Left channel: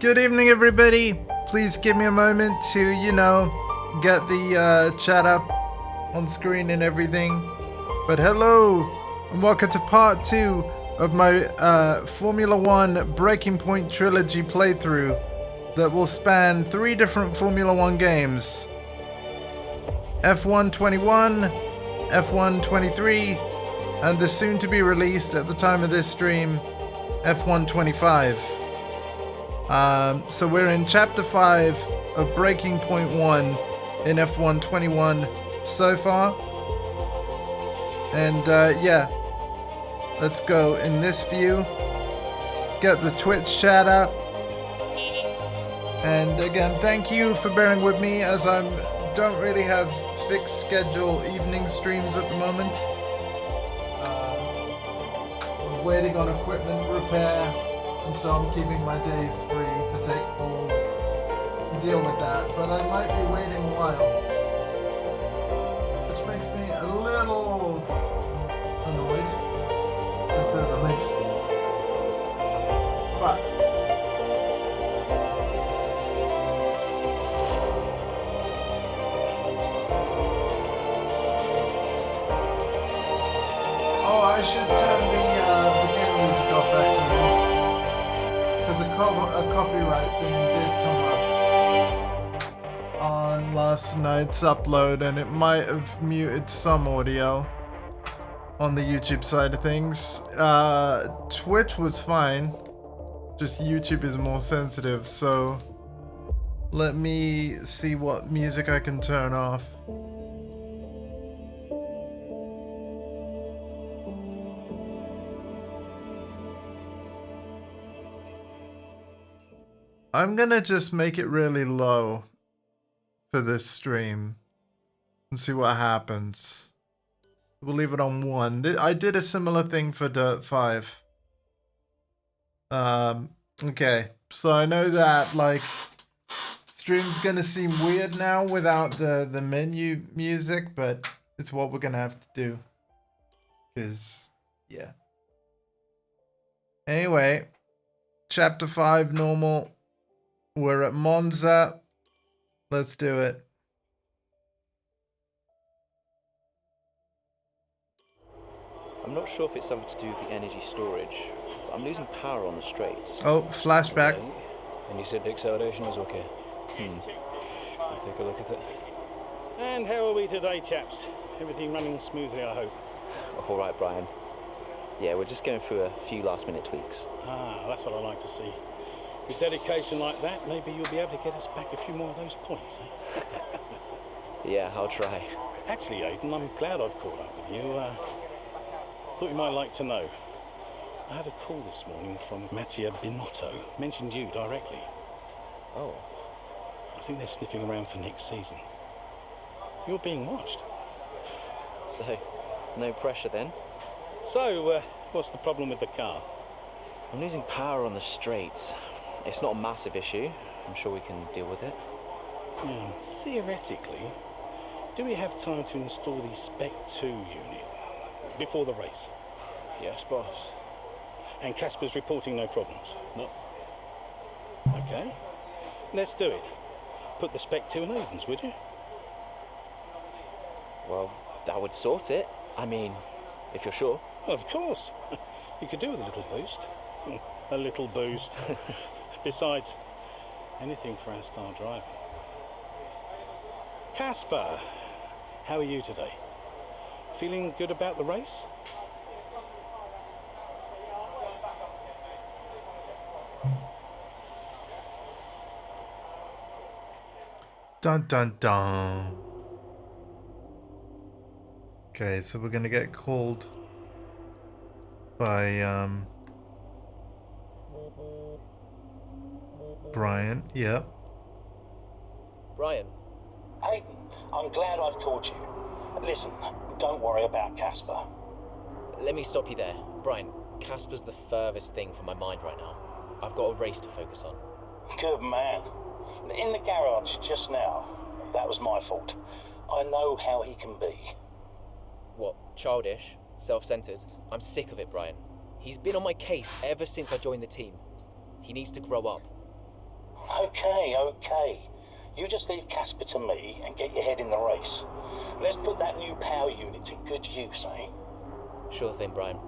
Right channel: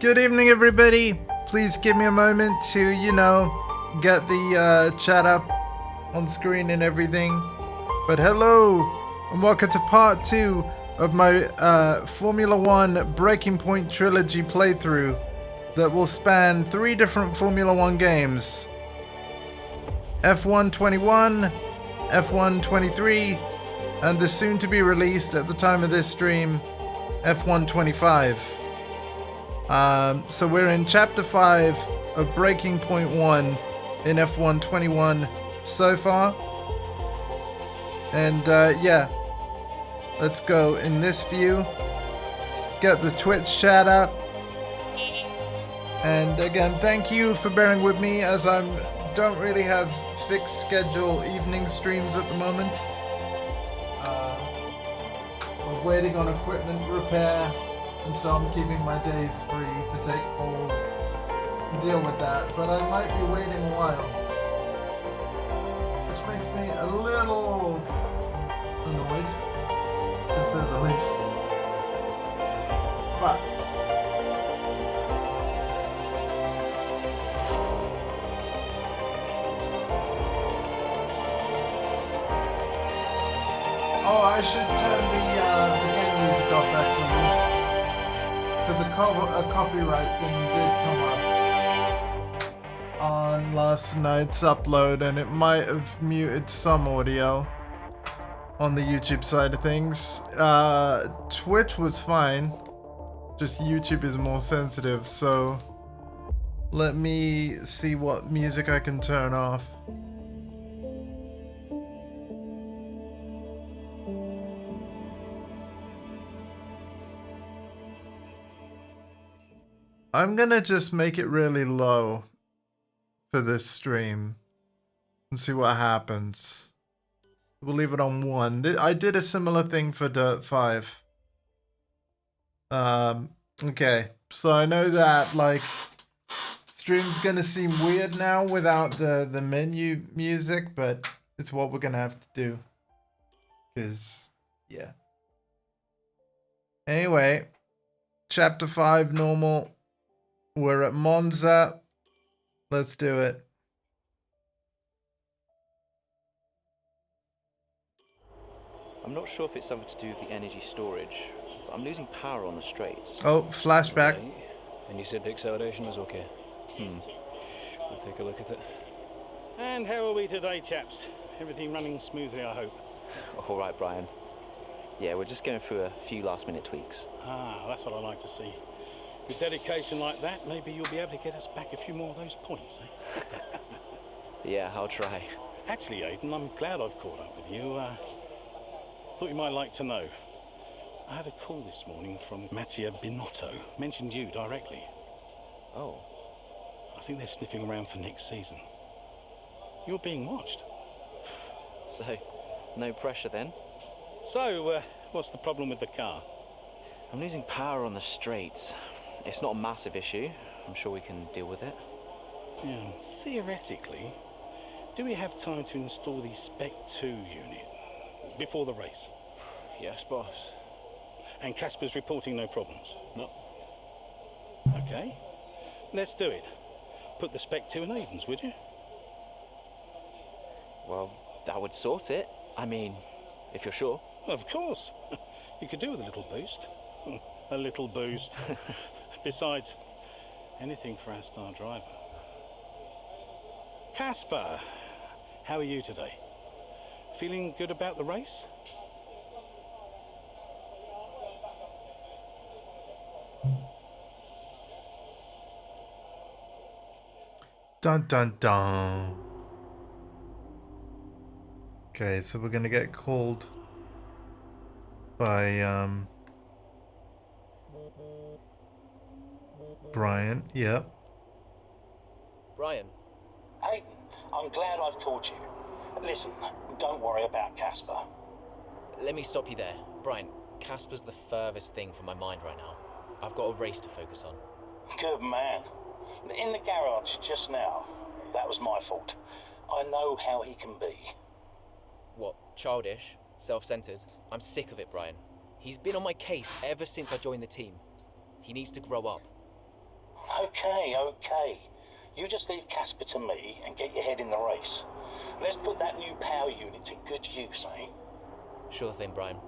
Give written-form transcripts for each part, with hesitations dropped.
Good evening, everybody. Please give me a moment to, get the chat up on screen and everything. But hello, and welcome to part 2 of my Formula 1 Breaking Point Trilogy playthrough that will span 3 different Formula 1 games. F1 21, F1 23, and the soon to be released at the time of this stream, F1 25. So we're in Chapter 5 of Breaking Point 1 in F1 21 so far. And yeah, let's go in this view. Get the Twitch chat up. And again, thank you for bearing with me as I don't really have fixed schedule evening streams at the moment. I'm waiting on equipment repair. And so I'm keeping my days free to take calls and deal with that. But I might be waiting a while, which makes me a little annoyed, to say the least. But I should turn the game music off actually. Because a copyright thing did come up on last night's upload, and it might have muted some audio on the YouTube side of things. Twitch was fine, just YouTube is more sensitive, so let me see what music I can turn off. I'm gonna just make it really low for this stream and see what happens. We'll leave it on 1. I did a similar thing for Dirt 5. Okay, so I know that like stream's gonna seem weird now without the menu music, but it's what we're gonna have to do. 'Cause yeah. Anyway, chapter 5 normal. We're at Monza. Let's do it. I'm not sure if it's something to do with the energy storage, but I'm losing power on the straights. Oh, flashback. Right. And you said the acceleration was okay? We'll take a look at it. And how are we today, chaps? Everything running smoothly, I hope? All right, Brian. Yeah, we're just going through a few last-minute tweaks. Ah, that's what I like to see. With dedication like that, maybe you'll be able to get us back a few more of those points, eh? Yeah, I'll try. Actually, Aidan, I'm glad I've caught up with you. Thought you might like to know. I had a call this morning from Mattia Binotto. Mentioned you directly. Oh. I think they're sniffing around for next season. You're being watched. So, no pressure then? So, what's the problem with the car? I'm losing power on the straights. It's not a massive issue. I'm sure we can deal with it. Yeah, theoretically, do we have time to install the Spec 2 unit before the race? Yes, boss. And Casper's reporting no problems? No. Okay, let's do it. Put the Spec 2 in Aiden's, would you? Well, that would sort it. I mean, if you're sure. Of course. You could do with a little boost. A little boost. Besides, anything for our star driver. Casper, how are you today? Feeling good about the race? Dun dun dun. Okay, so we're gonna get called by Brian. Yep. Brian. Aidan, I'm glad I've called you. Listen, don't worry about Casper. Let me stop you there. Brian, Casper's the furthest thing from my mind right now. I've got a race to focus on. Good man. In the garage just now, that was my fault. I know how he can be. What, childish? Self-centered? I'm sick of it, Brian. He's been on my case ever since I joined the team. He needs to grow up. Okay. You just leave Casper to me and get your head in the race. Let's put that new power unit to good use, eh? Sure thing, Brian.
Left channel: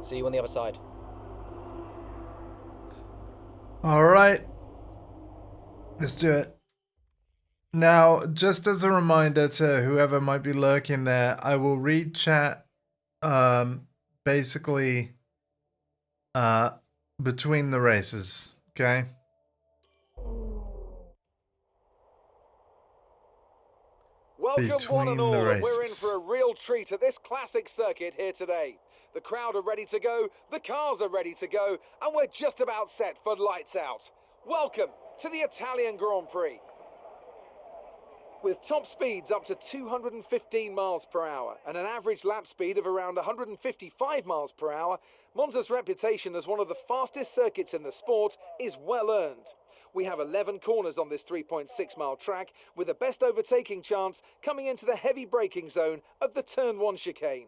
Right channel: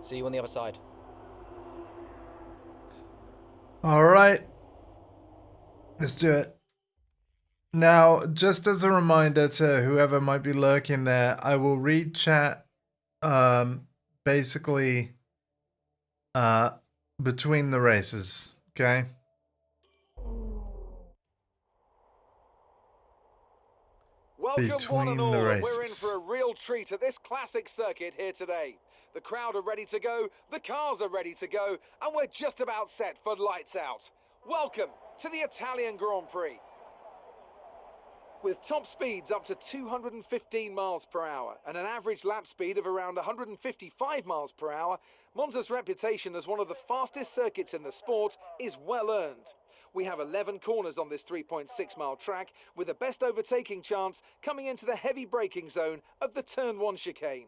See you on the other side. All right. Let's do it. Now, just as a reminder to whoever might be lurking there, I will read chat basically between the races, okay? Welcome one and Between the all, and we're in races. for a real treat at this classic circuit here today. The crowd are ready to go, the cars are ready to go, and we're just about set for lights out. Welcome to the Italian Grand Prix. With top speeds up to 215 miles per hour and an average lap speed of around 155 miles per hour, Monza's reputation as one of the fastest circuits in the sport is well earned. We have 11 corners on this 3.6 mile track, with the best overtaking chance coming into the heavy braking zone of the Turn 1 chicane.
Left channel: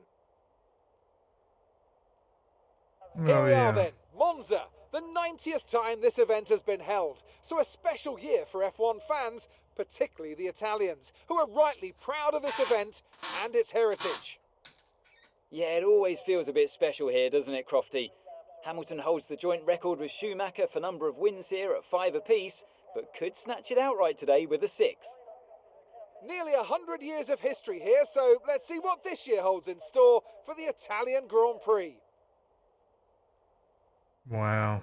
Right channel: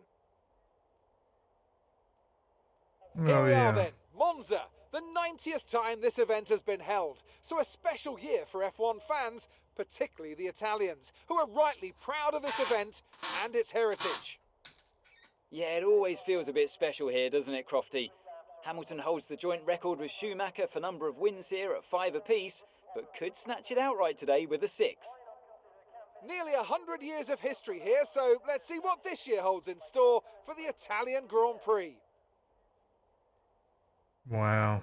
Here we are then, Monza, the 90th time this event has been held, so a special year for F1 fans, particularly the Italians, who are rightly proud of this event and its heritage. Yeah, it always feels a bit special here, doesn't it, Crofty? Hamilton holds the joint record with Schumacher for number of wins here at 5 apiece, but could snatch it outright today with a 6. Nearly 100 years of history here, so let's see what this year holds in store for the Italian Grand Prix. Wow.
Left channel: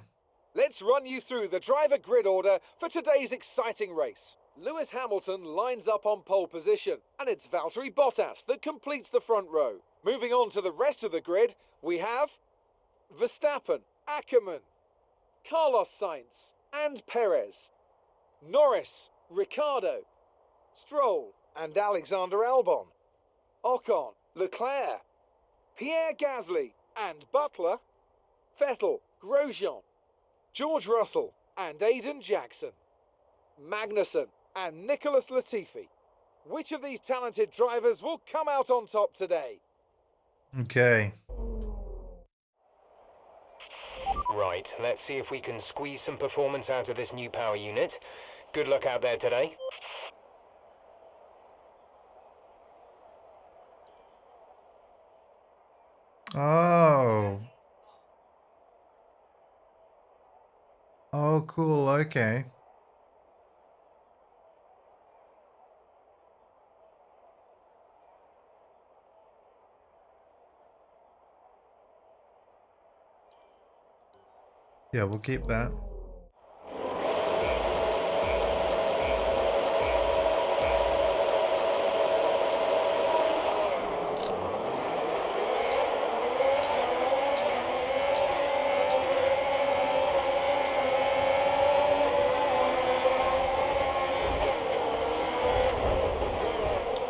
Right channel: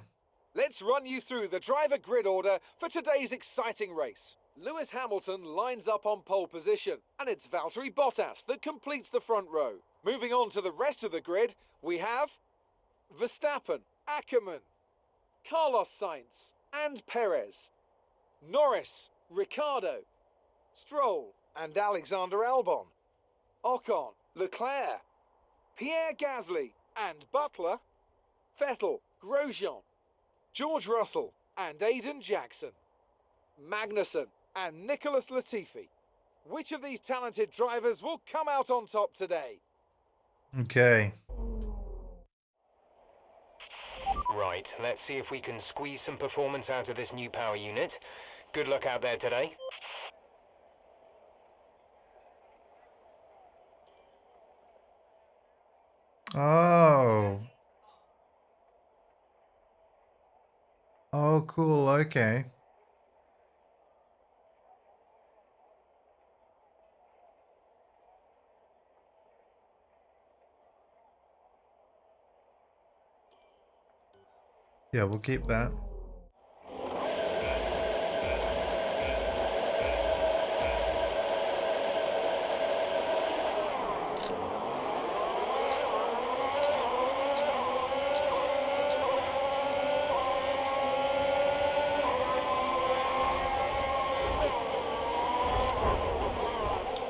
Let's run you through the driver grid order for today's exciting race. Lewis Hamilton lines up on pole position, and it's Valtteri Bottas that completes the front row. Moving on to the rest of the grid, we have Verstappen, Ackermann, Carlos Sainz, and Perez. Norris, Ricciardo, Stroll, and Alexander Albon. Ocon, Leclerc, Pierre Gasly, and Butler. Vettel, Grosjean, George Russell, and Aiden Jackson. Magnussen and Nicholas Latifi. Which of these talented drivers will come out on top today? Okay. Right, let's see if we can squeeze some performance out of this new power unit. Good luck out there today. Oh. Oh, cool. Okay. Yeah, we'll keep that.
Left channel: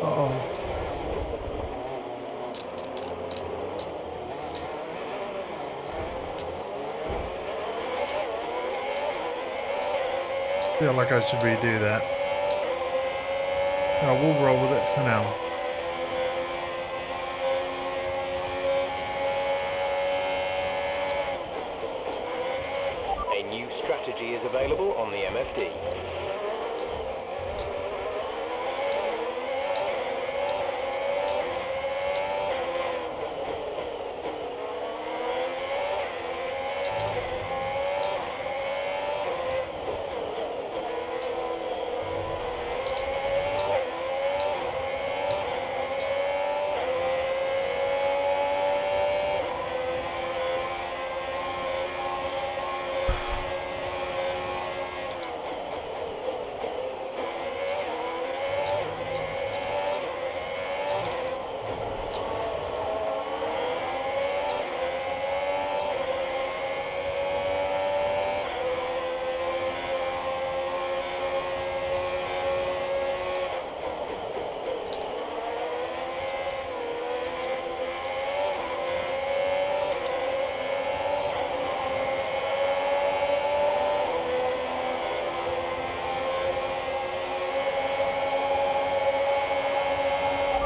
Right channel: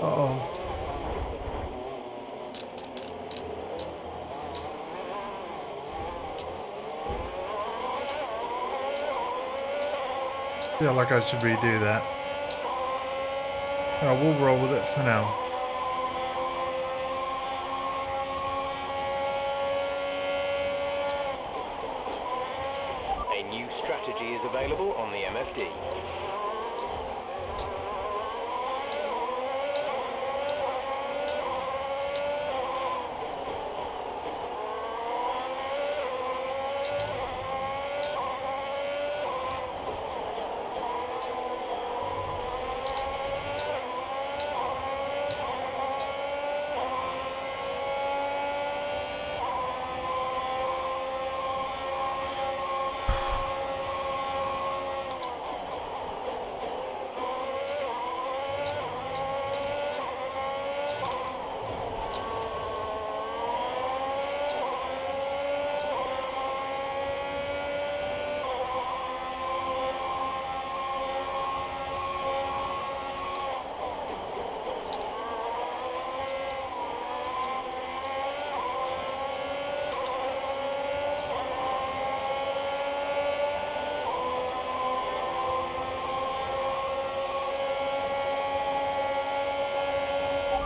Uh-oh. Feel like I should redo that. No, we'll roll with it for now. A new strategy is available on the MFD.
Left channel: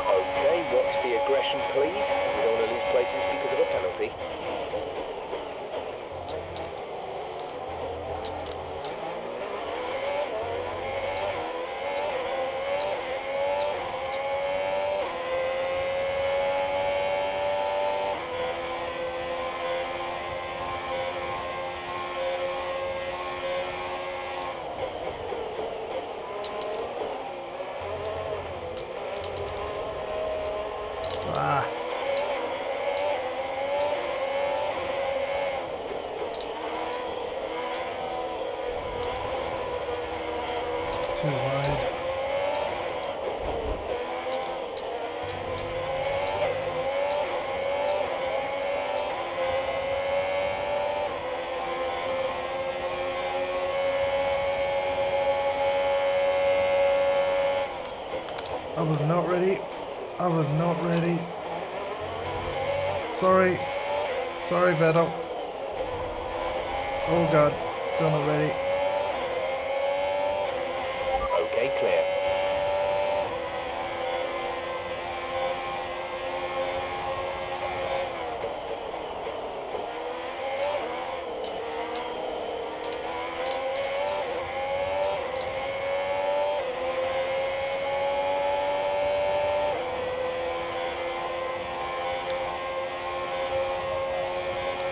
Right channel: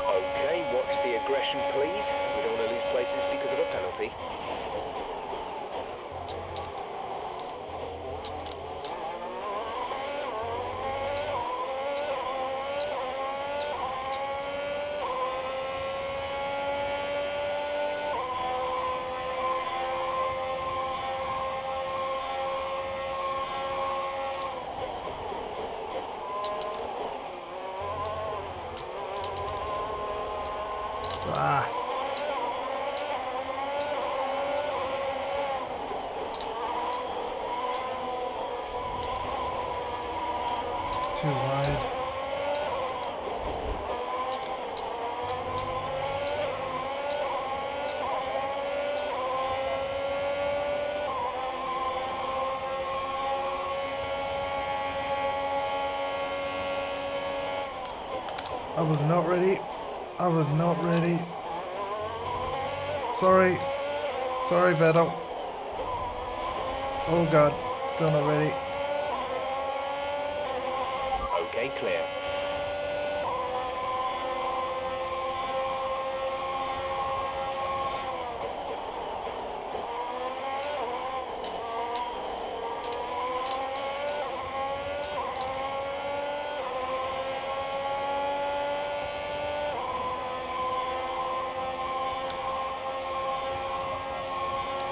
Okay, watch the aggression, please. We don't want to lose places because of a penalty. Ah. Too wide. I was not ready. I was not ready. Sorry. Sorry, Vettel. Oh god, still not ready. Okay, clear.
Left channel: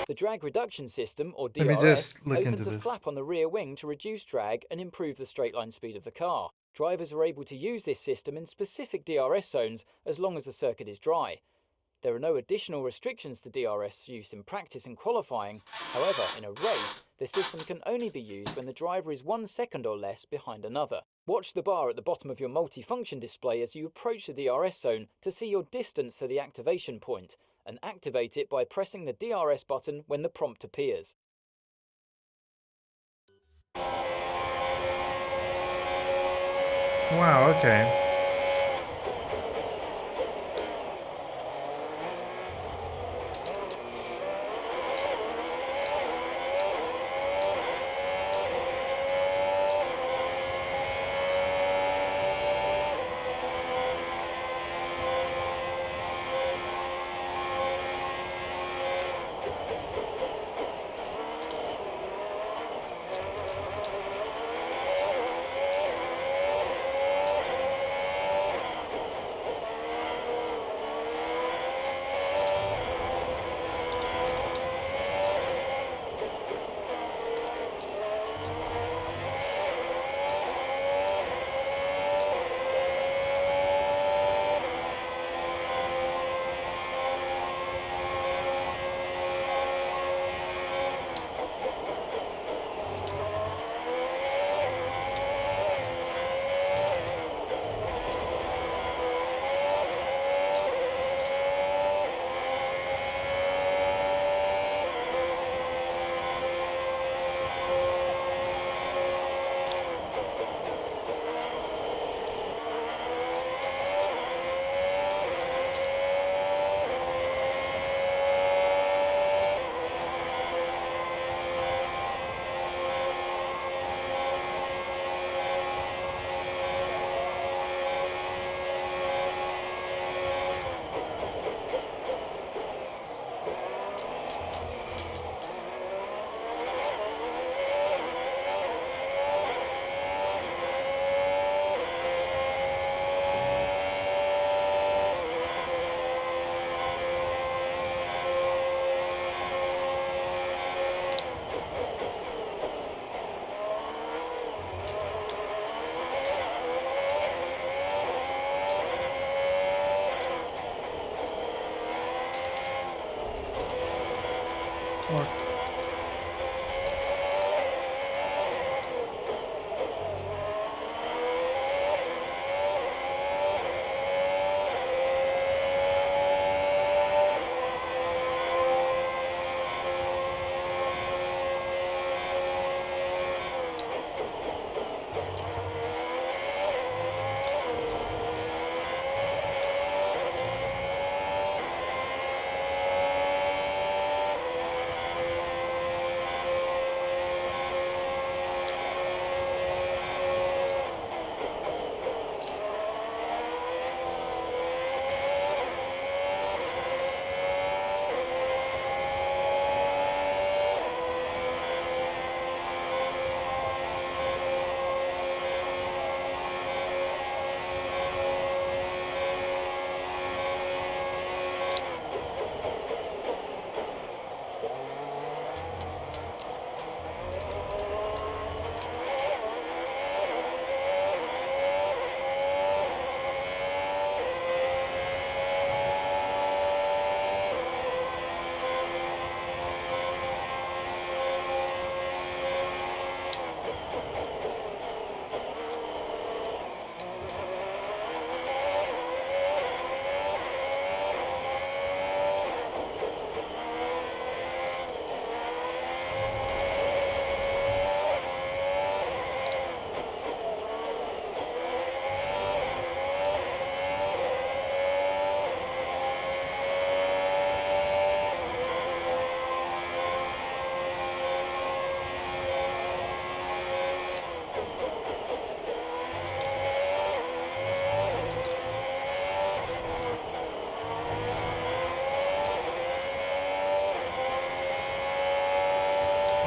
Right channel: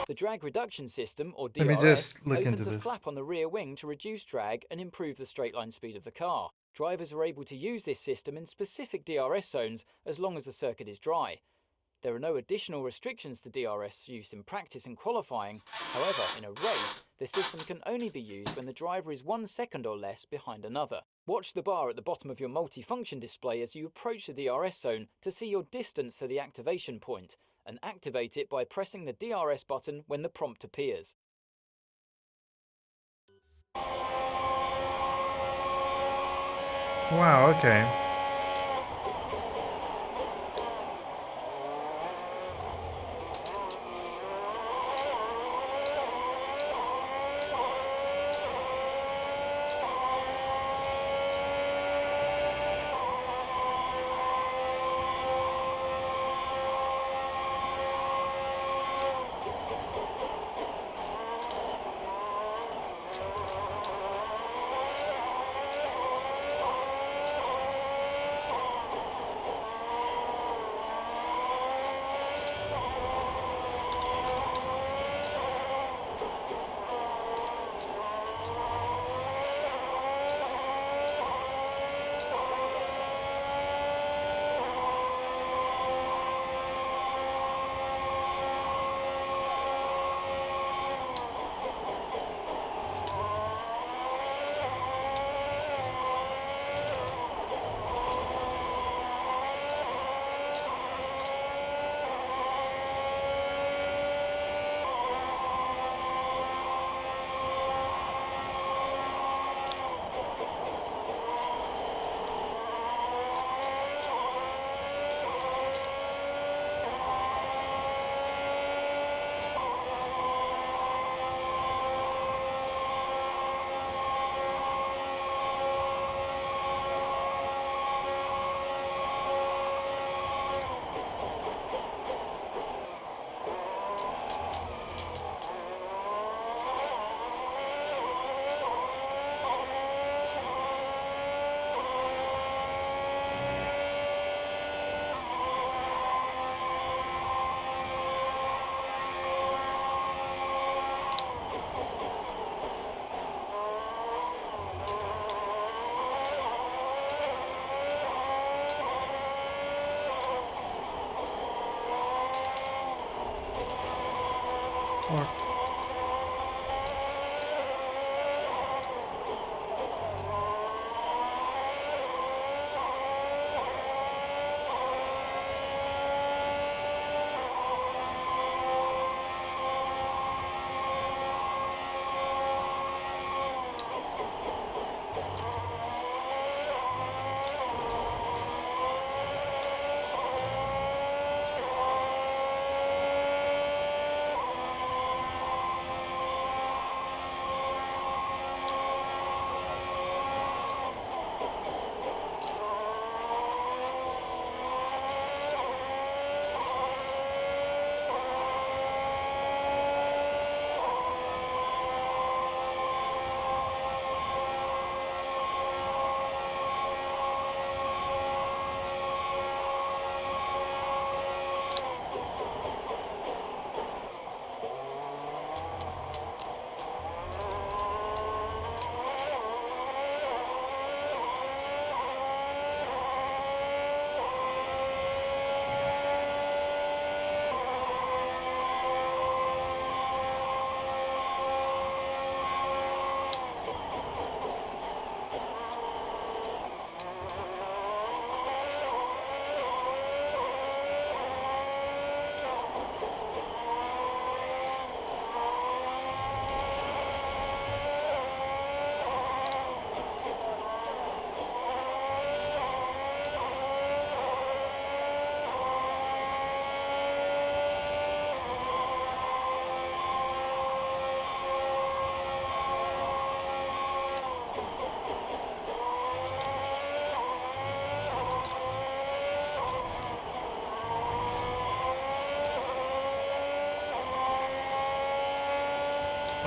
The drag reduction system, or Let me DRS, just look opens into a this. flap on the rear wing to reduce drag and improve the straight line speed of the car. Drivers are able to use this system in specific DRS zones as long as the circuit is dry. There are no additional restrictions to DRS use in practice and qualifying. However, in a race, the system can only be used when the driver is 1 second or less behind another. Watch the bar at the bottom of your multifunction display as you approach the DRS zone to see your distance to the activation point, and activate it by pressing the DRS button when the prompt appears. Wow, okay. Or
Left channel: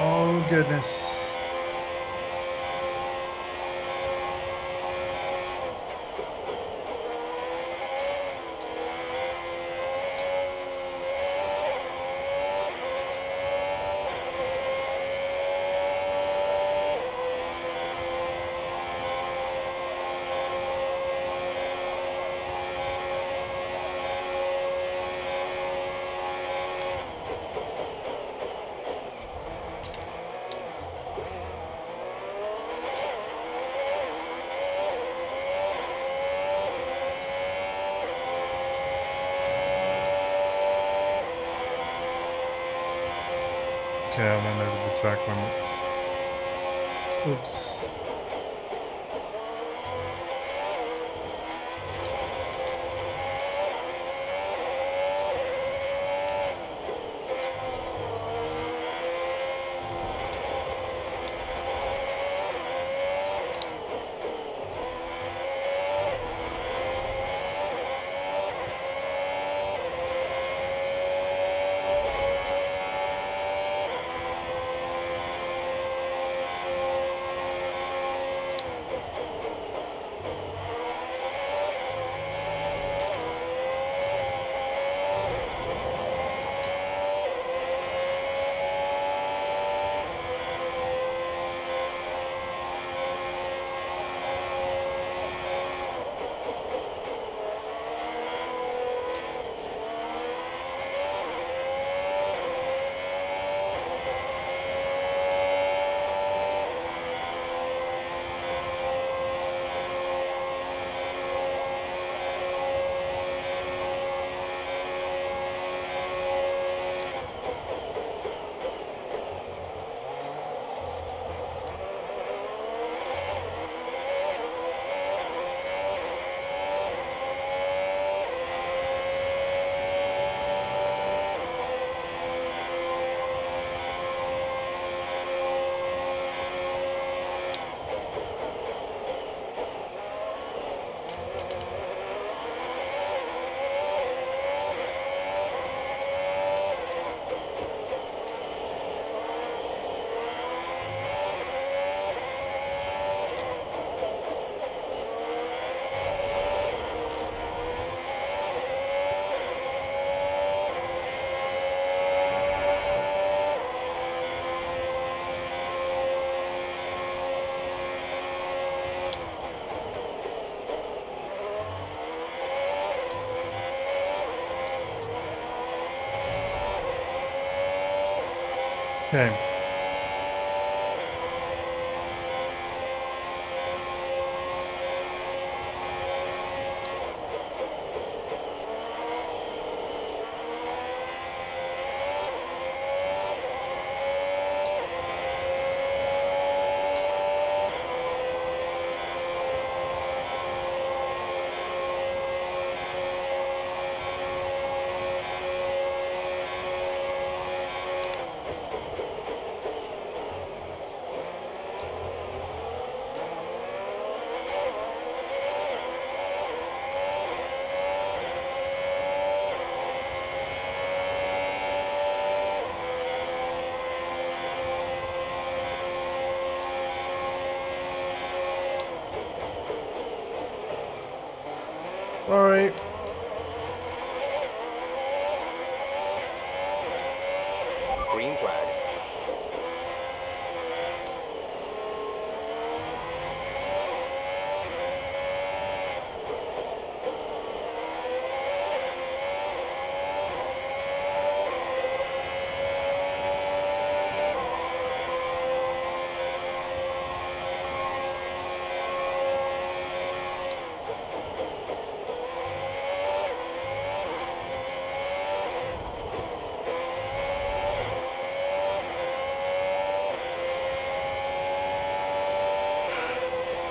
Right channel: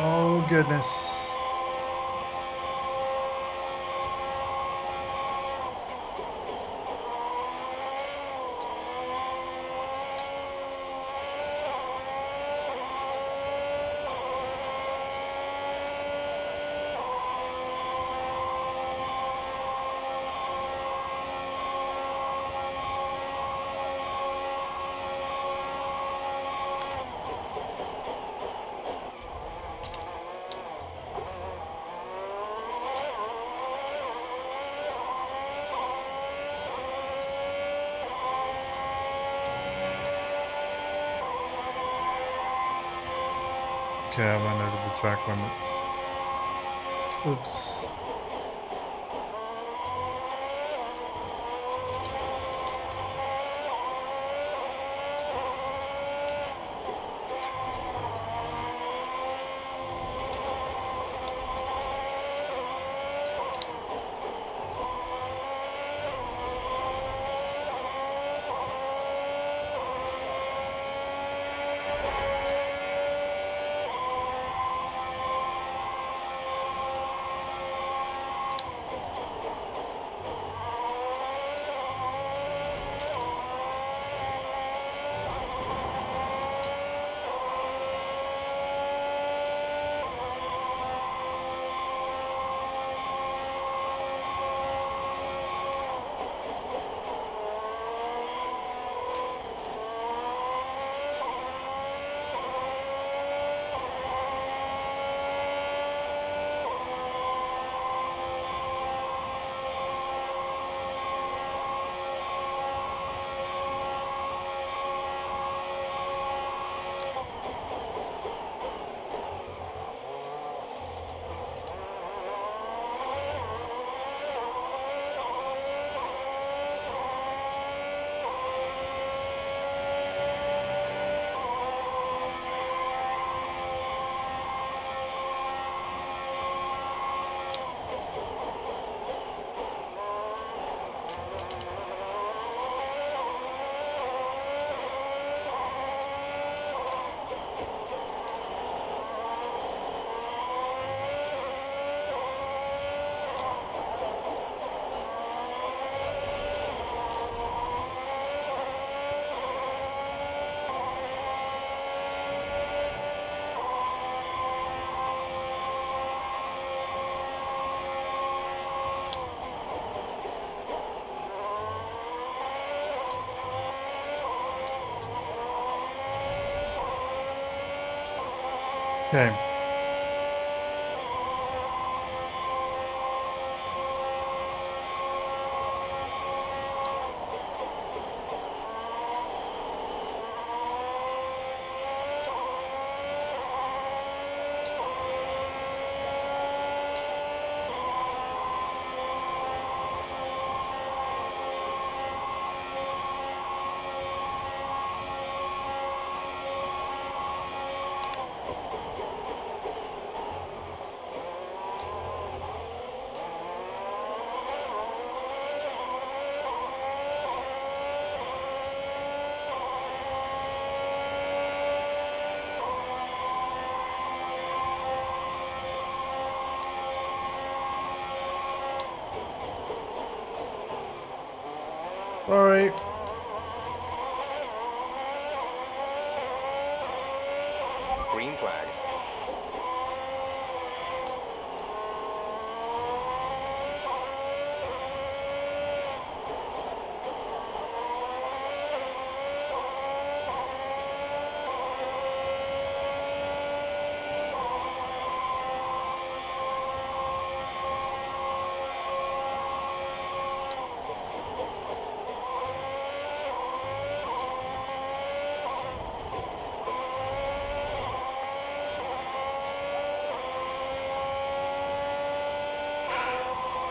Oh, goodness. Okay, I went over the track limits. Oops. Okay. Sorry. Green flag.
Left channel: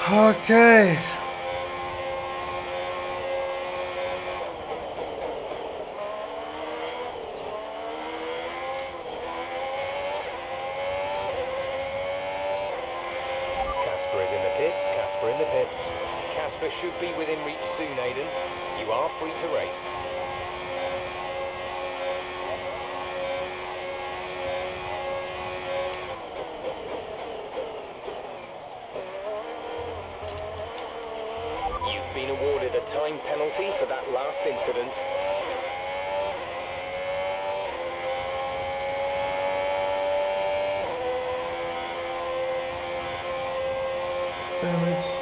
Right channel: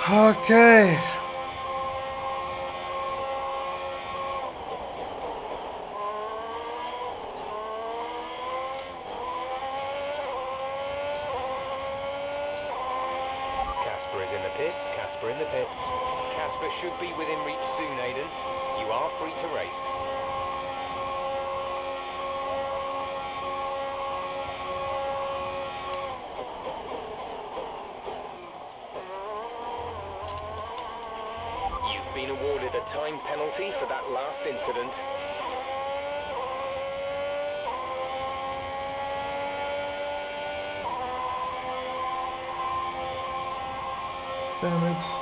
Okay. Casper is in the pits. Casper in the pits. Casper should be within reach soon, Aiden. You are free to race. time penalty for that last incident. Damn it.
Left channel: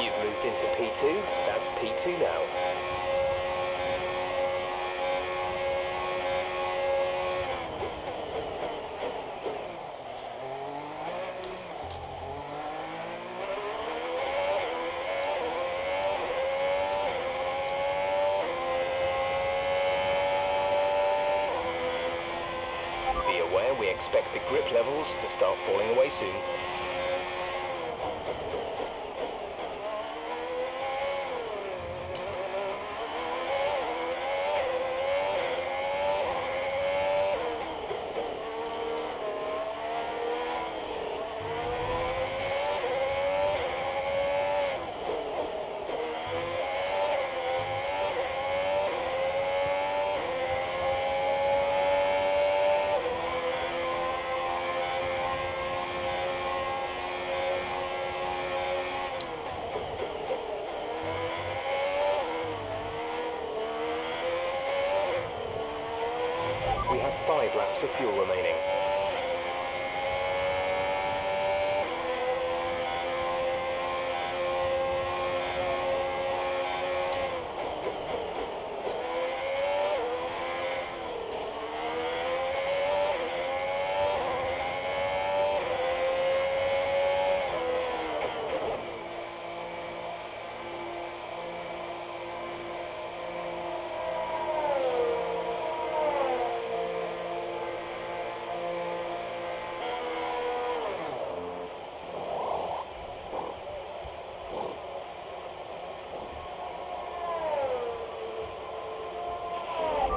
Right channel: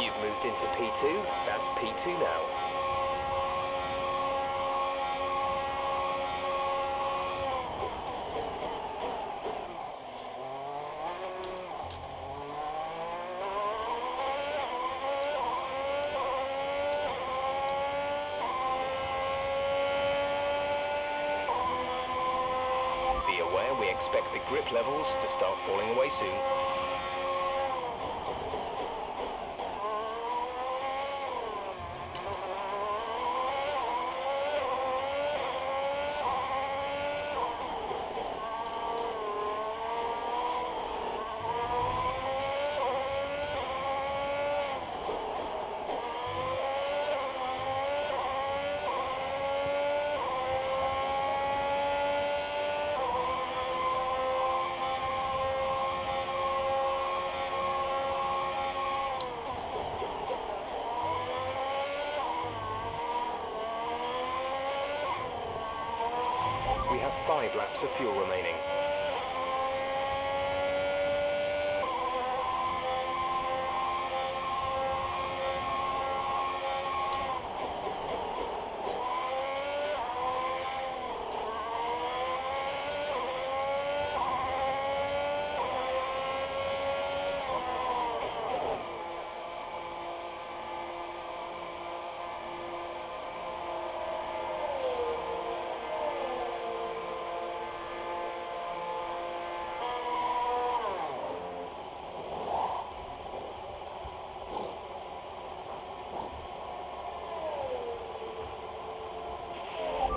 You've moved into P2, that's P2 now. Be aware we expect the grip levels to start falling away soon. We have 5 laps of fuel remaining.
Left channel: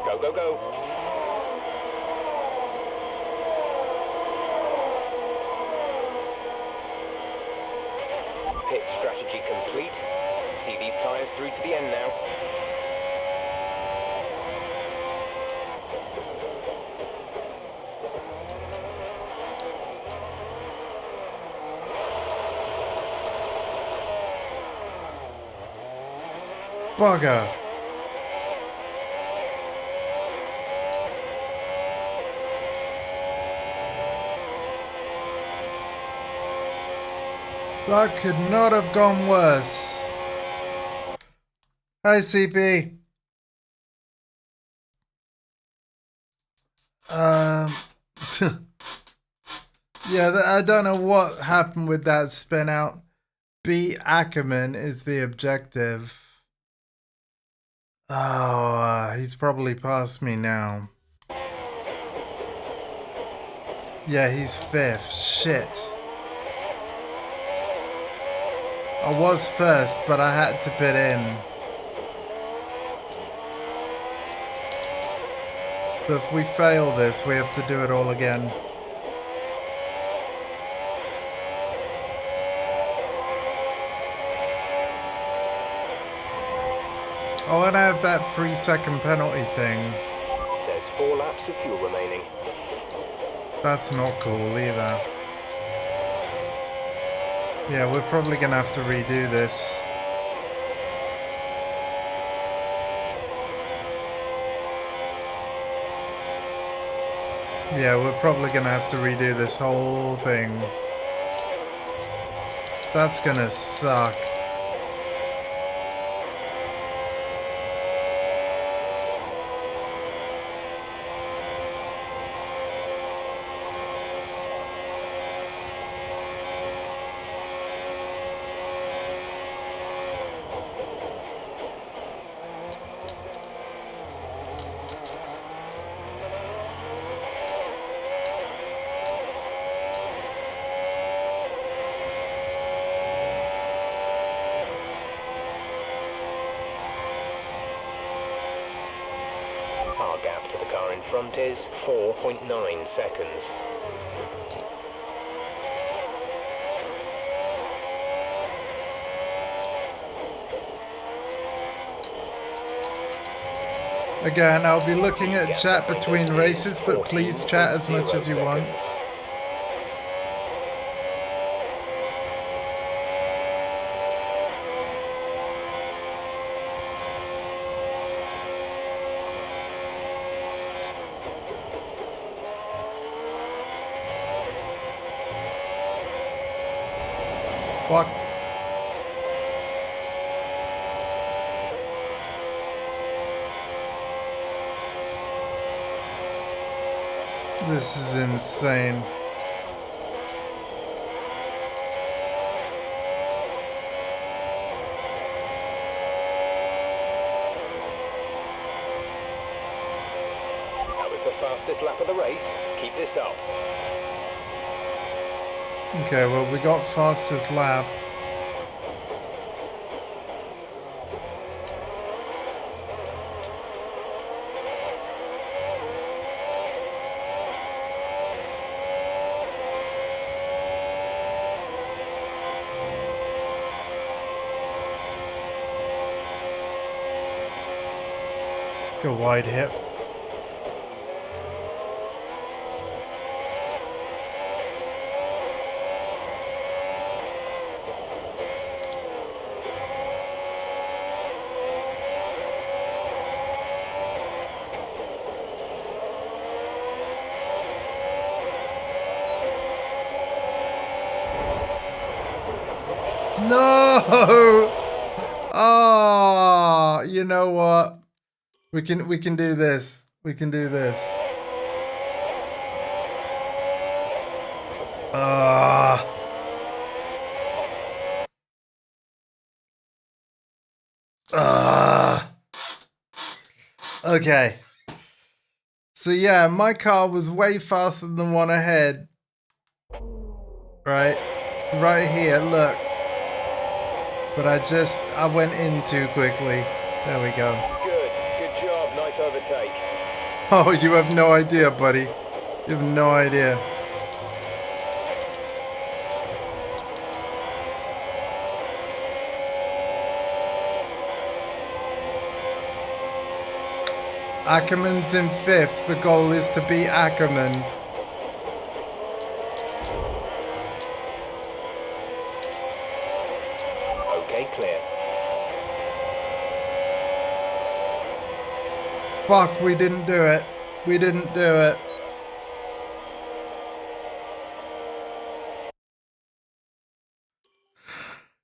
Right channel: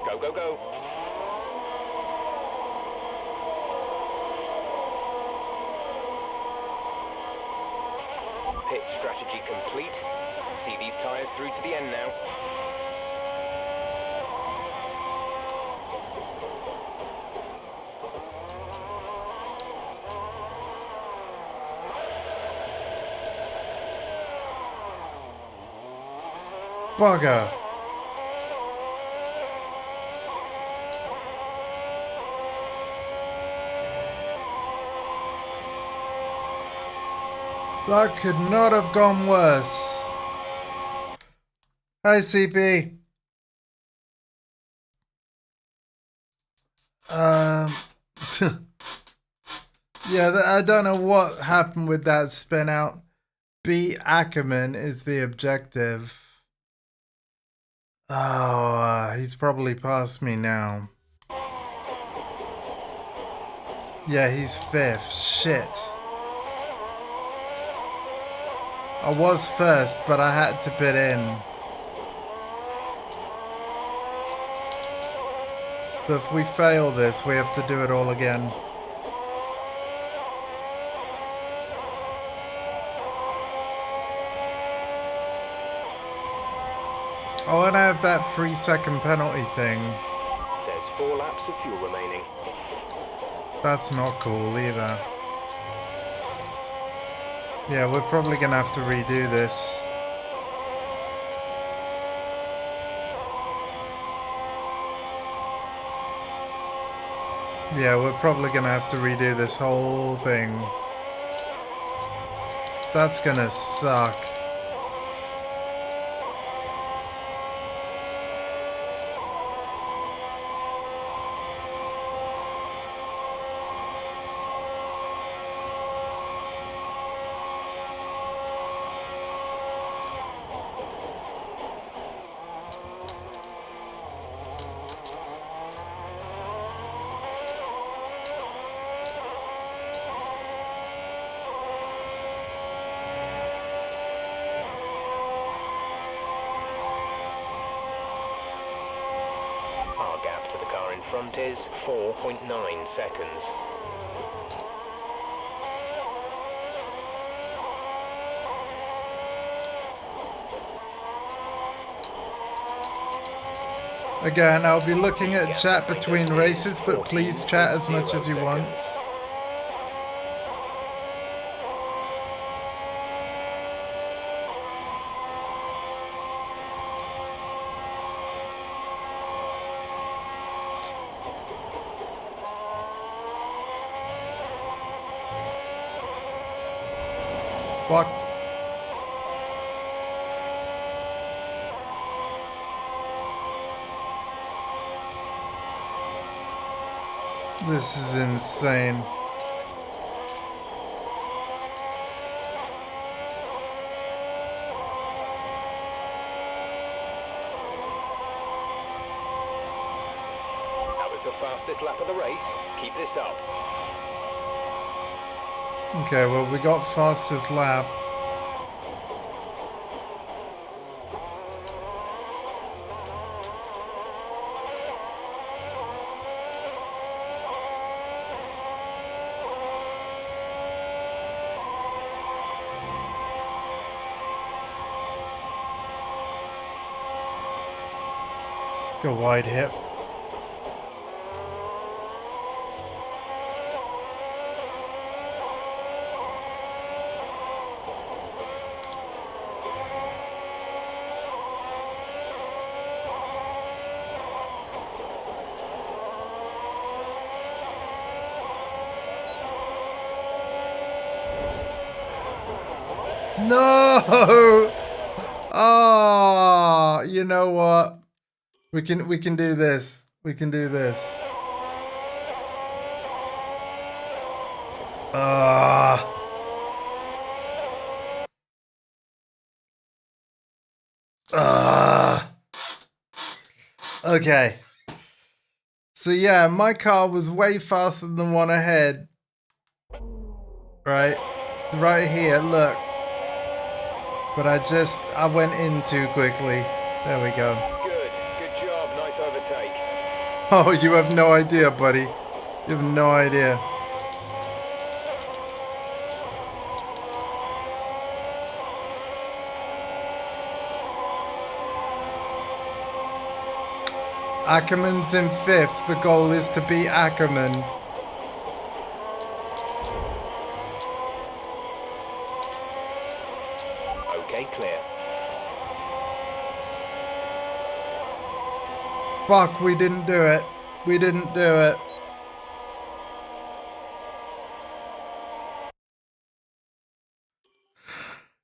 Go, go, go. Pit strategy complete. See these tyres through to the end now. Bugger. That could not have gone worse. Hi, CP. Yeah, I don't know what happened with that spin out. Beat Ackerman is the objective. Oh, he's probably past me now. Yeah, he's 5th. Shit. I was first, but I had to pit in. So if we fail this, we have to do it all again. Oh, and I have that 3-second penalty thing. There's 4 laps of fuel remaining. That's not cool either. Yeah, we're probably gonna have to redo this. Yeah, we're probably gonna have to redo this whole thing. That's gonna suck. Our gap to the car in front is 4.9 seconds. Again, I'll be looking at Gap chat behind between us races, is but please chat as much as you 14.0 want. seconds. Fuck. This is insane. That was the fastest lap of the race. Keep this up. Okay, well, we got fastest lap. Go wide hip. No! Oh, you know what? We can do this. We can do this. Ah. Okay. So yeah, my car was way faster than the one ahead. Right? Right here, look. But I went in too quickly. There we go. Good job. Nice overtake. Oh, you have no idea, buddy. You have no idea. Ackerman's in 5th. The goal is to beat Ackerman. Okay, clear. Fuck, we didn't do it. We didn't do it.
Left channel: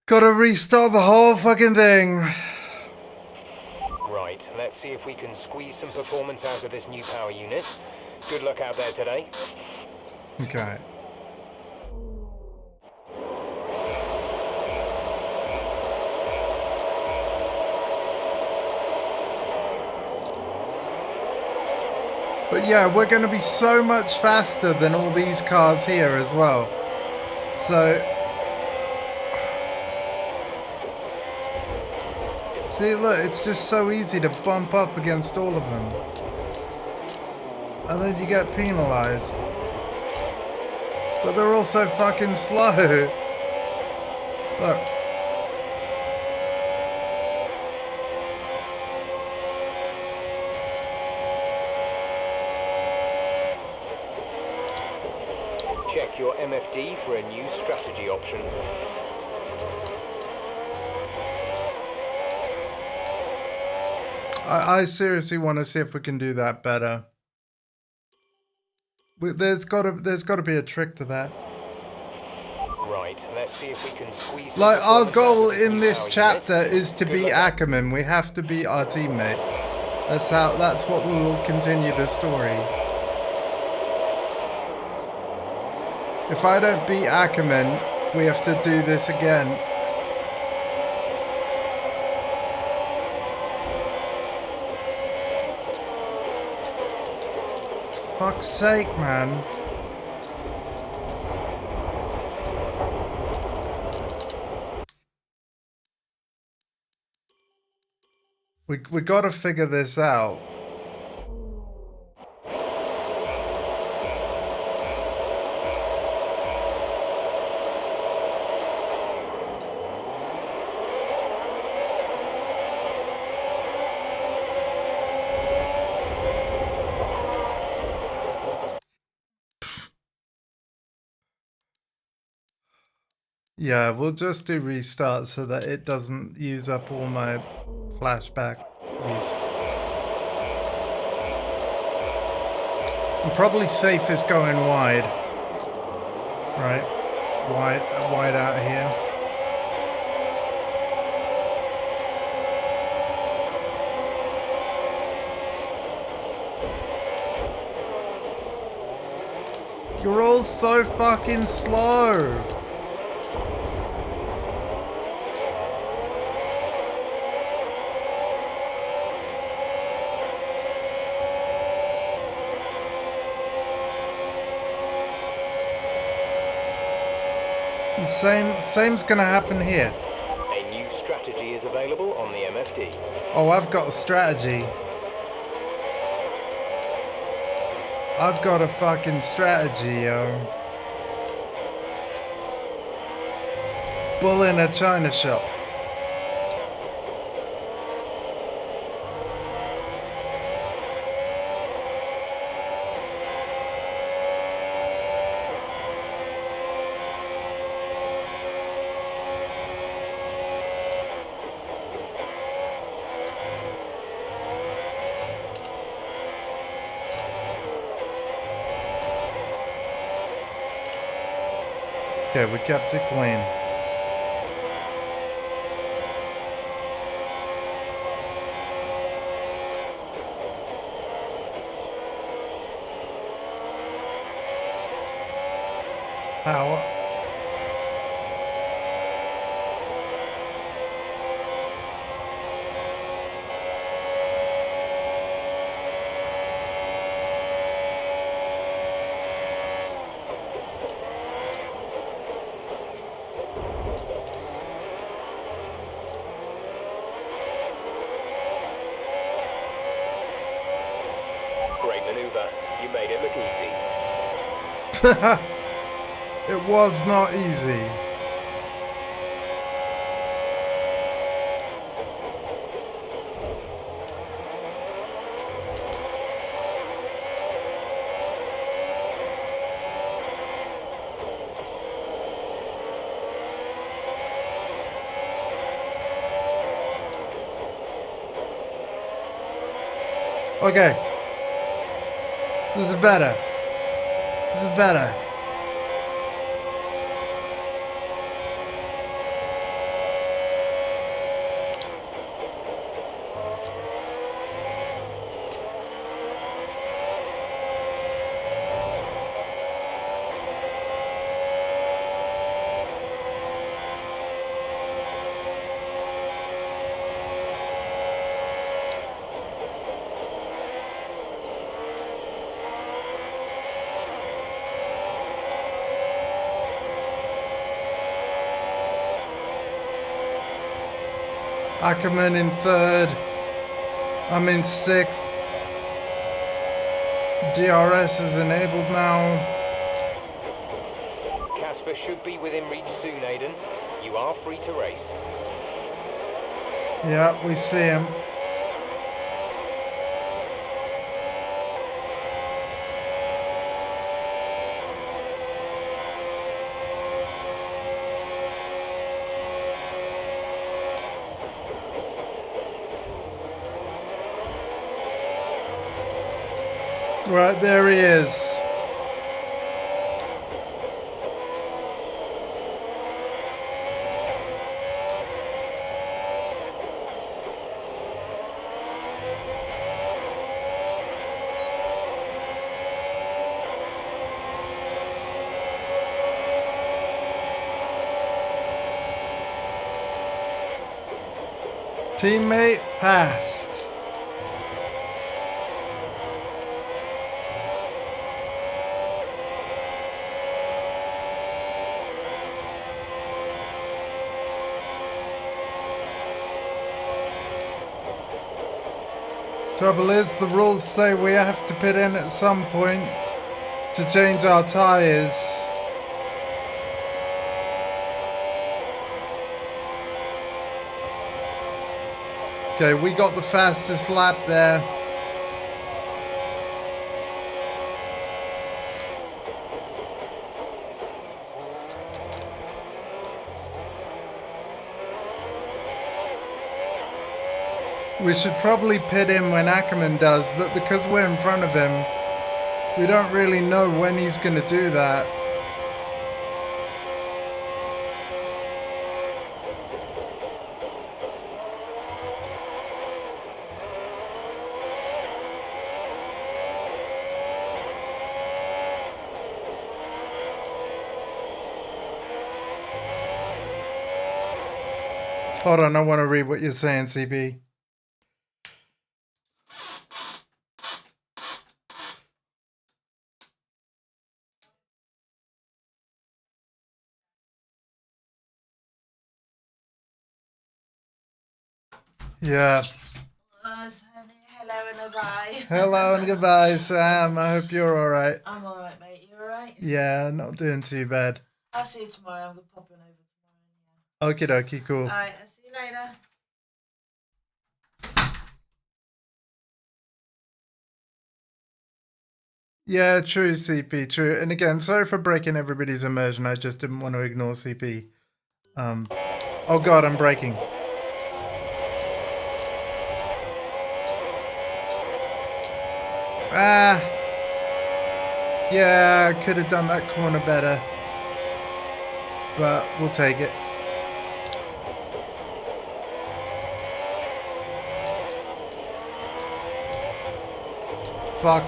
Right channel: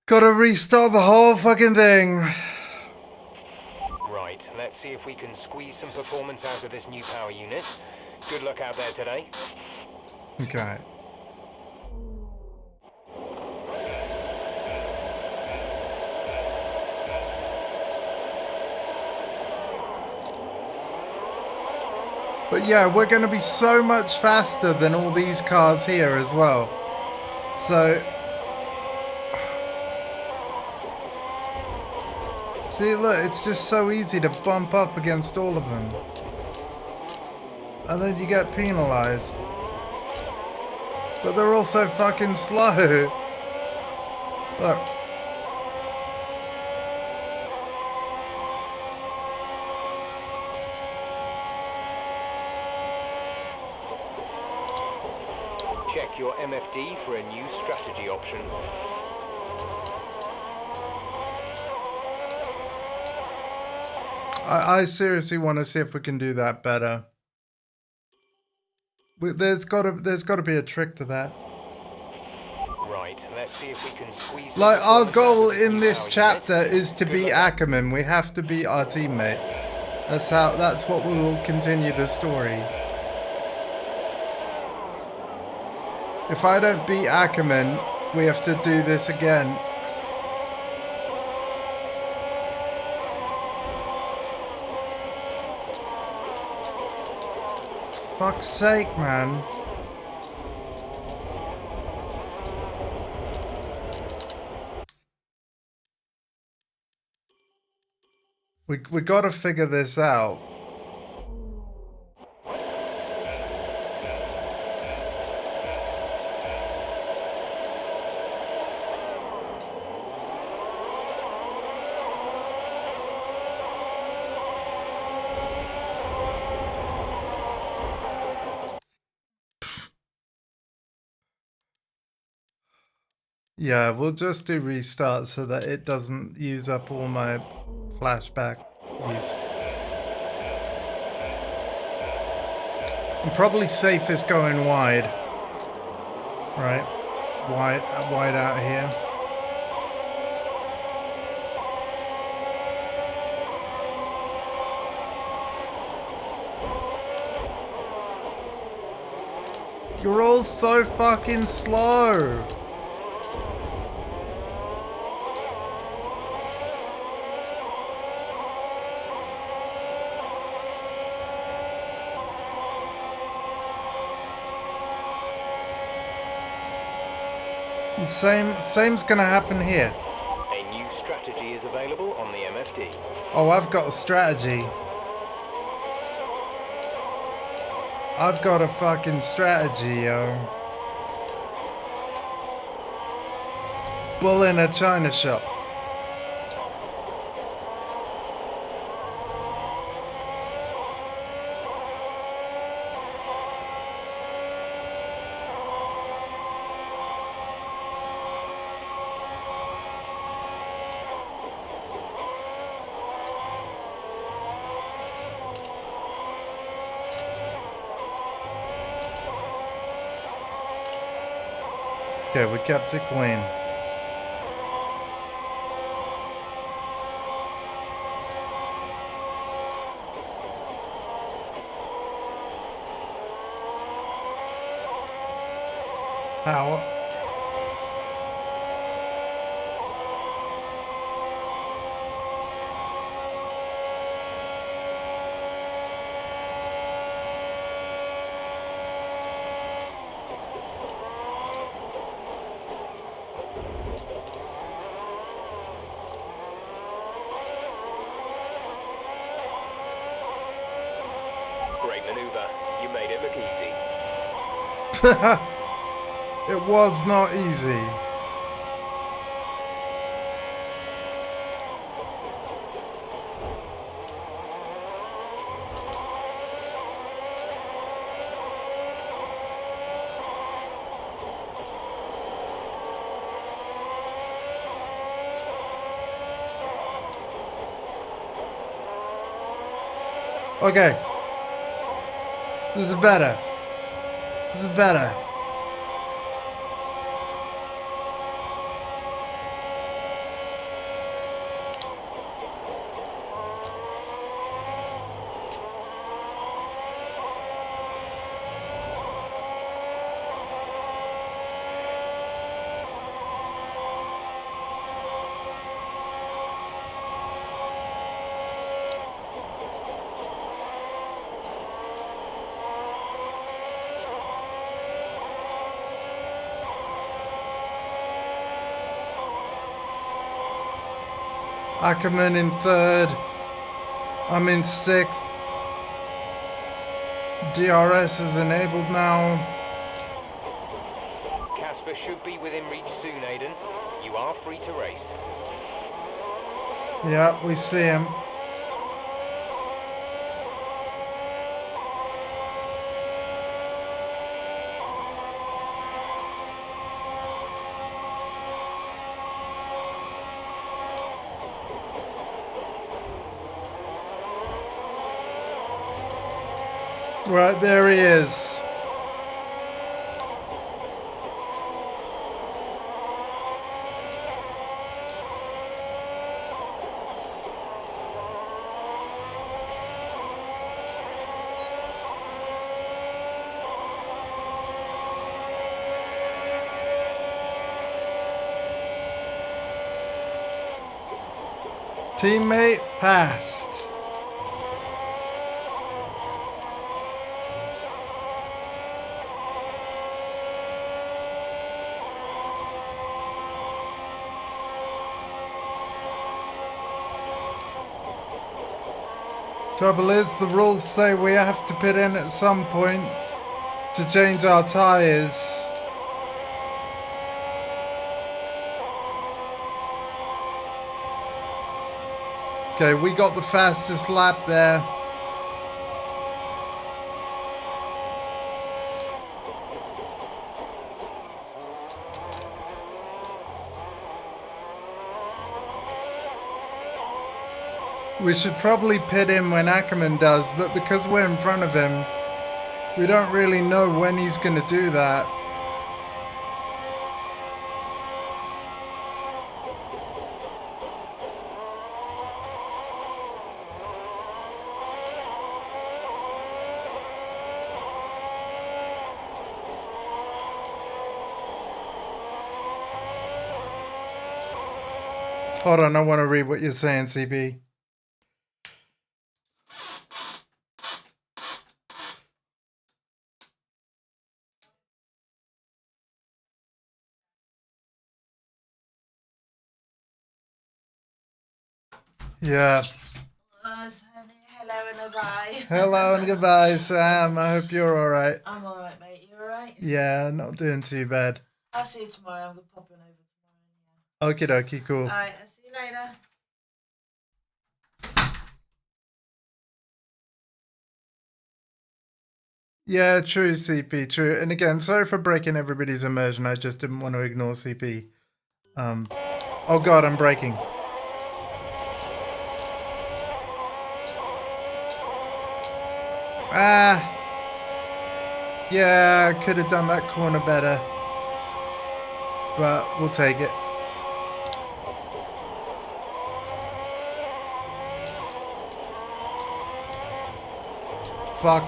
Gotta restart the whole fucking thing. Right, let's see if we can squeeze some performance out of this new power unit. Good luck out there today. Okay. But yeah, we're going to be so much faster than all these cars here as well. So... See, look, it's just so easy to bump up against all of them. And then you get penalized. But they're also fucking slow. Look. Check your MFD for a new strategy option. I seriously want to see if we can do that better. There's got to be a trick to that. Right. Right, let's see if we can squeeze some Like, our performance out goal of this in new this power chapter unit. is to Good beat luck out. Ackerman. We have to beat our teammate. That's what will continue the story. If I don't beat Ackerman, we have to do this again. Fuck's sake, man. We gotta figure this out. Yeah, we'll just do restart so that it doesn't use up all my flashback use. I'm probably safest going wide. Right. Wide out here. You're all so fucking slow. Same's gonna happen here. A new strategy is available on the MFD. Oh, I've got a strategy. I've got a fucking strategy, yo. Bull in a china shop. Okay, we kept it clean. Power. Great maneuver. You made it look easy. It was not easy. Okay. This is better. This is better. Ackerman in third. I'm in sixth. DRS is enabled now. Casper should be within reach soon, Aiden. You are free to race. Yeah, we see him. Right, there he is. Teammate passed. Trouble is, the rules say we have to pit in at some point to change our tires. Okay, we got the fastest lap there. We should probably pit in when Ackerman does, but because we're in front of him, we don't really know when he's going to do that. Hold on, I want to read what you're saying, CP. Yeah. Hello and goodbye. Hello and goodbye, Sam. I hope you're alright. I'm alright, mate. You alright? Yeah, not doing too bad. I'll see you tomorrow. I'm going to pop in over tomorrow. Okie dokie, cool. Alright, I'll see you later. Yeah, true, CP, true. And again, sorry for breaking everybody's immersion. I just didn't want to ignore CP. Oh god, I'm braking. Ah. Yeah, I could have done that corner better. But we'll take it. Fuck.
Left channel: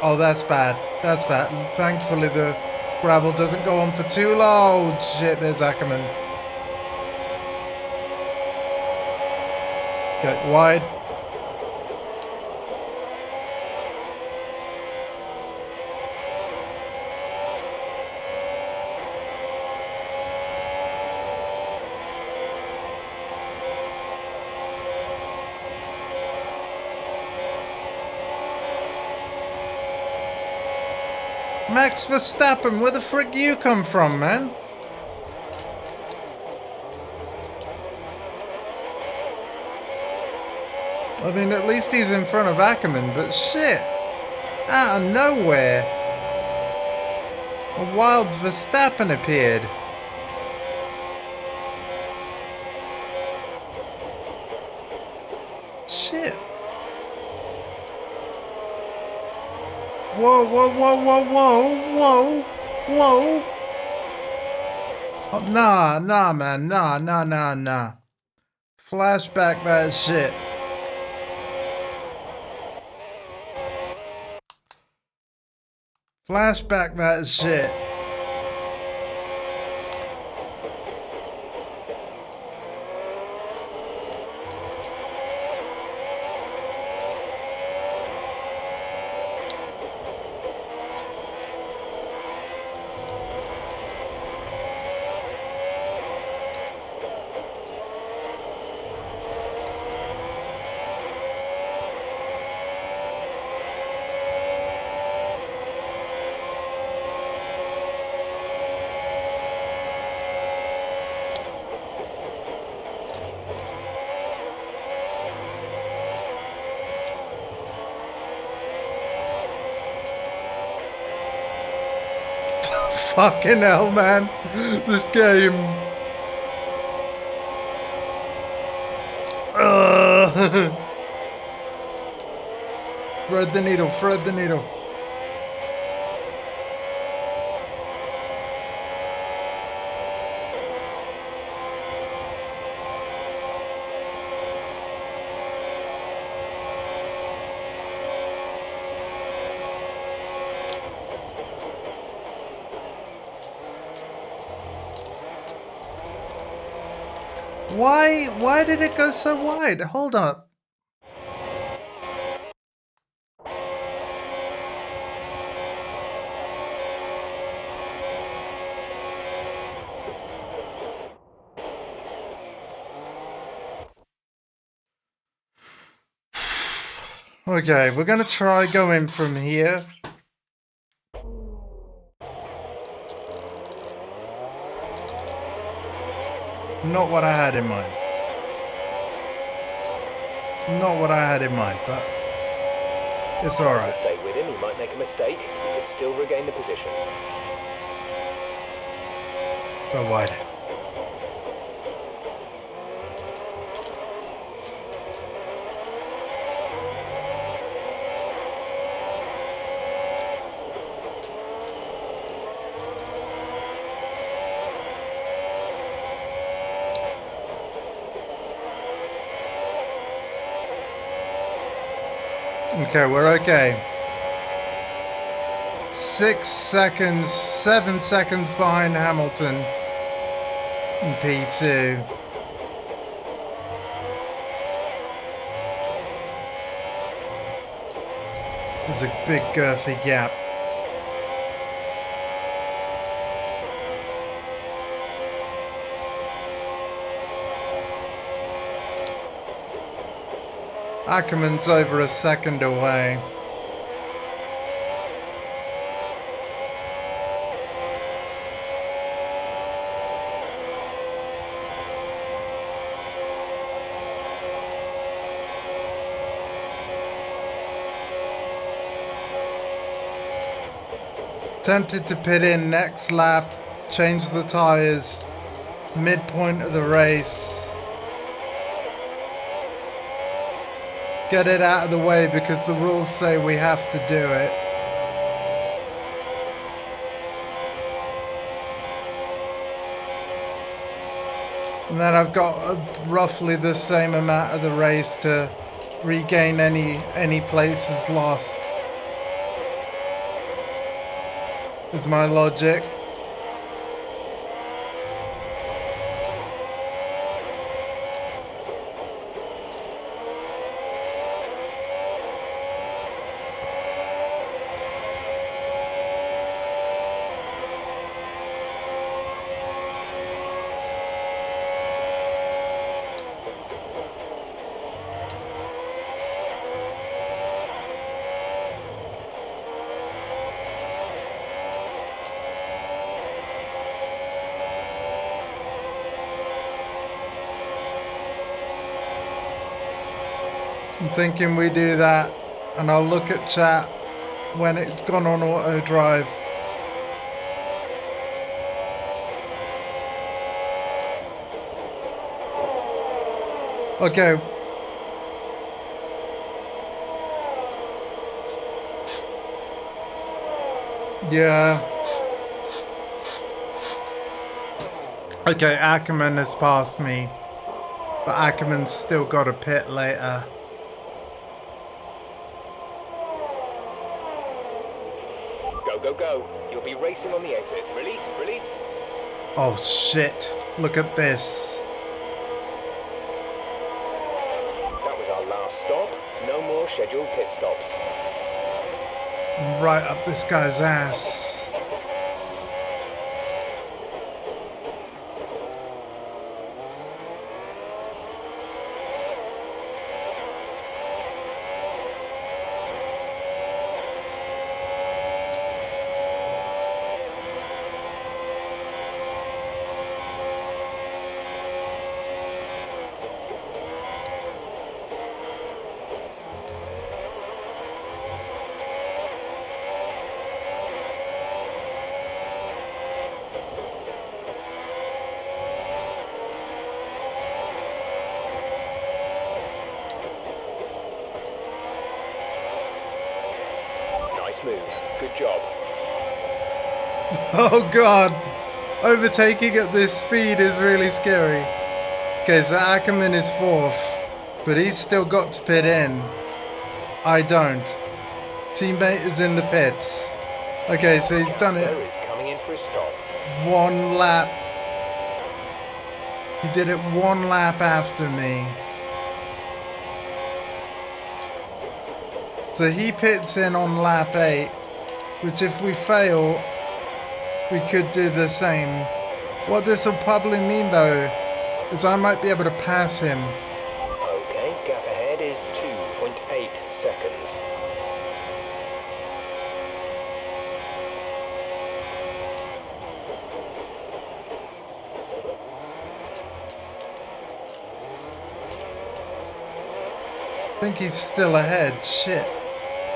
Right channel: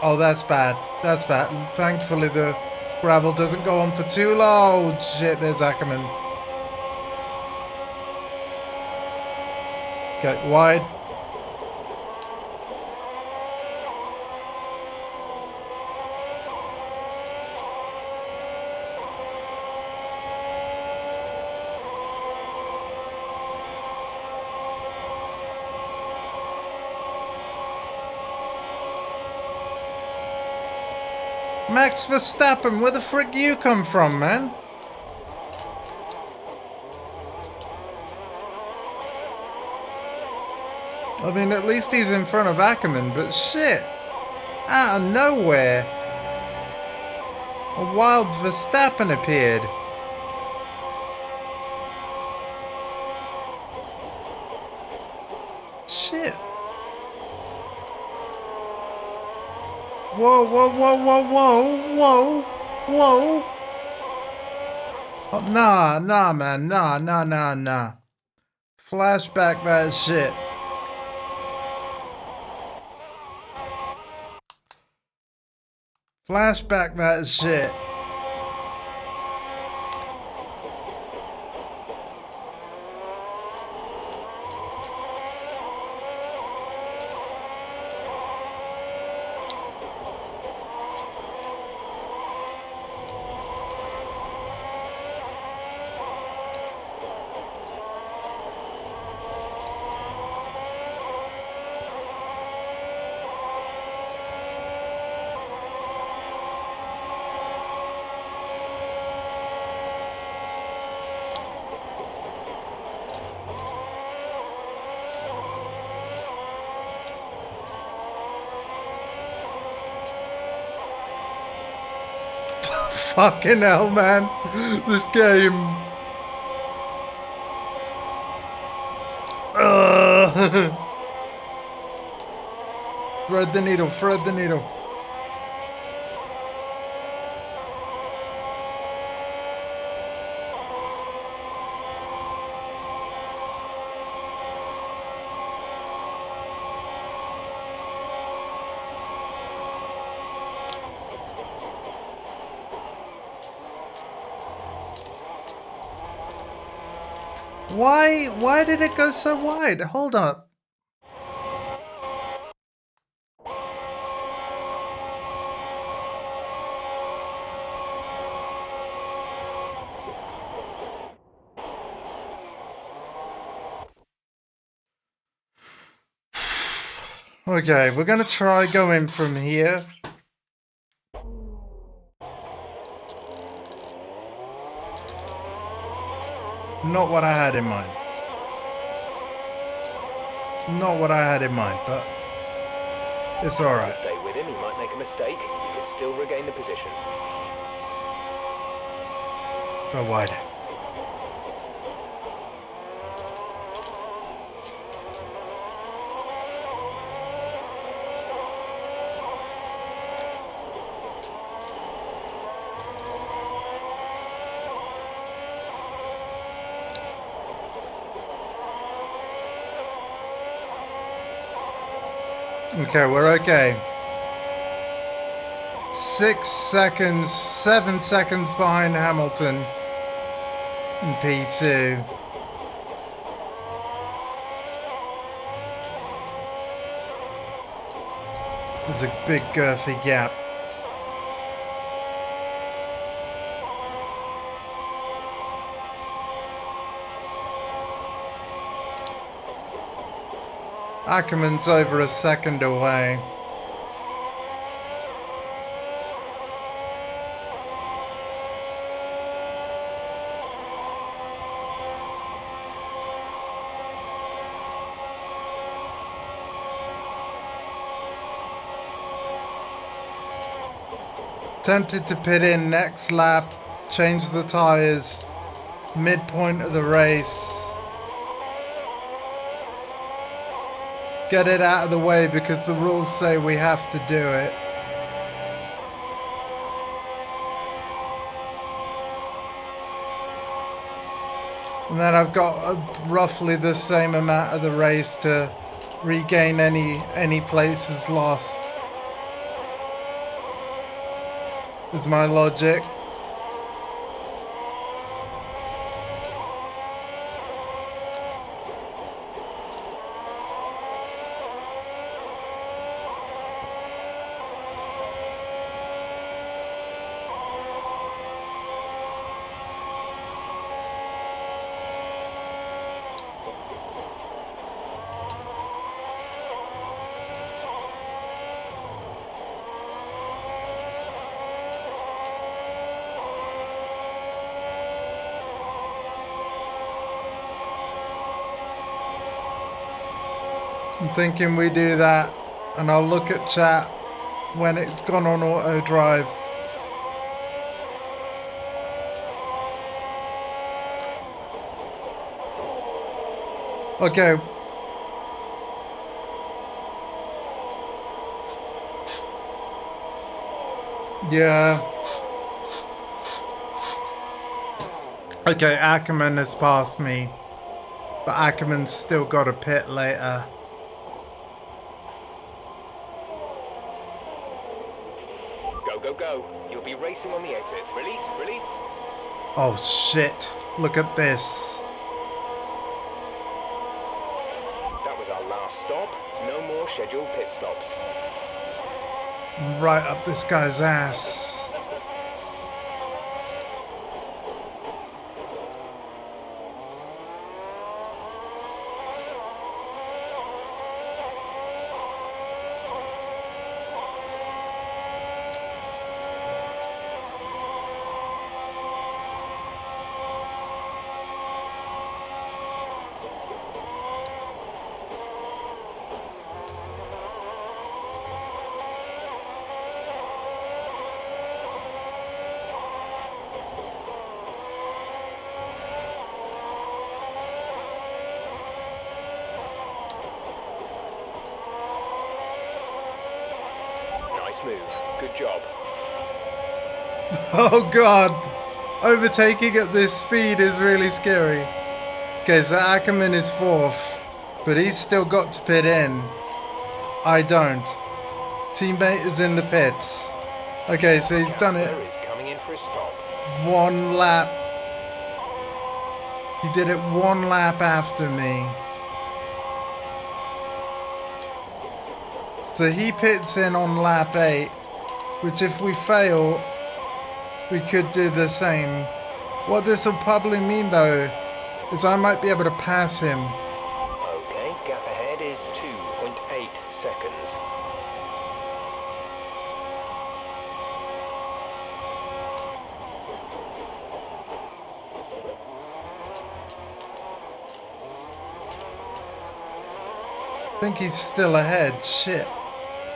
Oh, that's bad. That's bad. Thankfully, the gravel doesn't go on for too long. Shit, there's Ackerman. Okay, wide. Max Verstappen, where the frick you come from, man? I mean, at least he's in front of Ackerman, but shit. Out of nowhere, a wild Verstappen appeared. Shit. Whoa, whoa, whoa, whoa, whoa, whoa, whoa. Oh, nah, man, nah. Flashback that shit. Flashback that shit. Fucking hell, man. This game. Thread the needle, thread the needle. Why did it go so wide? Hold up. Okay, we're gonna try going from here. Not what I had in mind. Not what I had in mind, but it's alright. Stay with him, he might make a mistake. You can still regain the position. Go wide. Okay, we're okay. 6 seconds, 7 seconds behind Hamilton in P2. There's a big girthy gap. Ackerman's over a second away. Tempted to pit in next lap, change the tires, midpoint of the race. Get it out of the way because the rules say we have to do it. And then I've got roughly the same amount of the race to regain any places lost. Is my logic. I'm thinking we do that, and I'll look at chat when it's gone on auto drive. Okay. Yeah. Okay, Ackerman has passed me, but Ackerman's still got a pit later. Go. You'll be racing on the exit. Release. Oh shit, look at this. That was our last stop. No more scheduled pit stops. Right up this guy's ass. Nice move. Good job. Oh god, overtaking at this speed is really scary. Okay, so Ackerman is fourth, but he's still got to pit in. I don't. Teammate is in the pits. Okay, so he's done it. Is coming in for a stop. One lap. He did it 1 lap after me. So he pits in on lap 8, which if we fail, we could do the same. What this will probably mean though, is I might be able to pass him. Okay, gap ahead is 2.8 seconds. I think he's still ahead. Shit.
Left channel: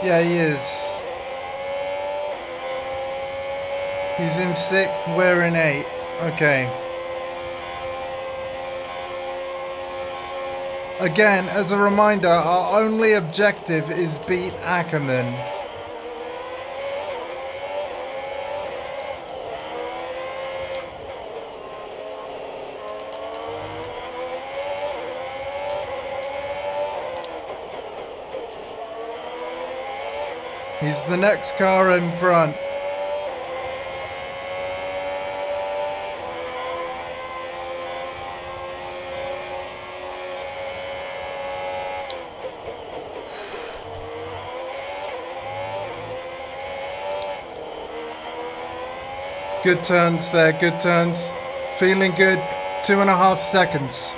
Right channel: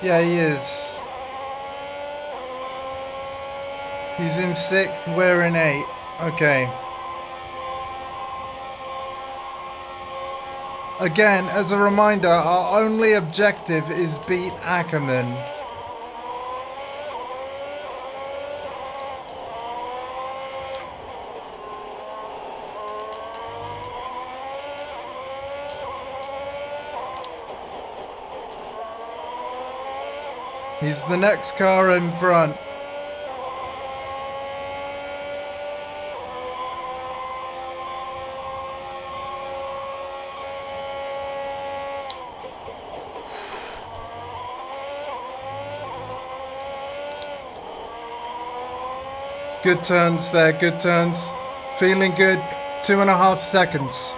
Yeah, he is. He's in 6th, we're in 8th. Okay. Again, as a reminder, our only objective is beat Ackerman. He's the next car in front. Good turns there, good turns. Feeling good. 2.5 seconds.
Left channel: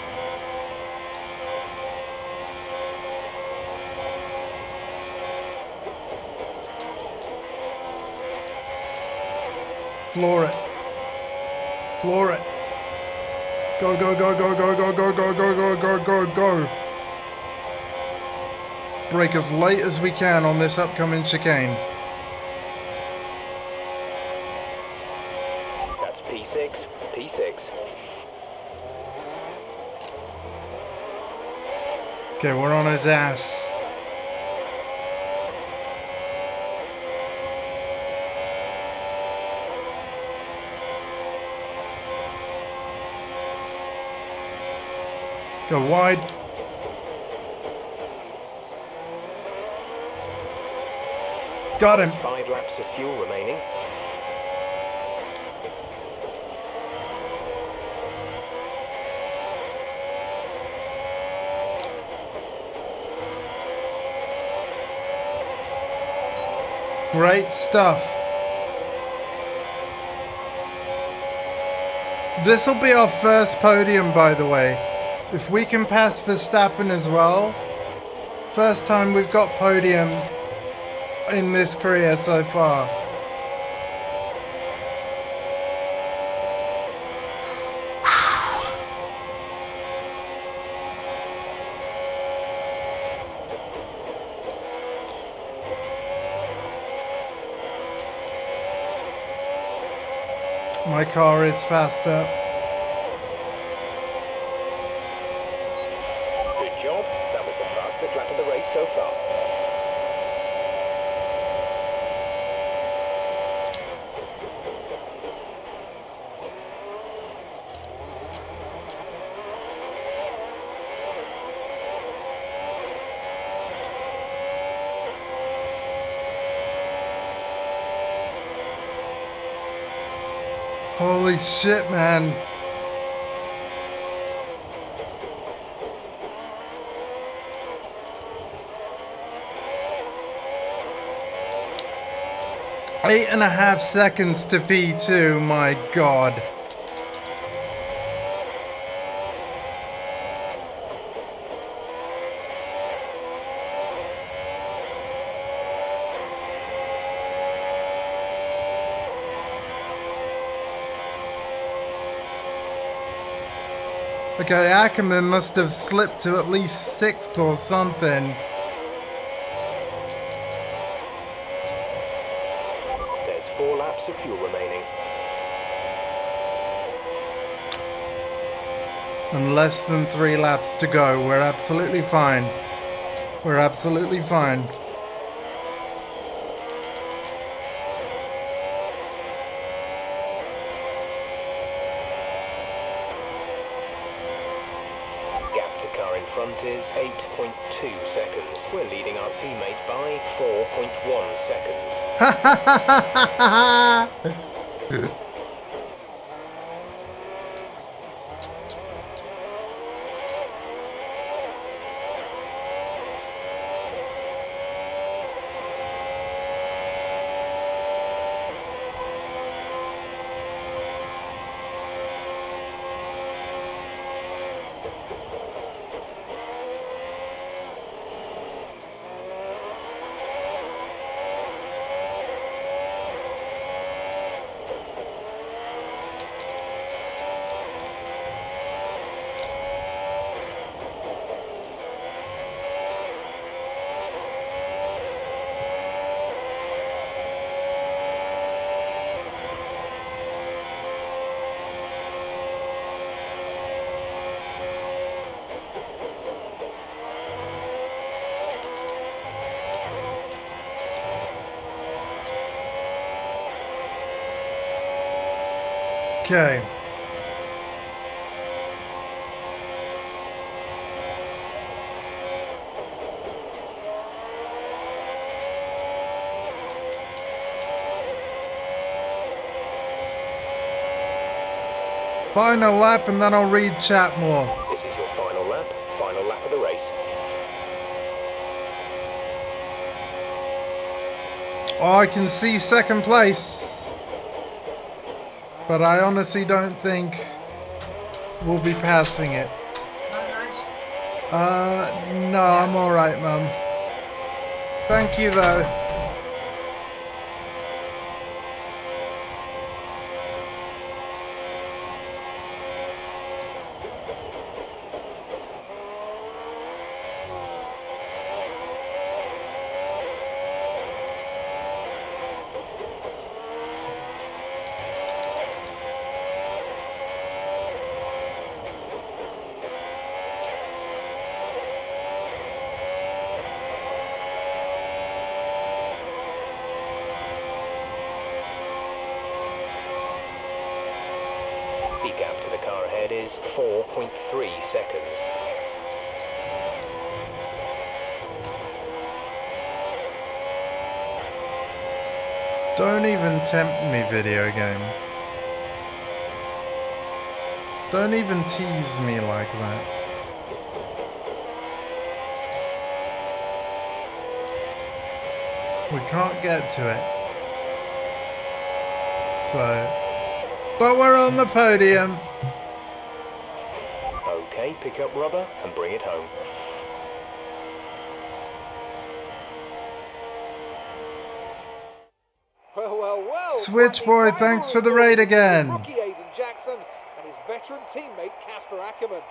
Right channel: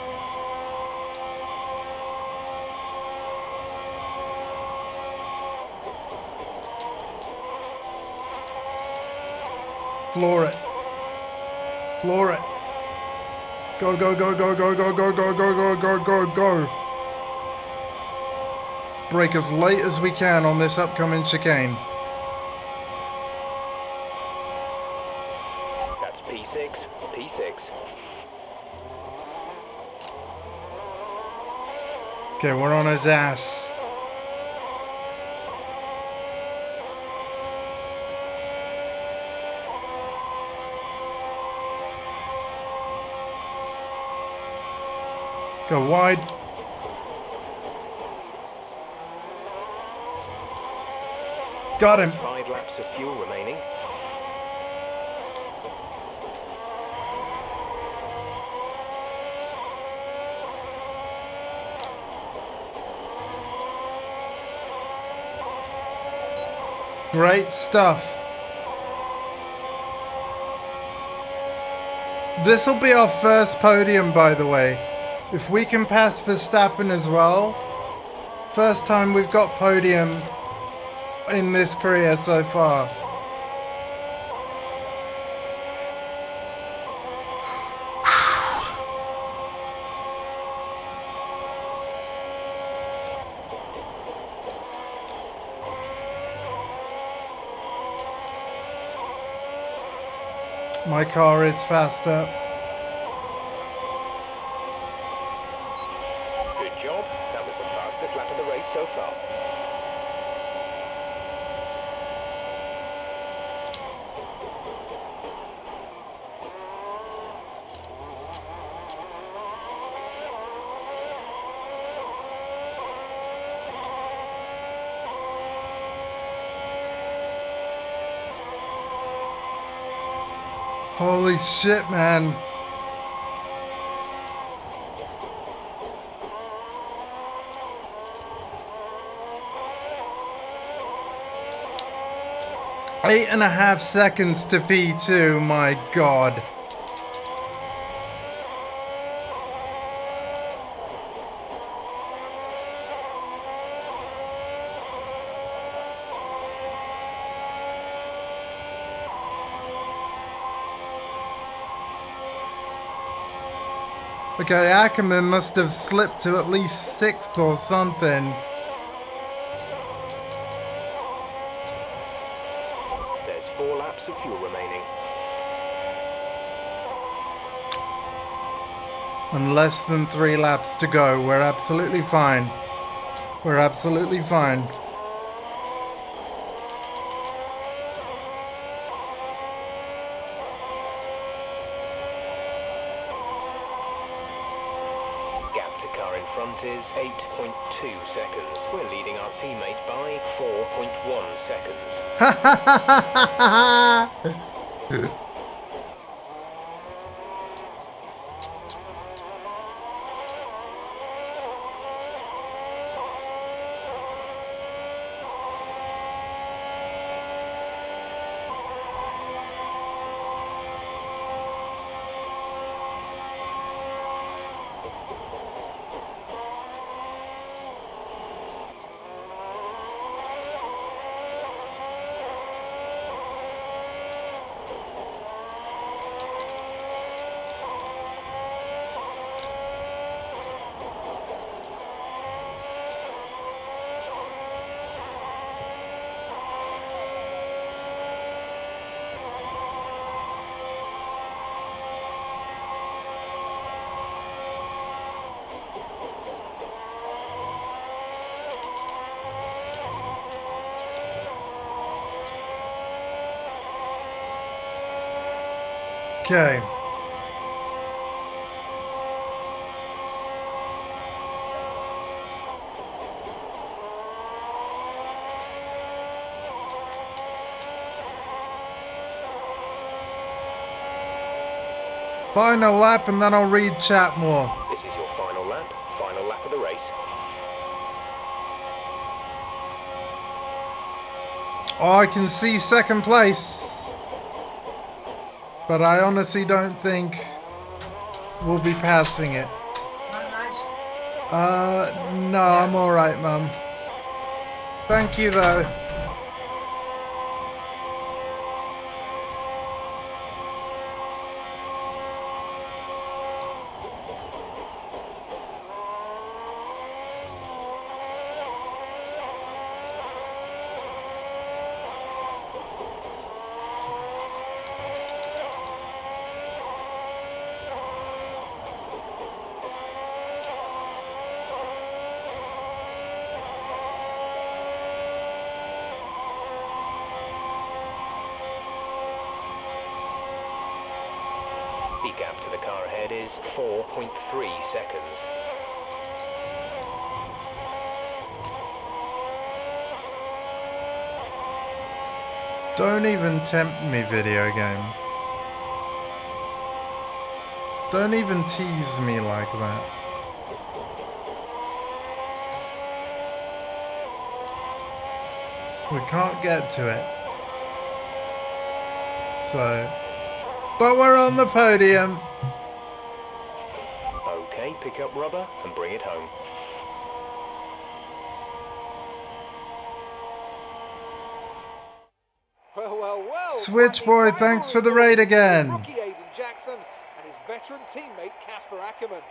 Floor it. Floor it. Go, go, go, go, go, go, go, go, go, go, go, go, go. Brake as late as we can on this upcoming chicane. That's P6, P6. Okay, we're on his ass. Go wide. Got him. 5 laps of fuel remaining. Great stuff. This'll be our first podium, by the way. If we can pass Verstappen as well, first time we've got podium in this career so far. My car is faster. Good job. That was the fastest lap of the race so far. Holy shit, man. Eight and a half seconds to P2, my god. Okay, Ackerman must have slipped to at least 6th or something. There's 4 laps of fuel remaining. And less than 3 laps to go. We're absolutely fine. We're absolutely fine. Gap to car in front is 8.2 seconds. We're leading our teammate by 4.1 seconds. Okay. Final lap and then I'll read chat more. This is your final lap of the race. Oh, I can see second place. But I honestly don't think we'll be passing it. Not nice. No, I'm alright, Mum. Thank you, though. The gap to the car ahead is 4.3 seconds. Don't even tempt me, video game. Don't even tease me like that. We can't get to it. So... But we're on the podium. Okay, pick up rubber and bring it home. Well. Switchboy, thanks for the raid again. Rookie Aiden Jackson and his veteran teammate Casper Ackerman.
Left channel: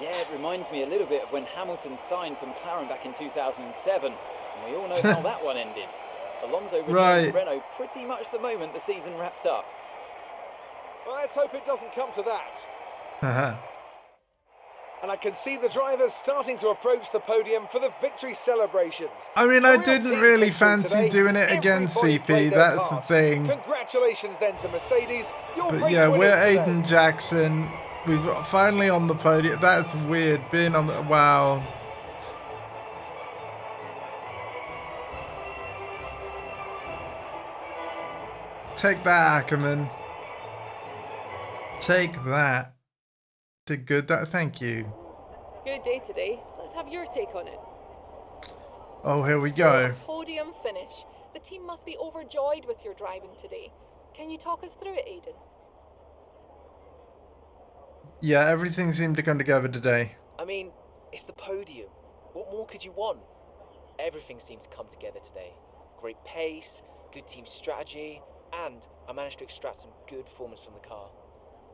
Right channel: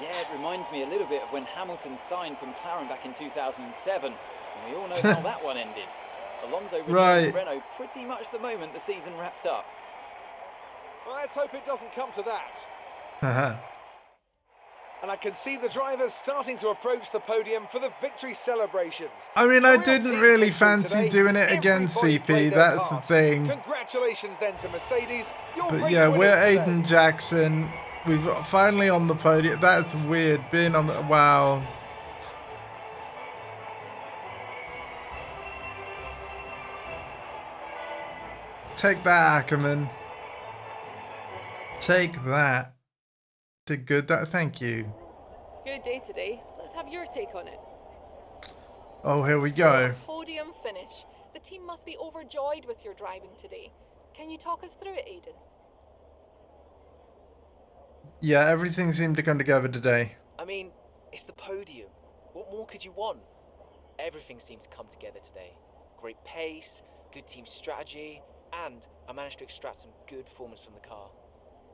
Yeah, it reminds me a little bit of when Hamilton signed from McLaren back in 2007. And we all know how that one ended. Alonso returned to Renault pretty much the moment the season wrapped up. Well, let's hope it doesn't come to that. Haha. And I can see the drivers starting to approach the podium for the victory celebrations. I mean, A I real didn't team really victory fancy today. doing it against Everybody CP, played their that's the part. thing. Congratulations then to Mercedes. Your But race yeah, winners we're today. Aiden Jackson. We've finally on the podium. That's weird, being on the... Wow. Take that, Ackerman. Take that. Did good. That. Thank you. Good day today. Let's have your take on it. Oh, here we So, go. podium finish. The team must be overjoyed with your driving today. Can you talk us through it, Aiden? Yeah, everything seemed to come together today. I mean, it's the podium. What more could you want? Everything seemed to come together today. Great pace, good team strategy, and I managed to extract some good performance from the car.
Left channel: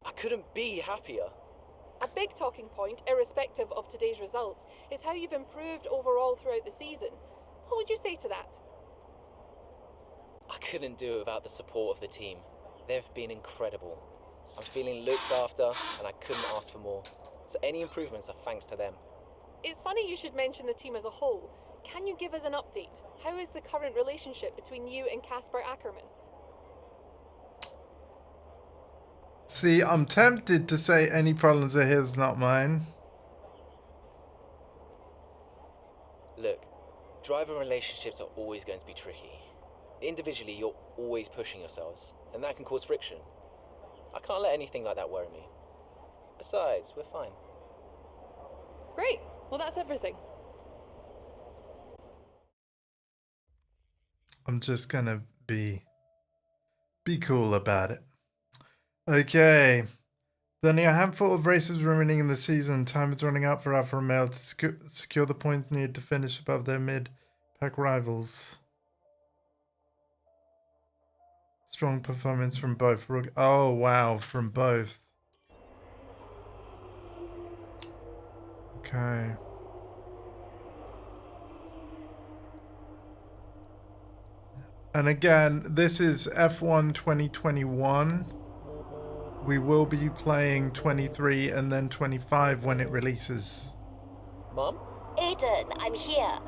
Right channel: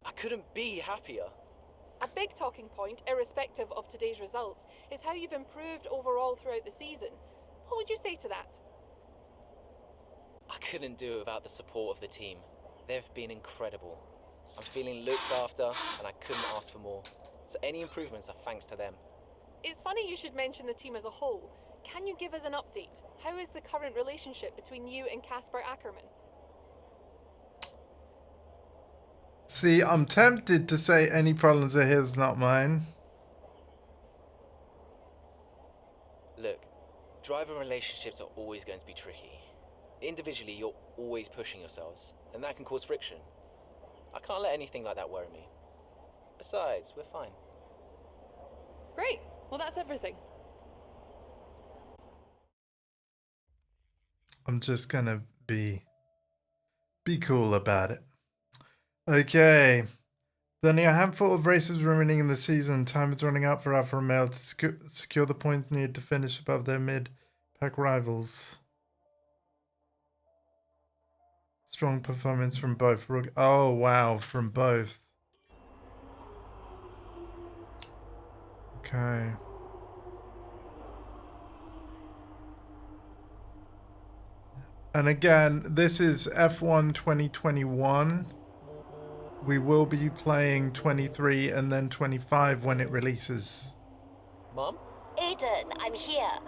I couldn't be happier. A big talking point, irrespective of today's results, is how you've improved overall throughout the season. What would you say to that? I couldn't do it without the support of the team. They've been incredible. I'm feeling looked after, and I couldn't ask for more. So any improvements are thanks to them. It's funny you should mention the team as a whole. Can you give us an update? How is the current relationship between you and Casper Ackerman? See, I'm tempted to say any problems are his, not mine. Look, driver relationships are always going to be tricky. Individually, you're always pushing yourselves, and that can cause friction. I can't let anything like that worry me. Besides, we're fine. Great. Well, that's everything. I'm just gonna be cool about it. Okay. There's only a handful of races remaining in the season. Time is running out for Alfa Romeo to secure the points needed to finish above their mid-pack rivals. Strong performance from both. Oh, wow. From both. Okay. And again, this is F1 2021. We will be playing 23 and then 25 when it releases. Mum? Aiden, I'm here.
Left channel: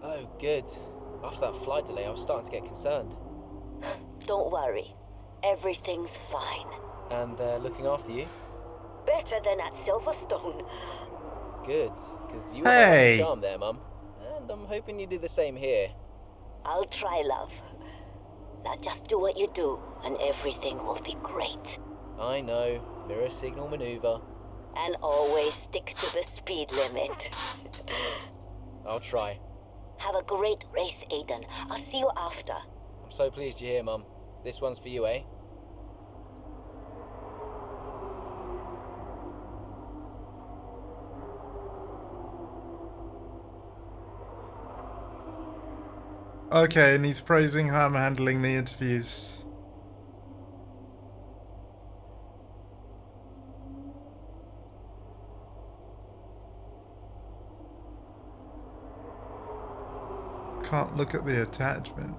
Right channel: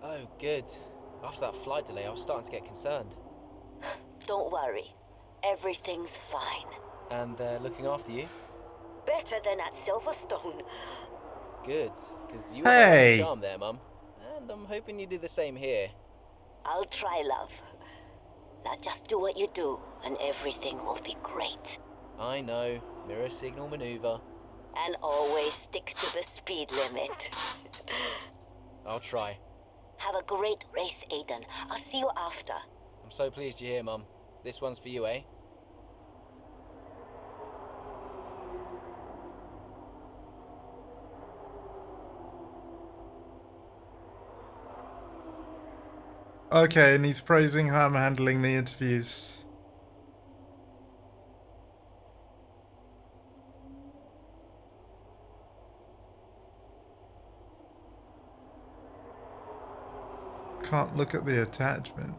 Oh, good. After that flight delay, I was starting to get concerned. Don't worry. Everything's fine. And they're looking after you? Better than at Silverstone. Good, because you were my Hey! lucky charm there, Mum. And I'm hoping you do the same here. I'll try, love. Now just do what you do, and everything will be great. I know. Mirror signal maneuver. And always stick to the speed limit. I'll try. Have a great race, Aiden. I'll see you after. I'm so pleased you're here, Mum. This one's for you, eh? Okay, and he's praising how I'm handling the interviews. Can't look at the attachment.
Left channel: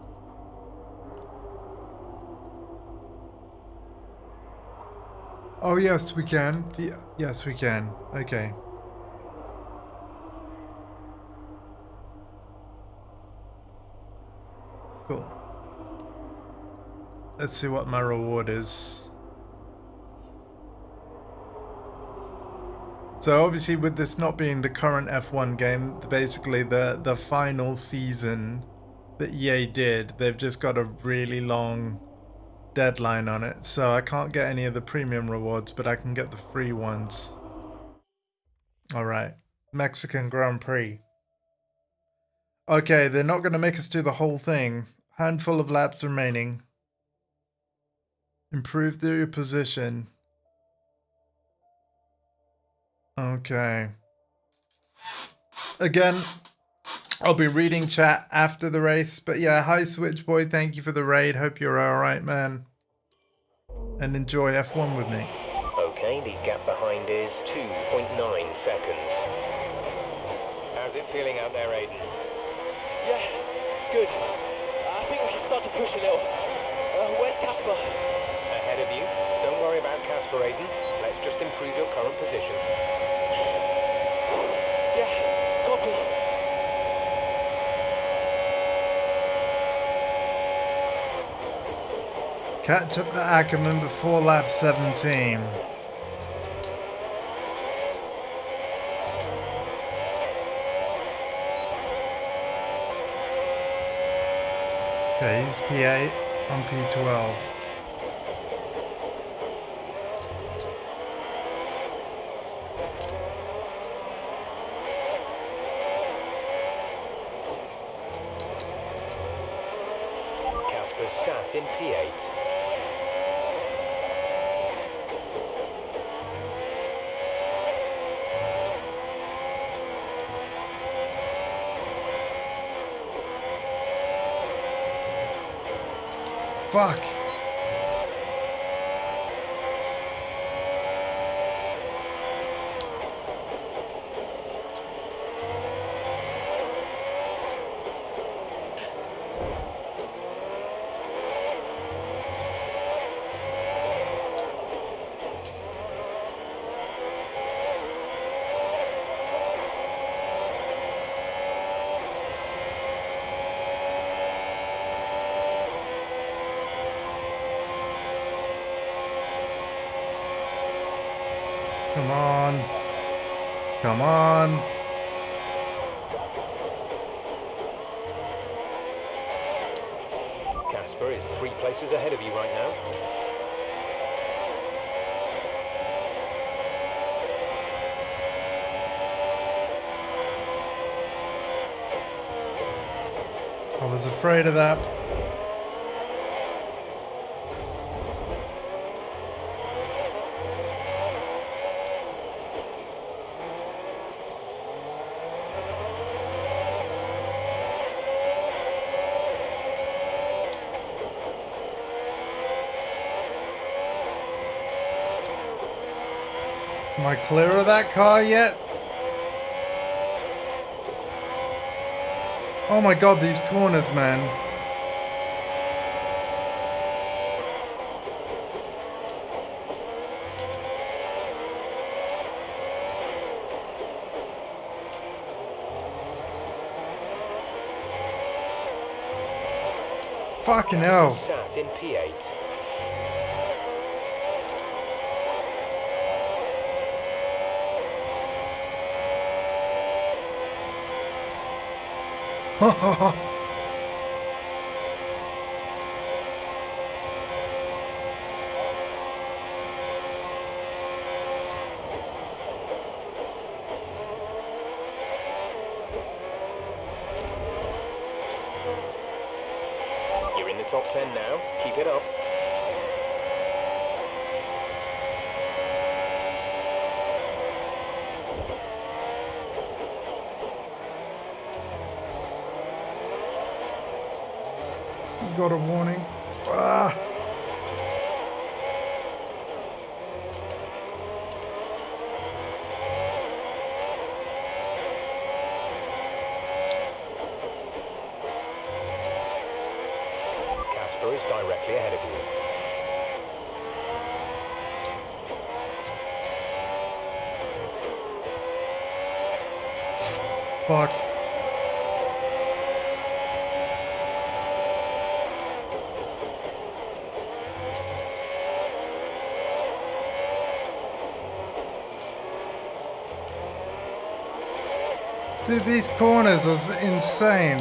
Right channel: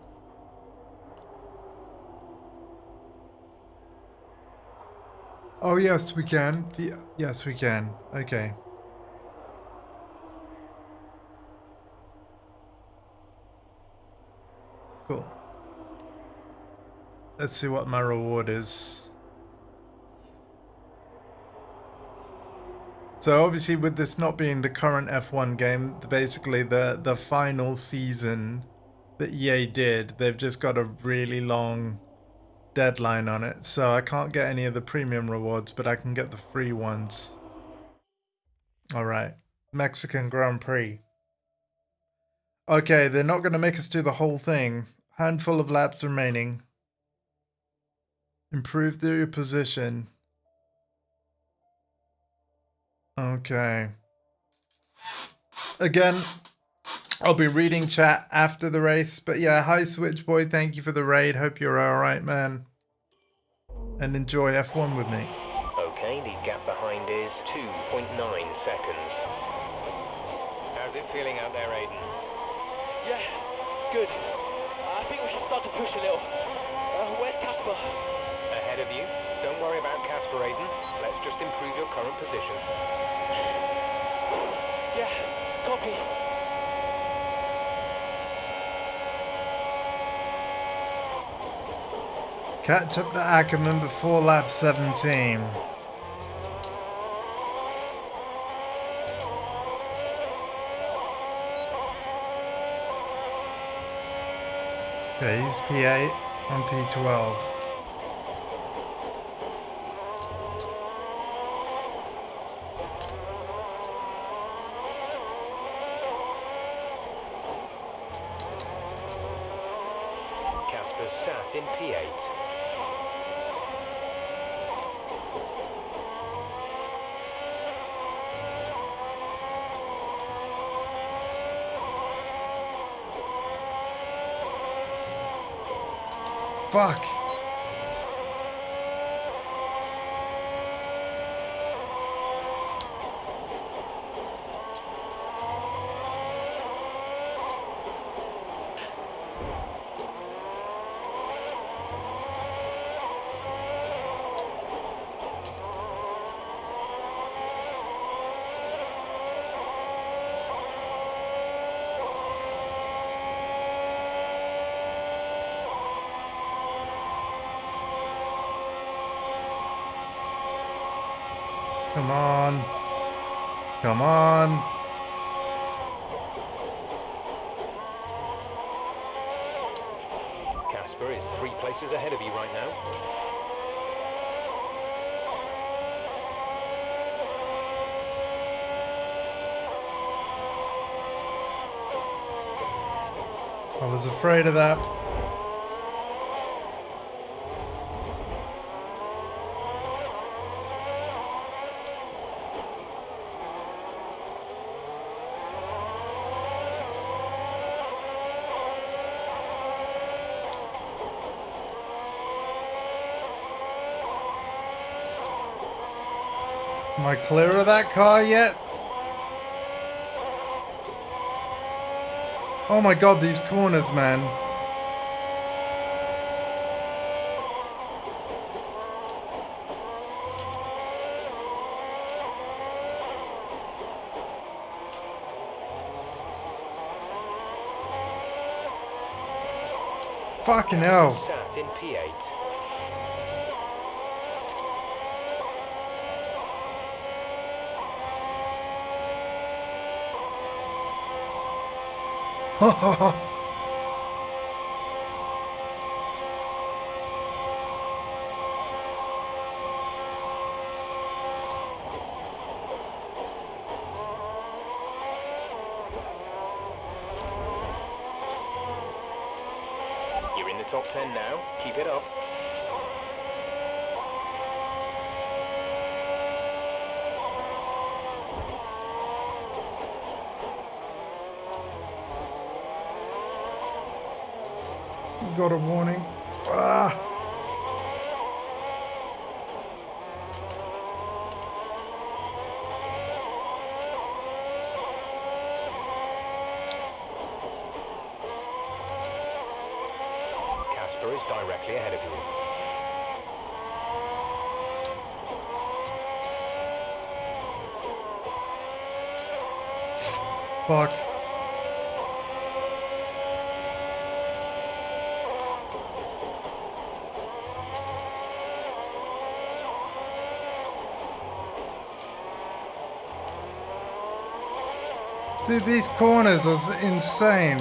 Oh yes, we can. Yes, we can. Okay. Cool. Let's see what my reward is. So obviously with this not being the current F1 game, basically the final season that EA did, they've just got a really long deadline on it. So I can't get any of the premium rewards, but I can get the free ones. Alright. Mexican Grand Prix. Okay, they're not going to make us do the whole thing. Handful of laps remaining. Improve your position. Okay. Again, I'll be reading chat after the race. But yeah, hi Switchboy, thank you for the raid. Hope you're alright, man. And enjoy F1 with me. Okay, the gap behind is 2.9 seconds. How's it feeling out there, Aiden? Yeah, good. I think we can start to push a little. Where's Casper? Ahead of you. Don't worry about Casper, Aiden. Let's just improve your current position. Yeah, copy. Catch up to Ackerman before lap 17. Okay, he's P8 on P12. Casper's sat in P8. Fuck. Come on. Come on. Casper is 3 places ahead of you right now. I was afraid of that. Am I clear of that car yet? Oh my god, these corners, man. Fucking hell. Sat in P8. You're in the top 10 now. Keep it up. Got a warning. Ah. Casper is directly ahead of you. Fuck. Dude, these corners are insane.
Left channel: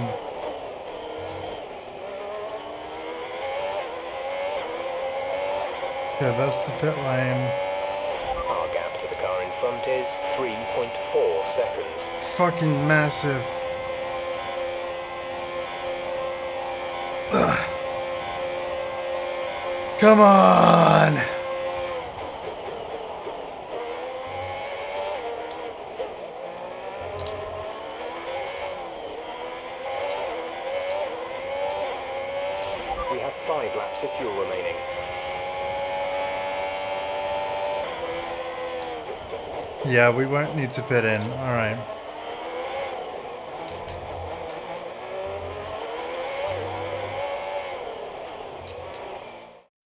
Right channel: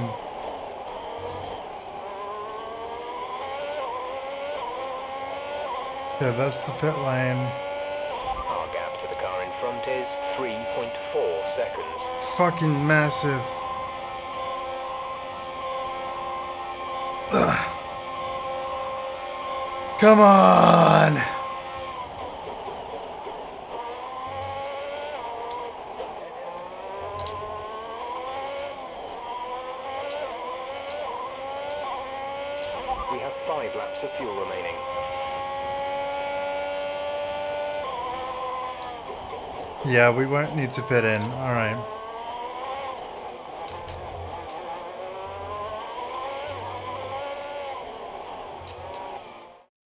Yeah, that's the pit lane. Our gap to the car in front is 3.4 seconds. Fucking massive. Ugh. Come on! We have 5 laps of fuel remaining. Yeah, we won't need to pit in. Alright.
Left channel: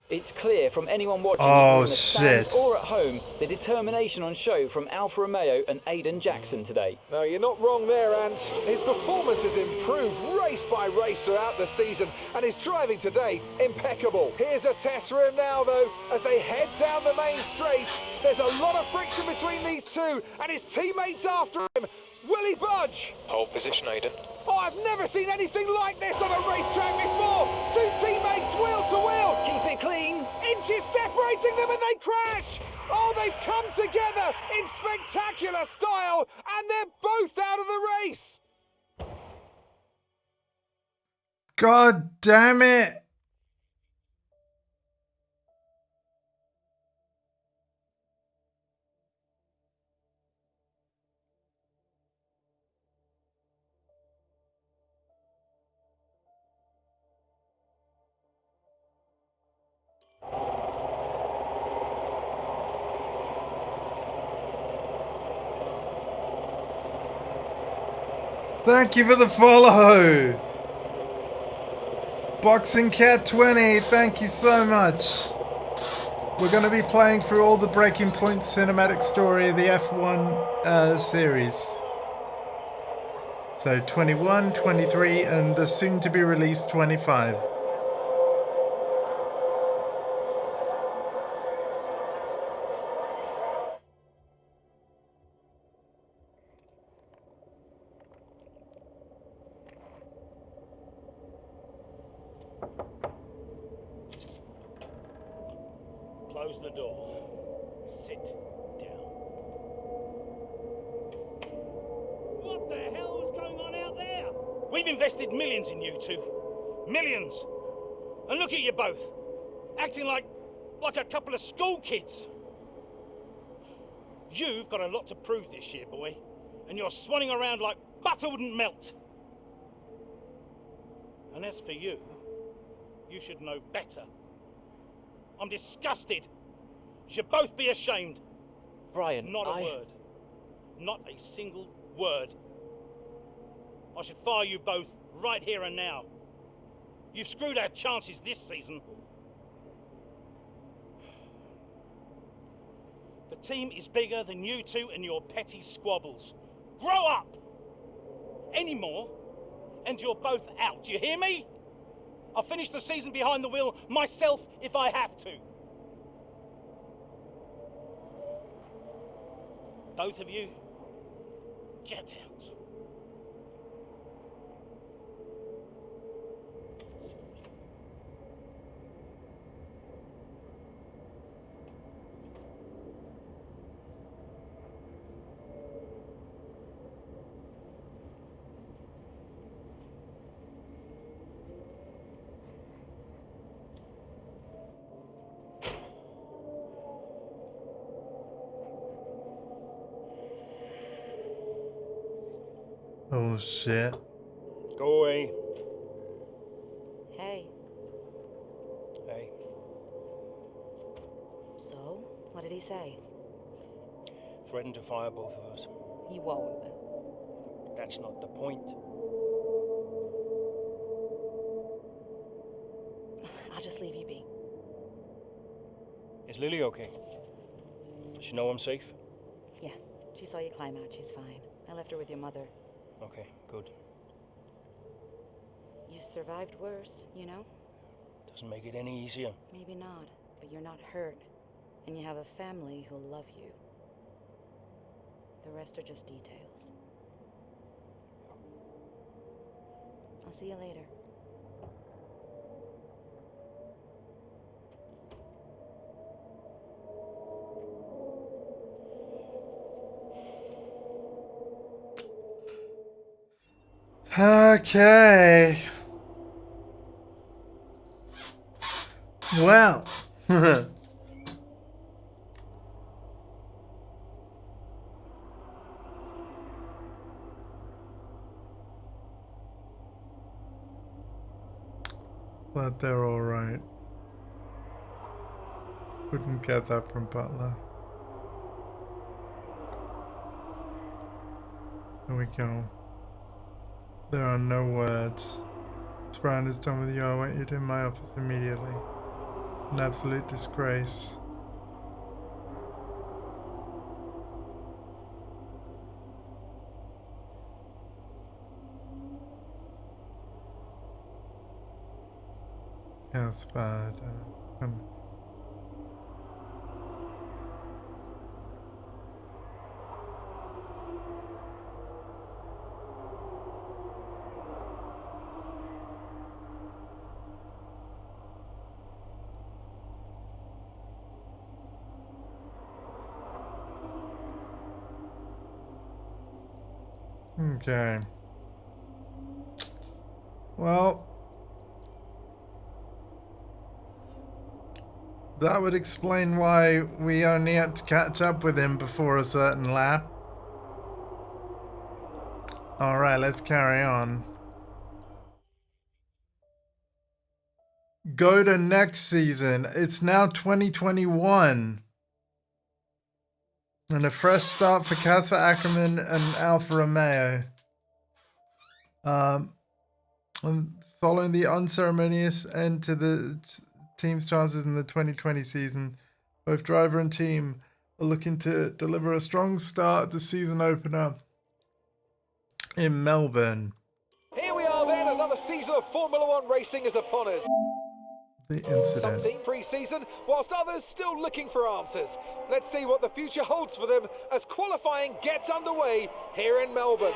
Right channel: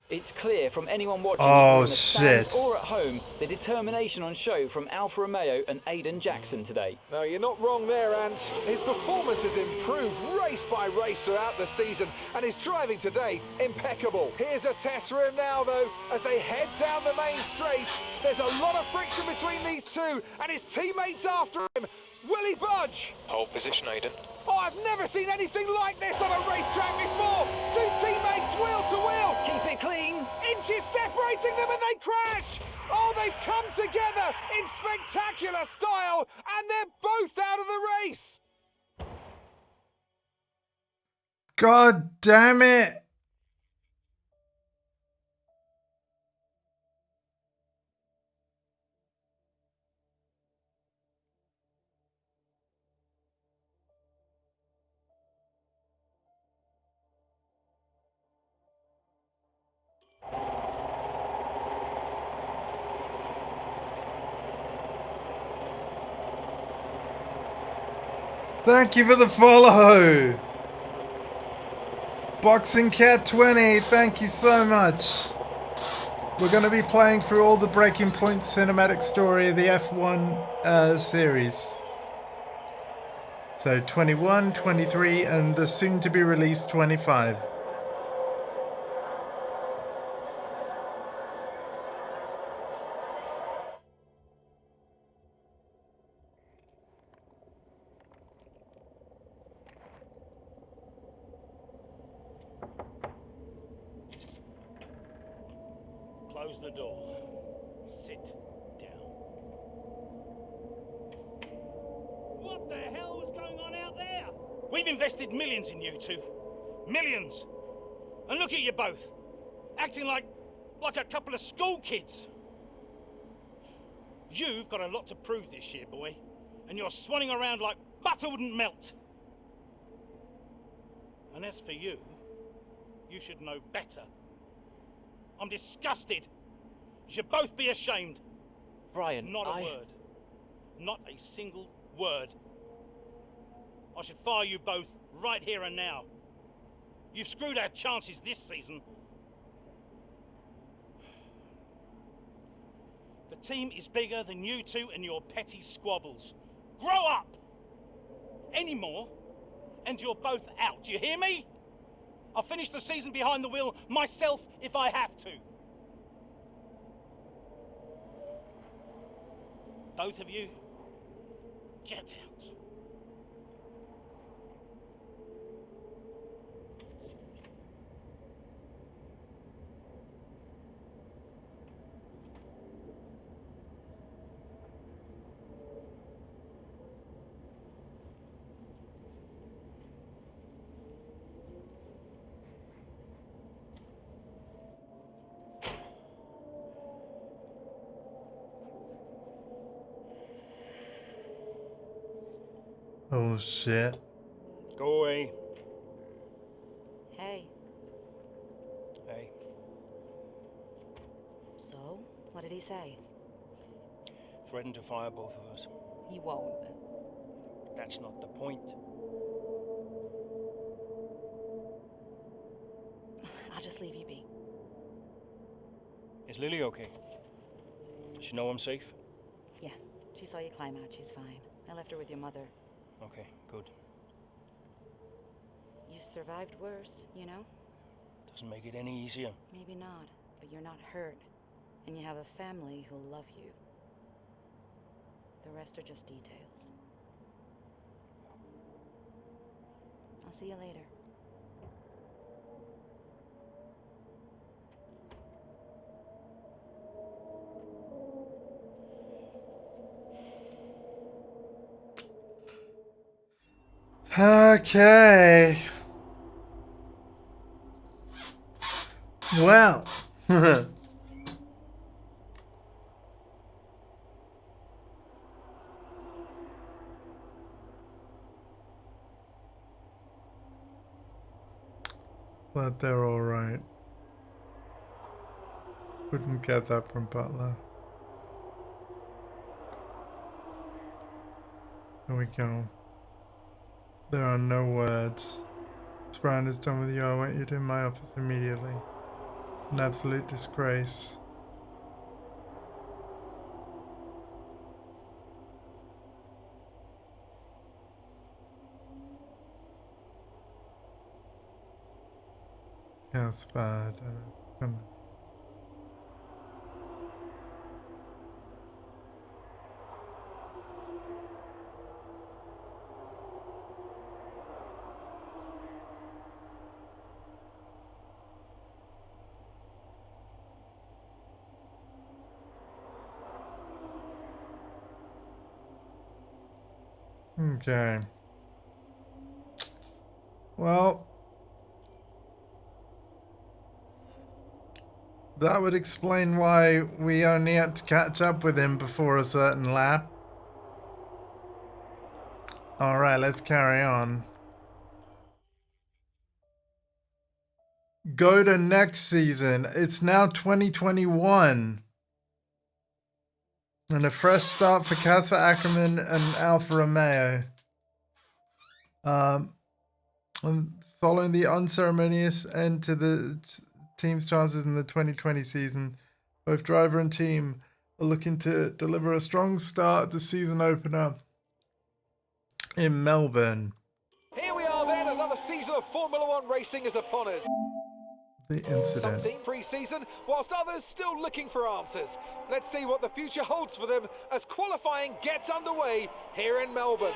It's clear from anyone watching Oh, either in the stands shit. or at home the determination on show from Alfa Romeo and Aiden Jackson today. No, you're not wrong there, Ant. His performance has improved race by race throughout the season, and his driving today, impeccable. Here's a test for him now, though, as they head down the main straight. There's a lot of friction between these two, and his teammates after him. Will he budge? Hold position, Aiden. Oh, I've never seen anything like this on a racetrack before. Two teammates wheel to wheel. Keep it clean. Inches separating them and they crash. Oh, they've come together in spectacular style and they're both out of the race. God damn it! Thank you for the follow! Boxing Cat 20, thank you so much. We're going to be playing through all the Breaking Point cinematic story of the F1 series. So 21, 23, and the soon to be released 25. Close the door. Sit down. What the hell was going on out there? We've invested millions in you two. Millions. And look at you both. Acting like a couple of school kids. You've got a lot to prove this year, boy. And you're swanning around like butter wouldn't melt. And as for you, you should know better. I'm disgusted. You should both be ashamed. Brian, Not a word. Not a single word. I should fire you both right here and now. You've screwed our chances this season. The team is bigger than you two and your petty squabbles. Grow up! Any more, and you're both out. You hear me? I'll finish the season behind the wheel myself if I have to. Both of you, get out. Oh shit. Go away. Hey. Hey. So, what did he say? Threatened to fire both of us. He won't. That's not the point. I'll just leave you be. Is Lily okay? Does she know I'm safe? Yeah, she saw you climb out. She's fine. I left her with your mother. Okay, good. You've survived worse, you know? Doesn't make it any easier. Maybe not, but you're not hurt. And you have a family who'll love you. The rest are just details. I'll see you later. Okay. Well. But they're alright. Couldn't get that from Butler. Here we go. There are no words. Once Brian is done with you, I want you to in my office immediately. An absolute disgrace. That's bad. I don't know. Okay. Well, that would explain why we only had to catch up with him before a certain lap. Alright, let's carry on. Go to next season. It's now 2021. And a fresh start for Casper Ackerman and Alfa Romeo. And following the unceremonious end to the team's chances in the 2020 season, both driver and team are looking to deliver a strong start at the season opener in Melbourne. Here we are then, another season of Formula One racing is upon us. The Some incident. team pre-season, whilst others still looking for answers. Let's see what the future holds for them as qualifying gets underway here in Melbourne.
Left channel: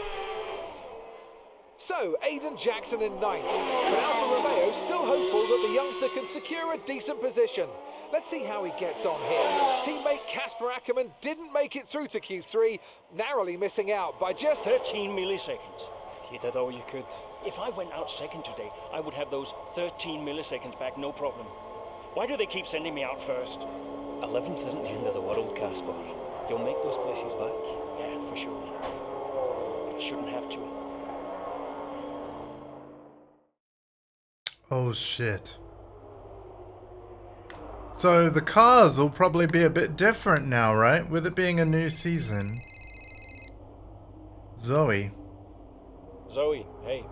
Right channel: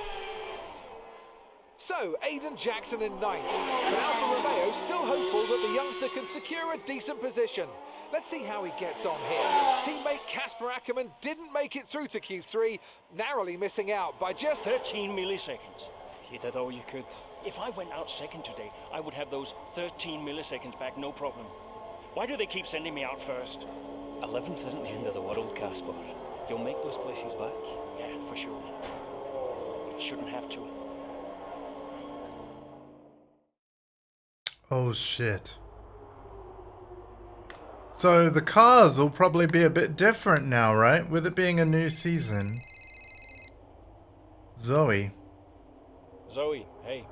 So, Aidan Jackson in ninth, but Alfa Romeo still hopeful that the youngster can secure a decent position. Let's see how he gets on here. Teammate Casper Ackerman didn't make it through to Q3, narrowly missing out by just 13 milliseconds. You did all you could. If I went out second today, I would have those 13 milliseconds back, no problem. Why do they keep sending me out first? 11th isn't the end of the world, Casper. You'll make those places back. Yeah, for sure. But I shouldn't have to. Oh shit. So the cars will probably be a bit different now, right? With it being a new season. Zoe. Zoe, hey.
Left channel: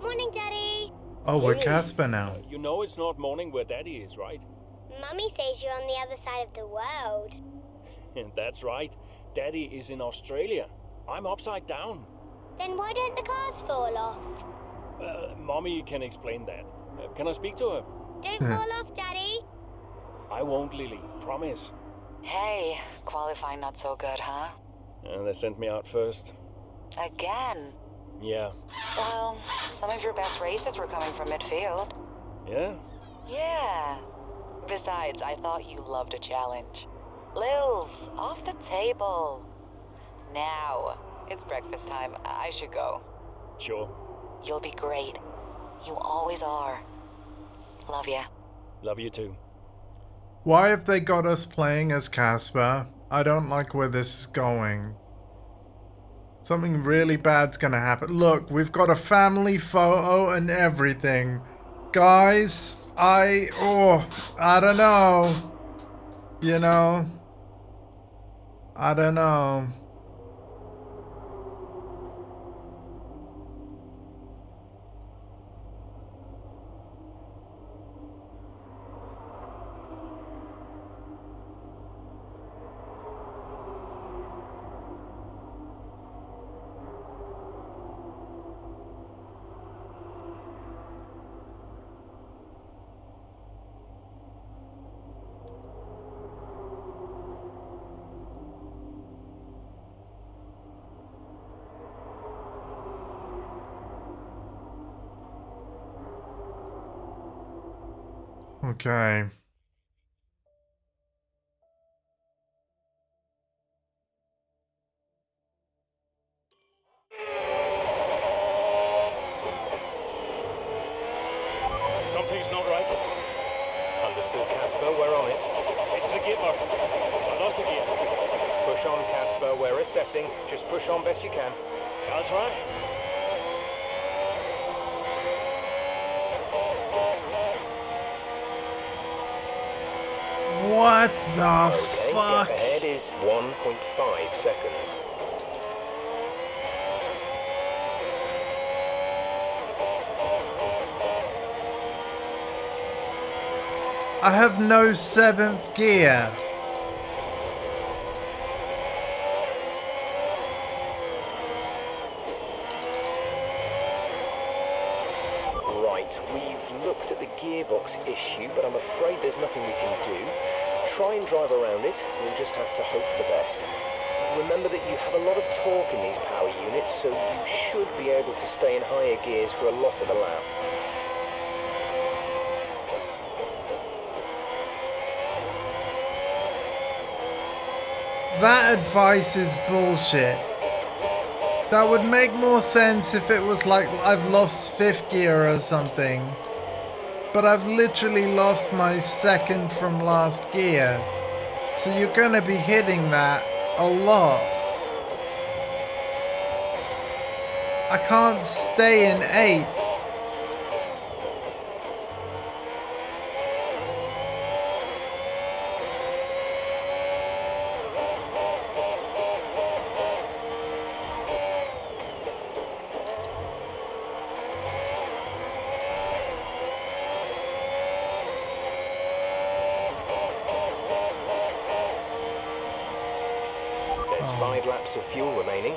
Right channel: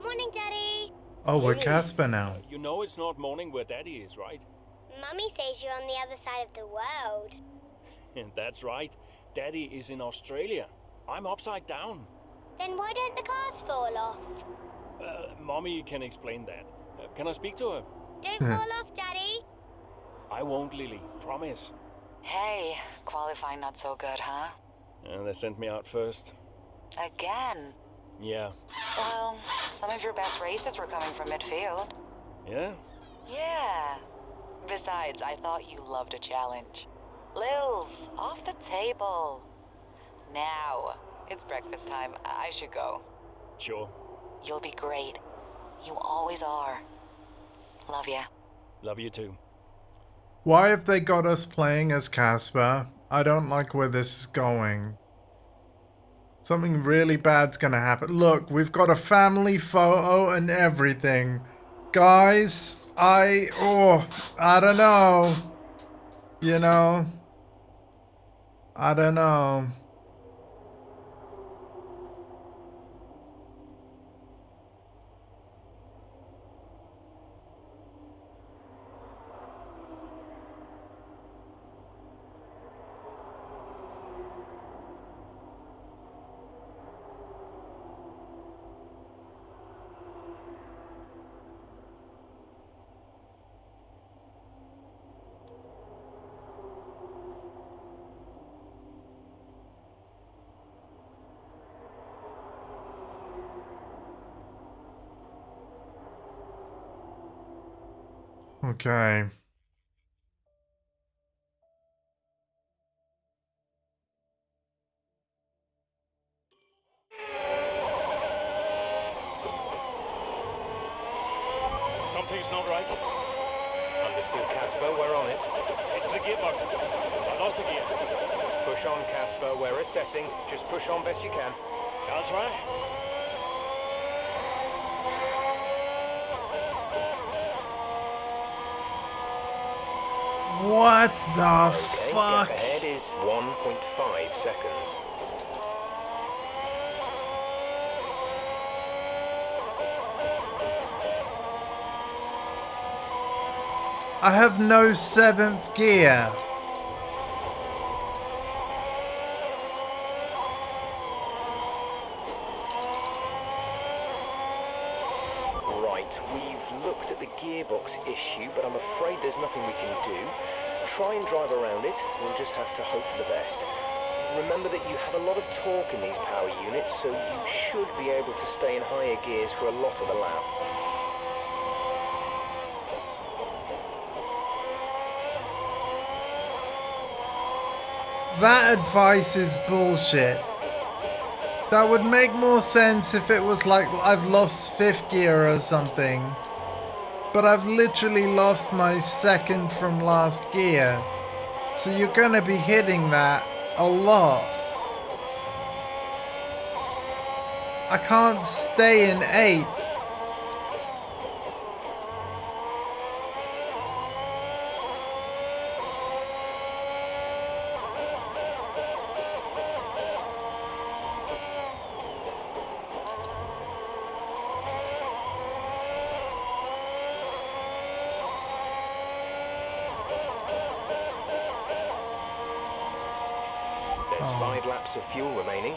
Morning, Daddy. Oh, we're Hey, Casper now. You know it's not morning where Daddy is, right? Mummy says you're on the other side of the world. That's right. Daddy is in Australia. I'm upside down. Then why don't the cars fall off? Mommy can explain that. Can I speak to her? Don't fall off, Daddy. I won't, Lily. Promise. Hey, qualifying not so good, huh? They sent me out first. Again? Yeah. Well, some of your best races were coming from midfield. Yeah? Yeah. Besides, I thought you loved a challenge. Lils, off the table. Now, it's breakfast time. I should go. Sure. You'll be great. You always are. Love ya. Love you too. Why have they got us playing as Casper? I don't like where this is going. Something really bad's gonna happen. Look, we've got a family photo and everything. Guys, I don't know. You know, I don't know. Okay. Something's not right. Understood, Casper. We're on it. It's the gearbox. I lost the gear. Push on, Casper. We're assessing. Just push on best you can. I'll try. What the Okay, fuck? gap ahead is 1.5 seconds. I have no 7th gear. Right, we've looked at the gearbox issue, but I'm afraid there's nothing we can do. Try and drive around it. We'll just have to hope for the best. Remember that you have a lot of torque in these power units, so you should be able to stay in higher gears for a lot of the lap. That advice is bullshit. That would make more sense if it was like I've lost 5th gear or something. But I've literally lost my 2nd from last gear. So you're gonna be hitting that a lot. I can't stay in 8th. There's 5 laps of fuel remaining.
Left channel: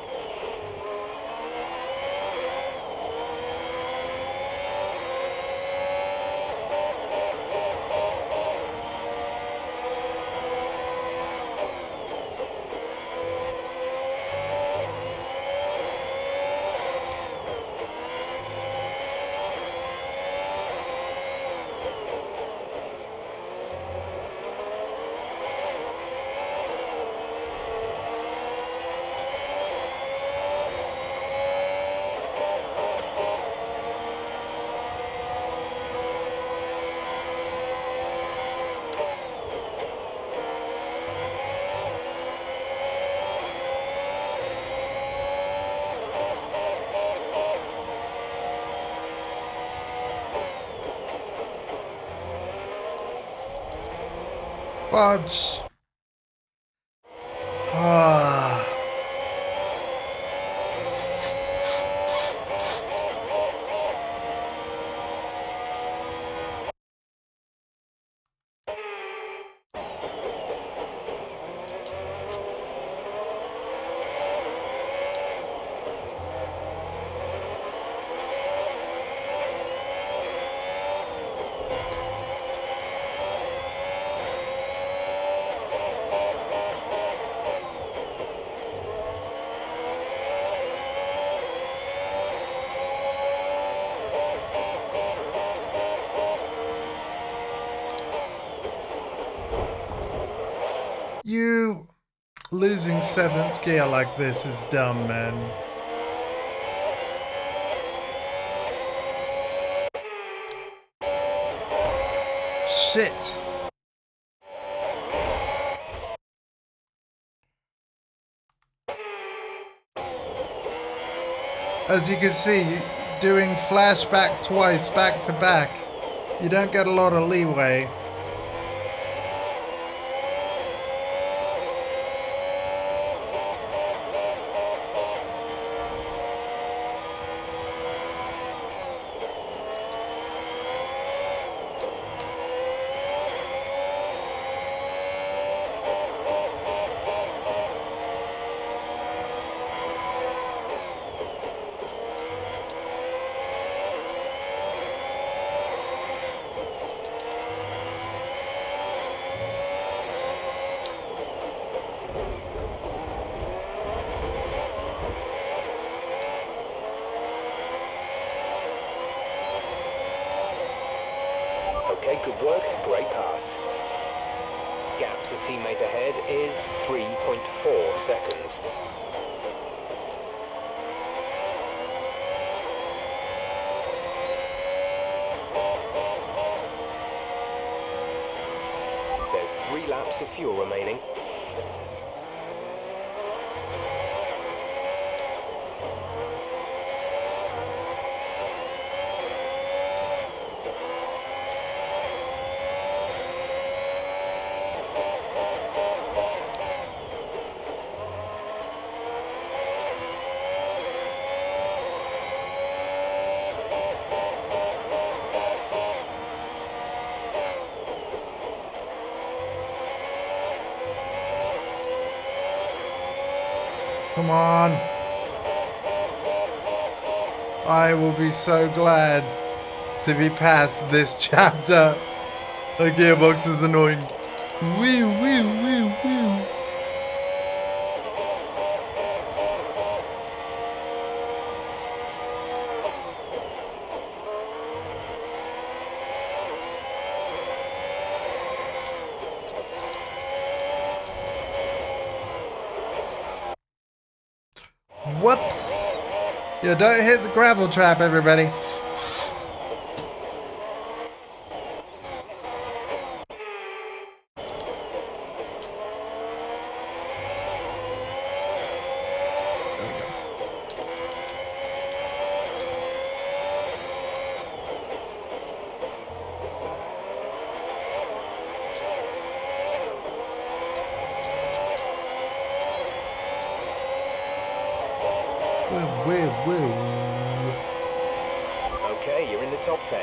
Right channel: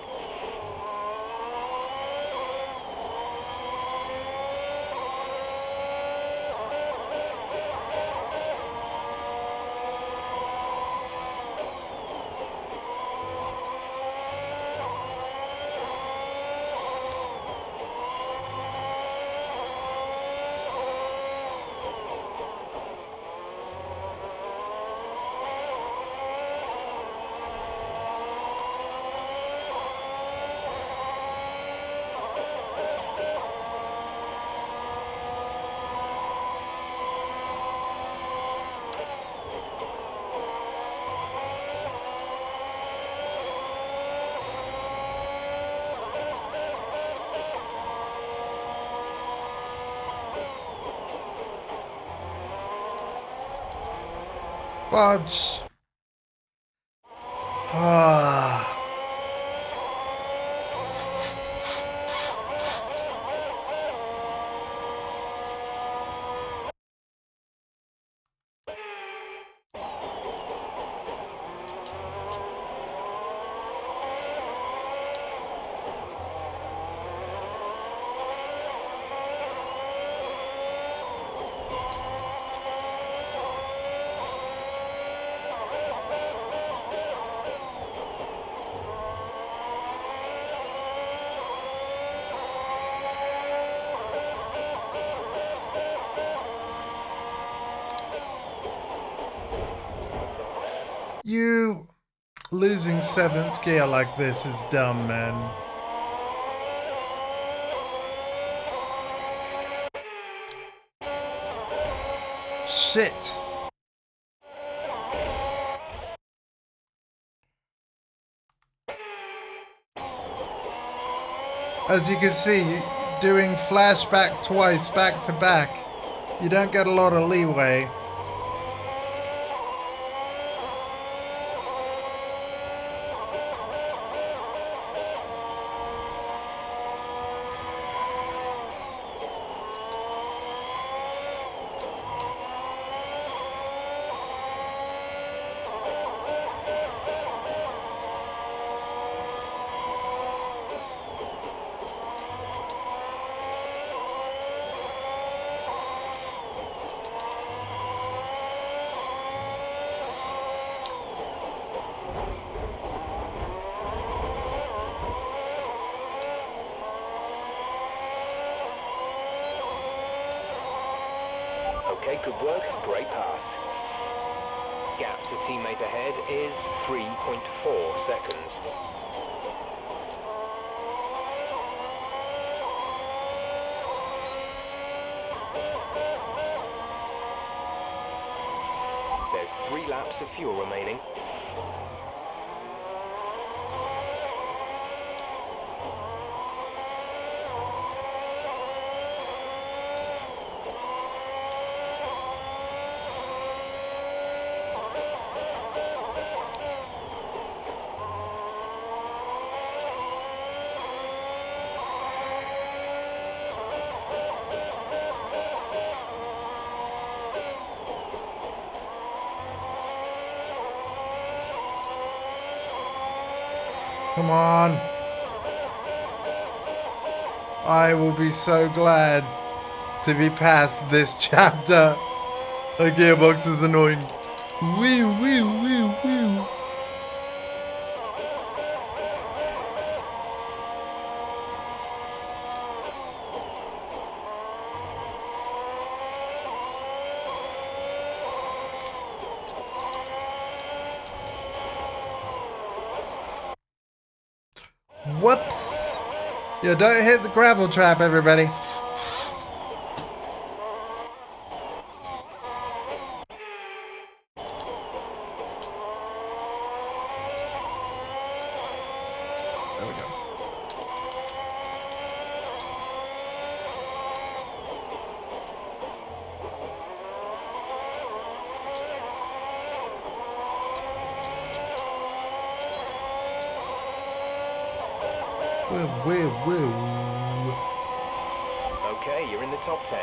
Fudge. Ah. You losing 7th gear like this is dumb, man. Shit. as you can see, doing flashback twice back to back, you don't get a lot of leeway. Okay, good work. Great pass. Gap to teammate ahead is 3.4 seconds. There's 3 laps of fuel remaining. Come on. I will be so glad to be past this chapter. The gearbox is annoying. Wee wee wee wee. Whoops. Yeah, don't hit the gravel trap, everybody. There we go. Woo. Okay, you're in the top 10.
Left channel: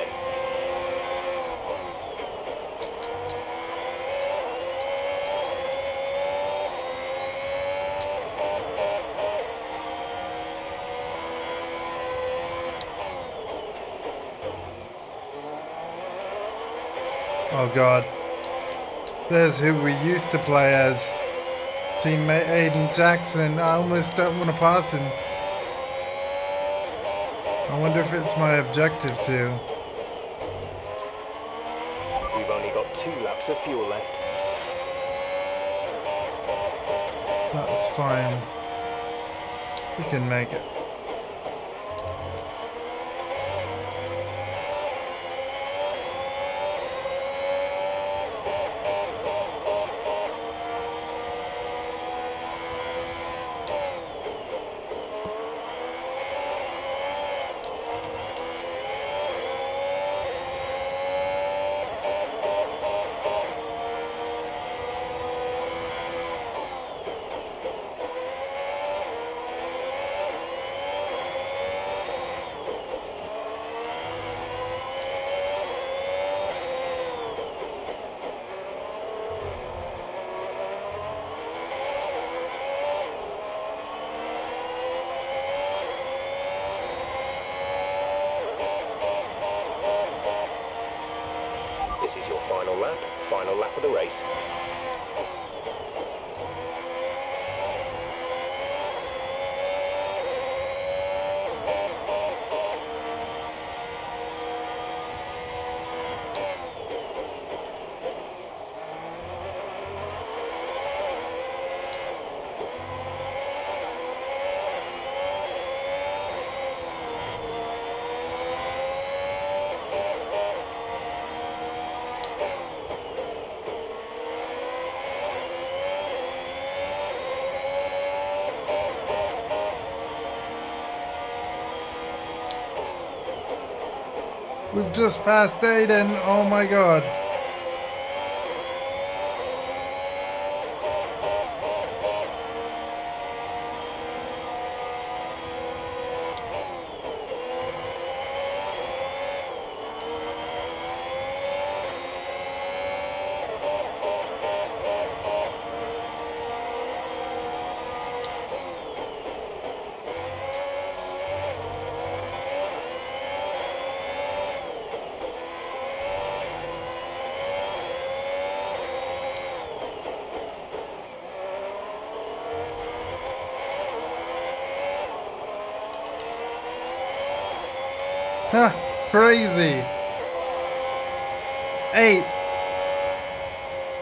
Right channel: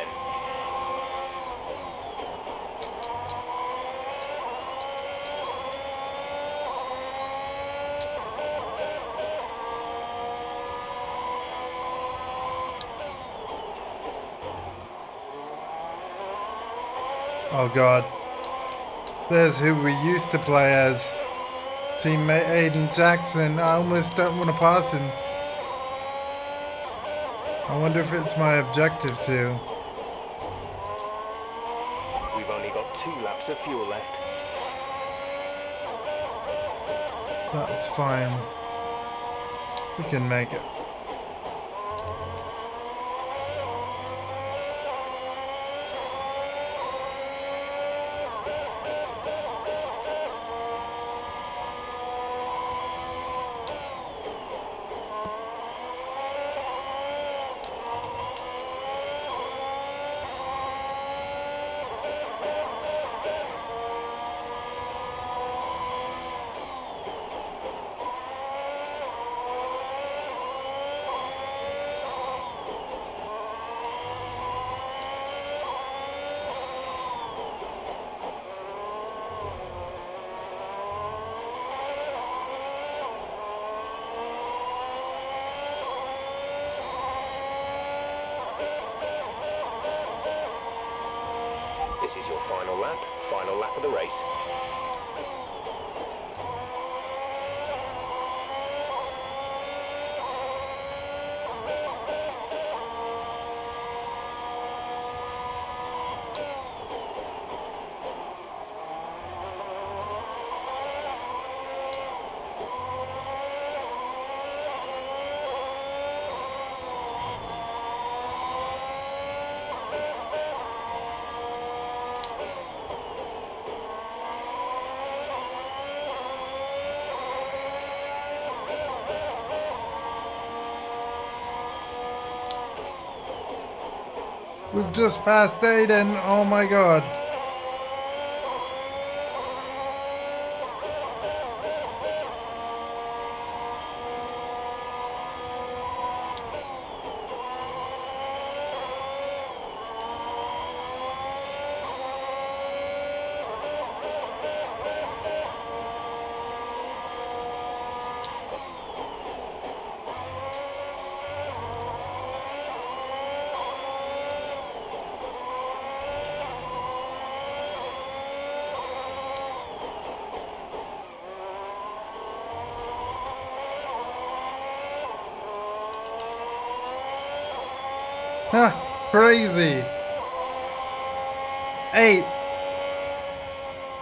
Oh god. There's who we used to play as. Teammate Aiden Jackson. I almost don't want to pass him. I wonder if it's my objective to. We've only got 2 laps of fuel left. That's fine. We can make it. This is your final lap of the race. We've just passed Aiden. Oh my god. Huh, crazy. 8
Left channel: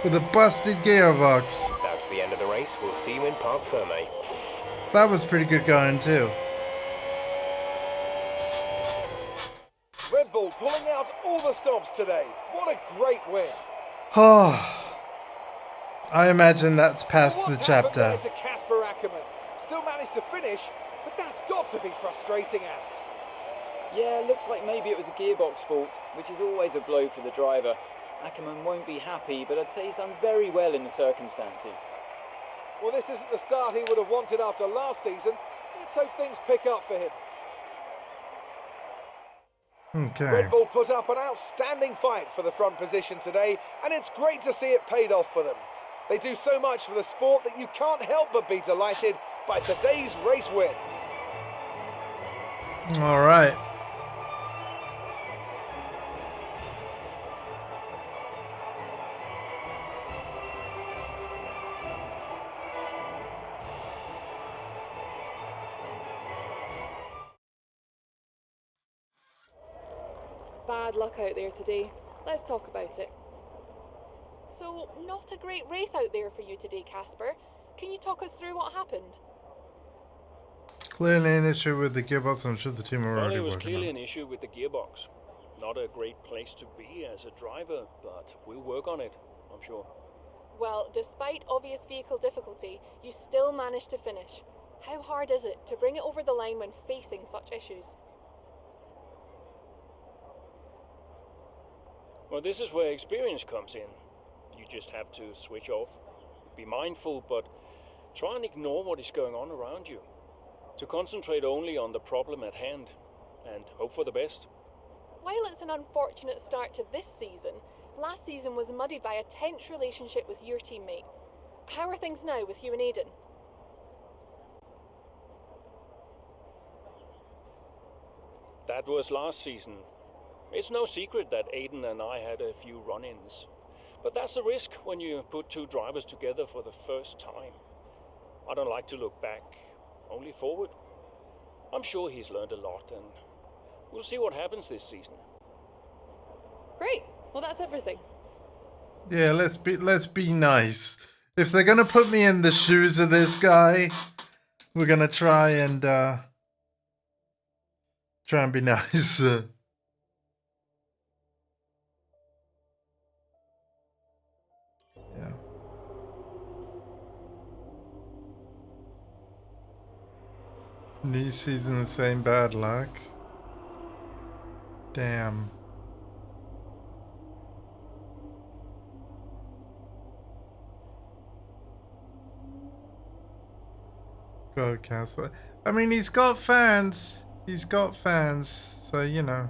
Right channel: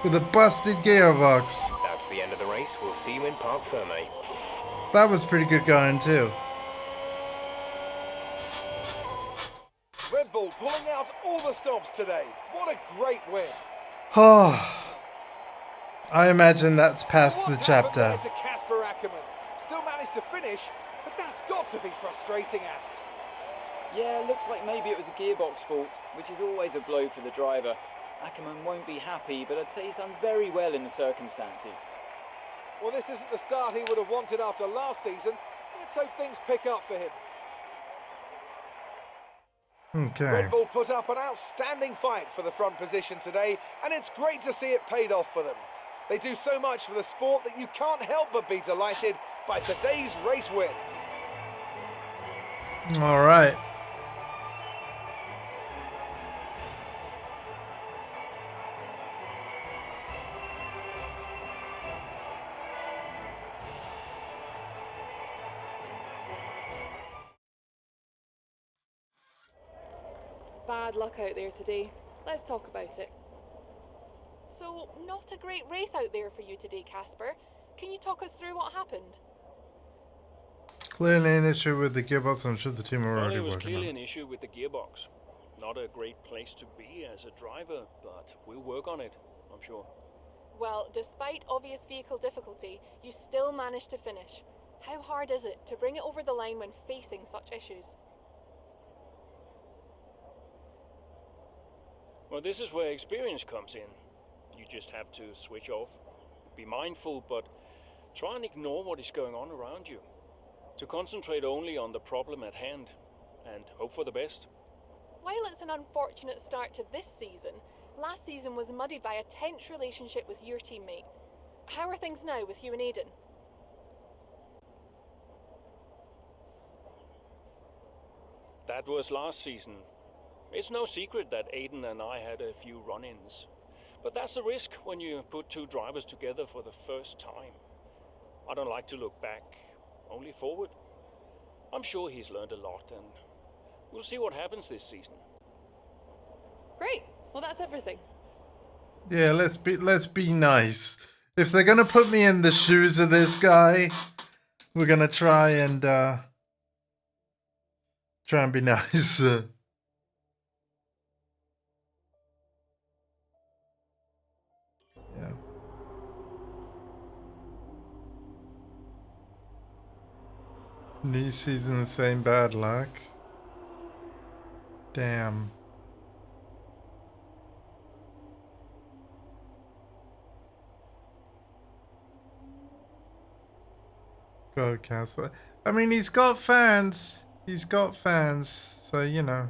with a busted gearbox. That's the end of the race. We'll see you in Parc Ferme. That was pretty good going too. Red Bull pulling out all the stops today. What a great win. Oh, I imagine that's past the What's happened chapter. there to Casper Ackerman? Still managed to finish, but that's got to be frustrating, Ant. Yeah, looks like maybe it was a gearbox fault, which is always a blow for the driver. Ackerman won't be happy, but I'd say he's done very well in the circumstances. Well, this isn't the start he would have wanted after last season. Let's hope things pick up for him. Okay. Red Bull put up an outstanding fight for the front position today, and it's great to see it paid off for them. They do so much for the sport that you can't help but be delighted by today's race win. All right. Bad luck out there today. Let's talk about it. So, not a great race out there for you today, Casper. Can you talk us through what happened? Clearly an issue with the gearbox. I'm sure the team are Well, already it was working clearly on an issue with the gearbox. Not a great place to be as a driver, but we'll work on it, I'm sure. Well, despite obvious vehicle difficulty, you still managed to finish. How hard is it to bring it over the line when facing such issues? Well, this is where experience comes in. You just have to switch off. Be mindful, but try and ignore what is going on around you. To concentrate only on the problem at hand, and hope for the best. While it's an unfortunate start to this season, last season was muddied by a tense relationship with your teammate. How are things now with you and Aiden? That was last season. It's no secret that Aiden and I had a few run-ins. But that's the risk when you put two drivers together for the first time. I don't like to look back, only forward. I'm sure he's learned a lot, and we'll see what happens this season. Great. Well, that's everything. Yeah, let's be nice. If they're gonna put me in the shoes of this guy, we're gonna try and be nice. Yeah. New season, the same bad luck. Damn. Go, Casper. I mean, he's got fans. He's got fans, so you know.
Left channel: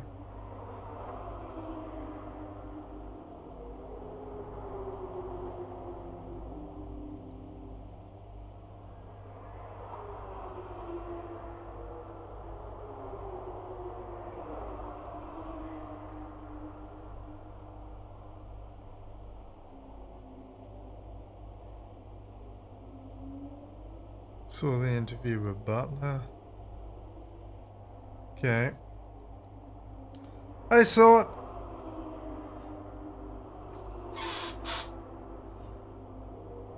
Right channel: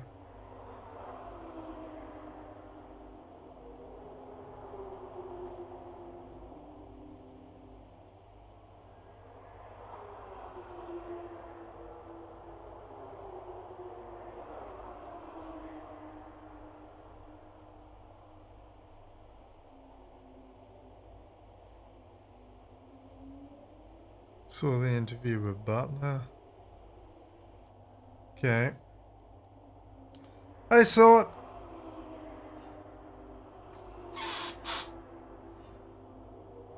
Saw the interview with Butler. Okay. I saw it.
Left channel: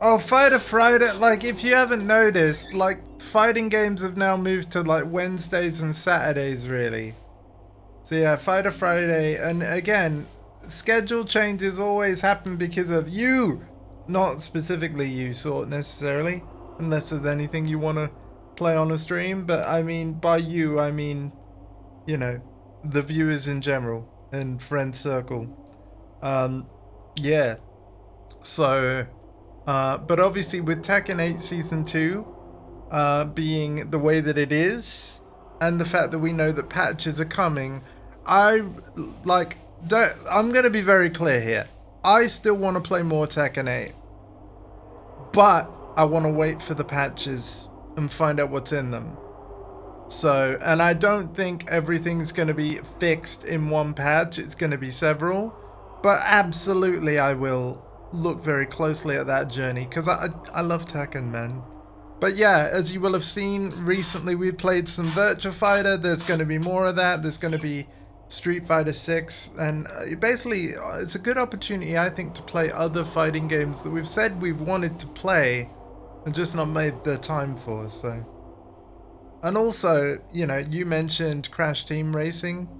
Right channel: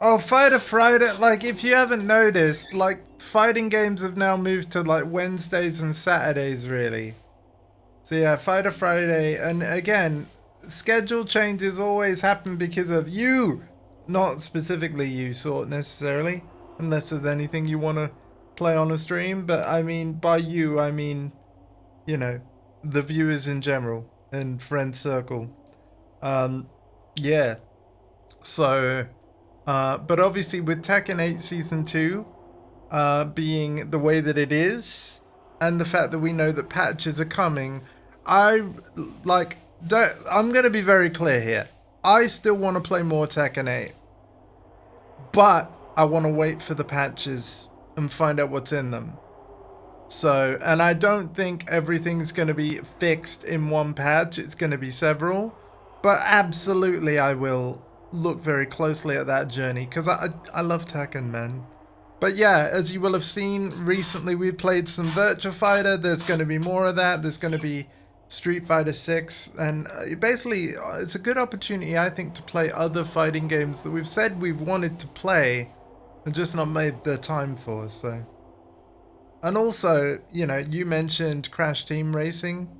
Oh, Fighter Friday, like, if you haven't noticed, like, fighting games have now moved to, like, Wednesdays and Saturdays, really. So, yeah, Fighter Friday, and again, schedule changes always happen because of you. Not specifically you, Sort, necessarily. Unless there's anything you want to play on a stream, but I mean, by you, I mean, you know, the viewers in general. and friend circle. Yeah. So, but obviously with Tekken 8 Season 2 being the way that it is, and the fact that we know that patches are coming, I'm going to be very clear here. I still want to play more Tekken 8, but I want to wait for the patches and find out what's in them. So, and I don't think everything's going to be fixed in one patch. It's going to be several, but absolutely I will look very closely at that journey because I love Tekken, man. But yeah, as you will have seen recently, we played some Virtua Fighter. There's going to be more of that. There's going to be Street Fighter 6, and basically it's a good opportunity, I think, to play other fighting games that we've said we've wanted to play and just not made the time for. So, and also, you know, you mentioned Crash Team Racing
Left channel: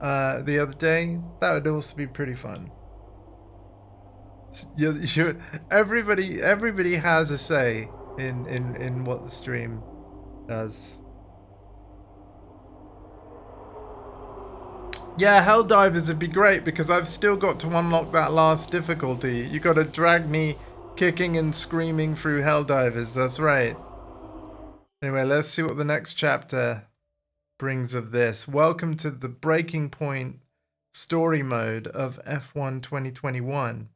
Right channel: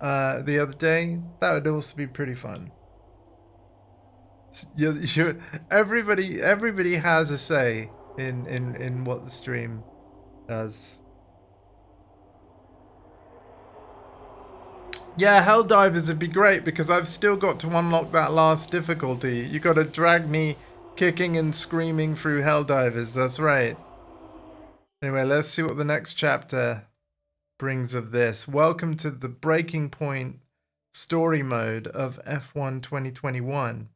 the other day. That would also be pretty fun. Everybody has a say in what the stream does. Yeah, Helldivers would be great because I've still got to unlock that last difficulty. You got to drag me kicking and screaming through Helldivers. That's right. Anyway, let's see what the next chapter brings of this. Welcome to the Breaking Point story mode of F1 2021.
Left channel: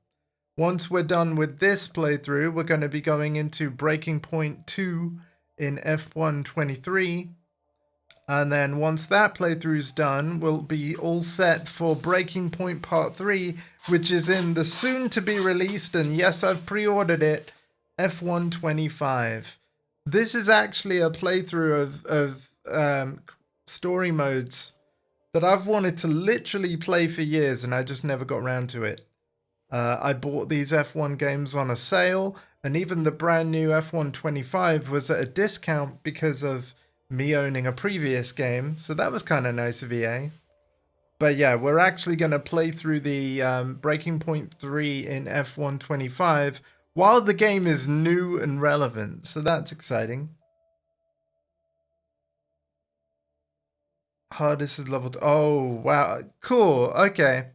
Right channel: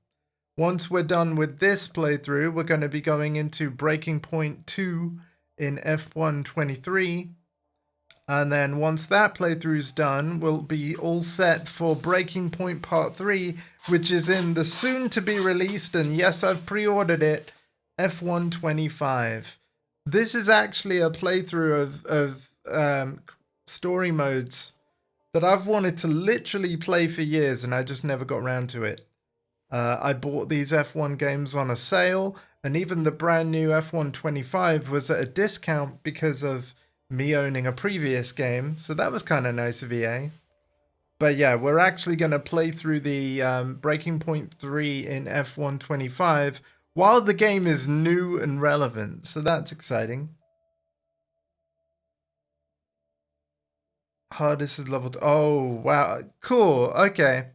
Once we're done with this playthrough, we're going to be going into Breaking Point 2 in F1 23. And then once that playthrough's done, we'll be all set for Breaking Point Part 3, which is in the soon-to-be-released, and yes, I've pre-ordered it, F1 25. This is actually a playthrough of story modes that I've wanted to literally play for years, and I just never got around to it. I bought these F1 games on a sale, and even the brand new F1 25 was at a discount because of me owning a previous game, so that was kind of nice of EA. But yeah, we're actually going to play through the Breaking Point 3 in F1 25 while the game is new and relevant, so that's exciting. Hardest is level 2. Oh, wow. Cool. Okay.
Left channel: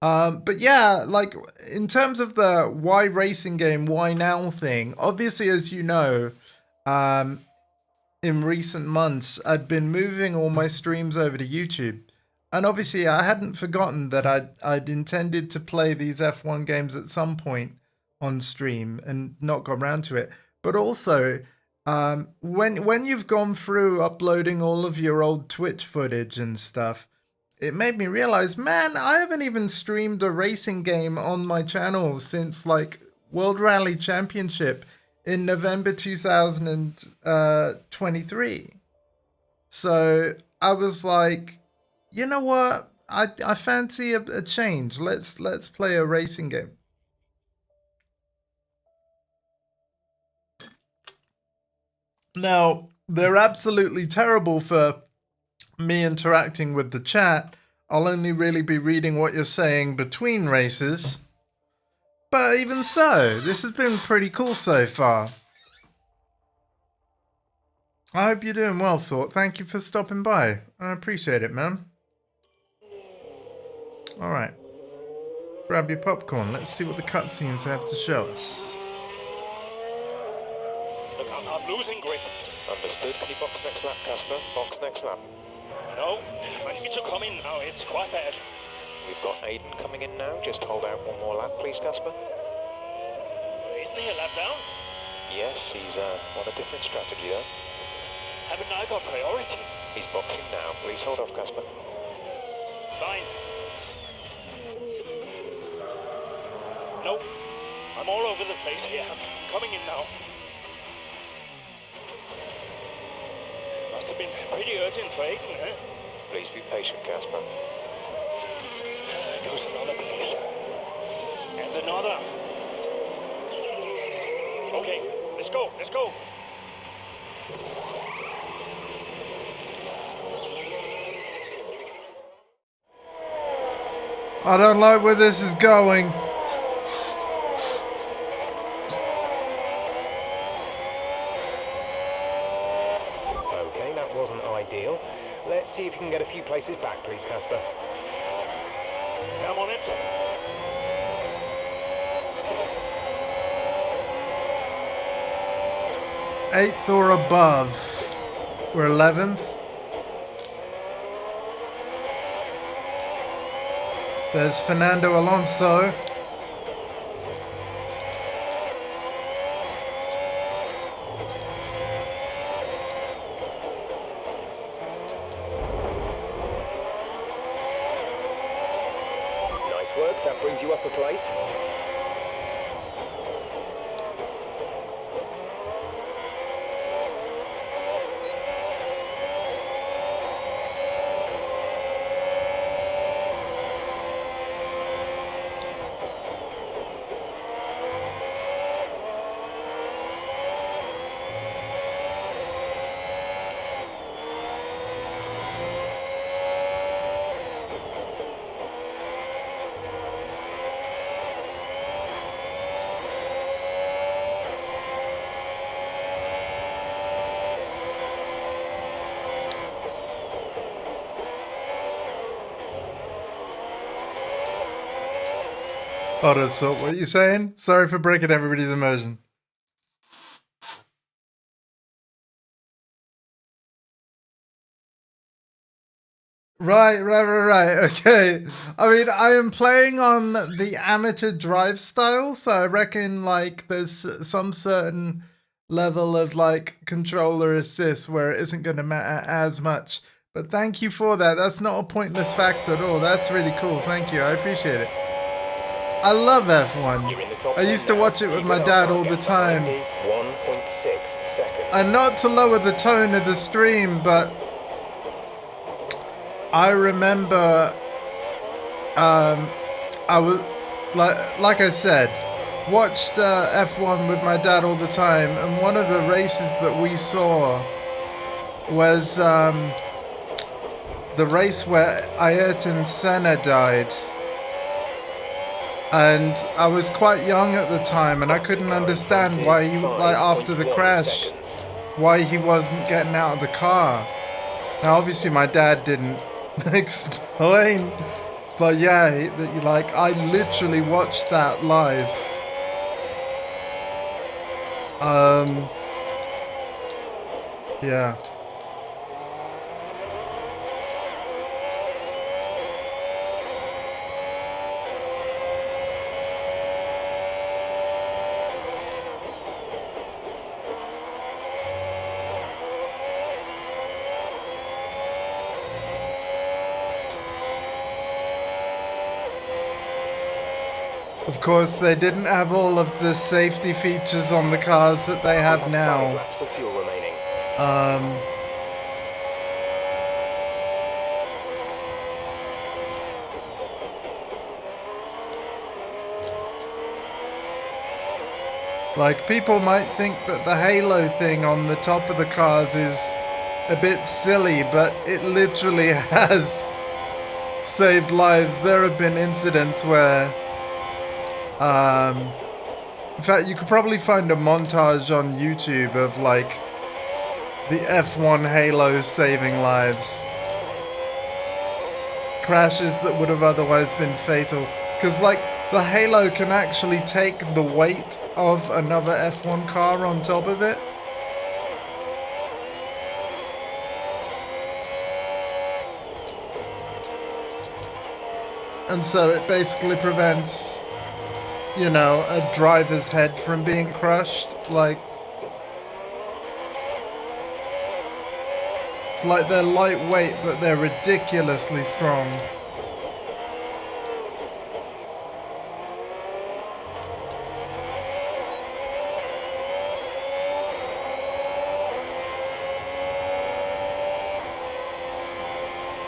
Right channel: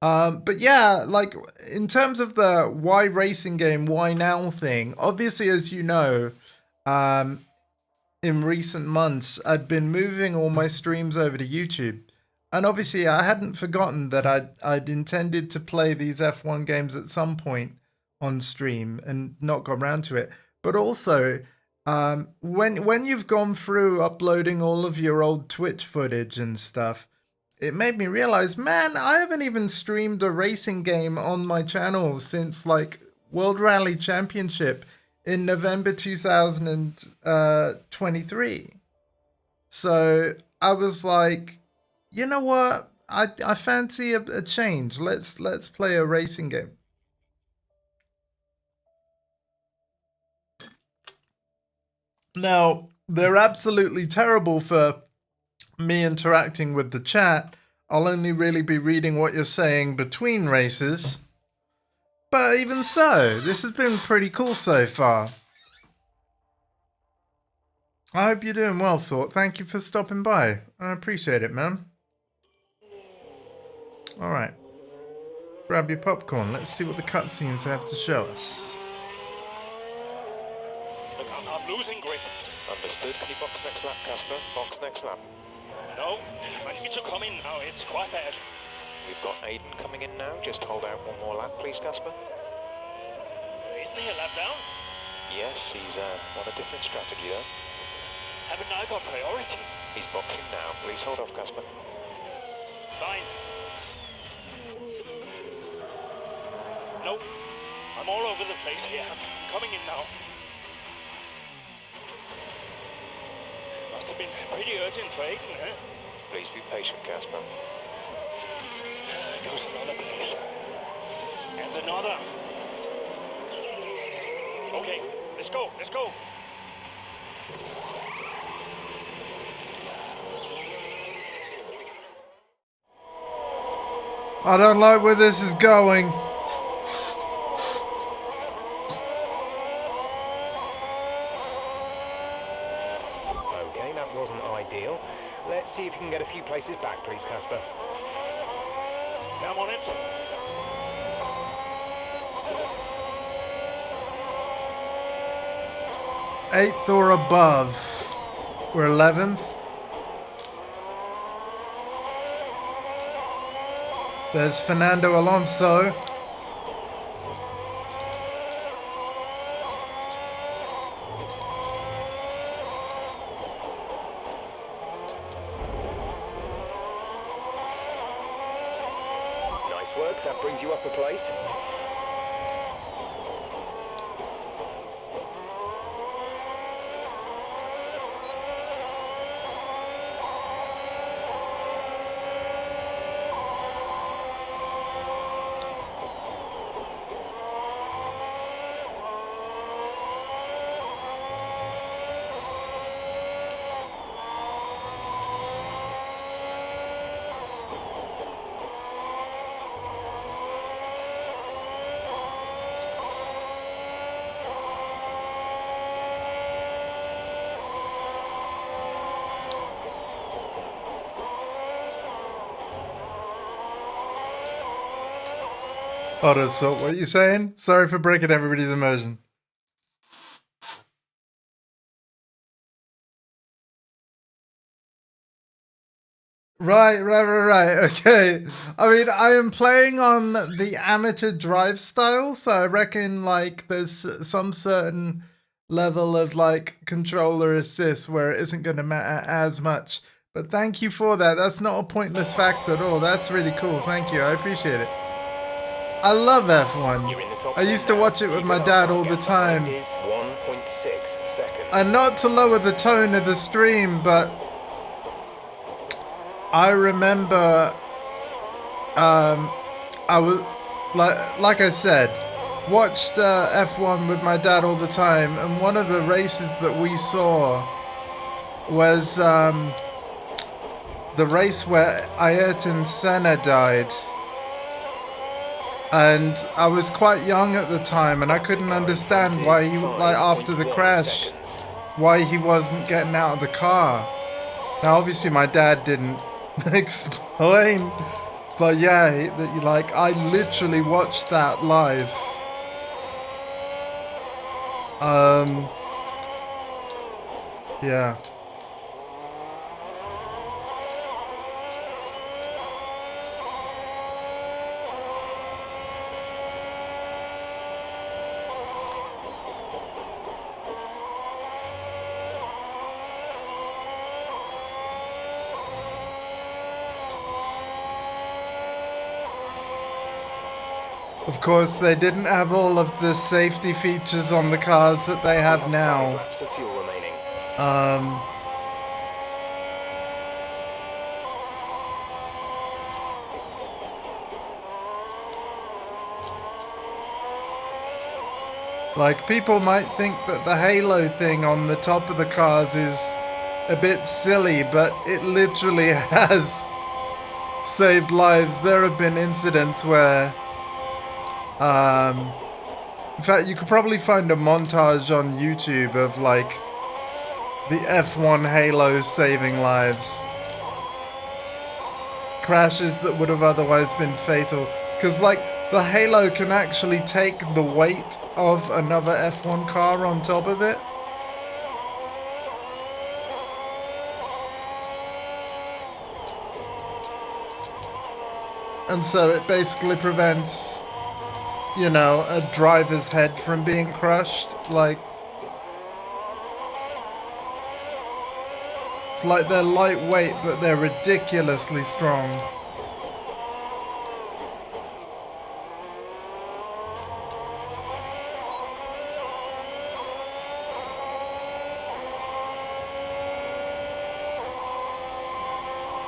But yeah, like in terms of the why racing game, why now thing, obviously, as you know, in recent months, I'd been moving all my streams over to YouTube. And obviously, I hadn't forgotten that I'd intended to play these F1 games at some point on stream and not got around to it. But also, when you've gone through uploading all of your old Twitch footage and stuff, it made me realize, man, I haven't even streamed a racing game on my channel since like World Rally Championship in November 2023. So I was like, you know what? I fancy a change. Let's play a racing game. Now, they're absolutely terrible for me interacting with the chat. I'll only really be reading what you're saying between races. But even so, this has been pretty cool so far. I hope you're doing well, Sort. Thank you for stopping by. I appreciate it, man. Alright. Grab your popcorn. Let's see what the cutscenes have to show us. Look, I'm losing grip. Understood. Can you box next lap, Casper? Box next lap. No, I need to come in now. It's quite bad. We've got Aiden coming in now. Just hold out one more lap, please, Casper. Isn't he a lap down? Yes, he's on a different strategy, though. Haven't I got priority? He's boxing now. Please hold off, Casper. Fine. No, I'm all over the place here. I'm coming in now. Must have been pretty urgent for Aiden, huh? Please be patient, Casper. There goes another place. And another. Okay, let's go, let's go. I don't like where this is going. Okay, that wasn't ideal. Let's see if you can get a few places back, please, Casper. I'm on it. Eighth or above. We're 11th. There's Fernando Alonso. Nice work, that brings you up a place. Oh, so what are you saying? Sorry for breaking everybody's immersion. Right. Okay. I mean, I am playing on the amateur drive style, so I reckon like there's some certain level of like controller assist where it isn't going to matter as much. But thank you for that. That's not a pointless fact at all. That's really cool. Thank you. I appreciate it. I love F1. I used to watch it with my dad all the time. Is 1.6 seconds. And not to lower the tone of the stream, but I remember I was like I said, watched F1 with my dad all the time, and one of the races that we saw was the race where Ayrton Senna died. And I was quite young at the time, and I couldn't understand why he, like after the crash, why he wasn't getting out of the car. Now, obviously, my dad didn't explain, but yeah, like I literally watched that live. Yeah. Of course, they didn't have all of the safety features on the cars that they have now. 5 laps of fuel remaining. Like, people might think that the halo thing on the top of the cars is a bit silly, but it literally has saved lives. There have been incidents where in fact, you could probably find a montage on YouTube of like the F1 Halo saving lives. Crashes that would have otherwise been fatal. Because like the Halo can actually take the weight of another F1 car on top of it. And so it basically prevents, you know, a driver's head from being crushed. Like, it's like they're lightweight, but they're ridiculously strong.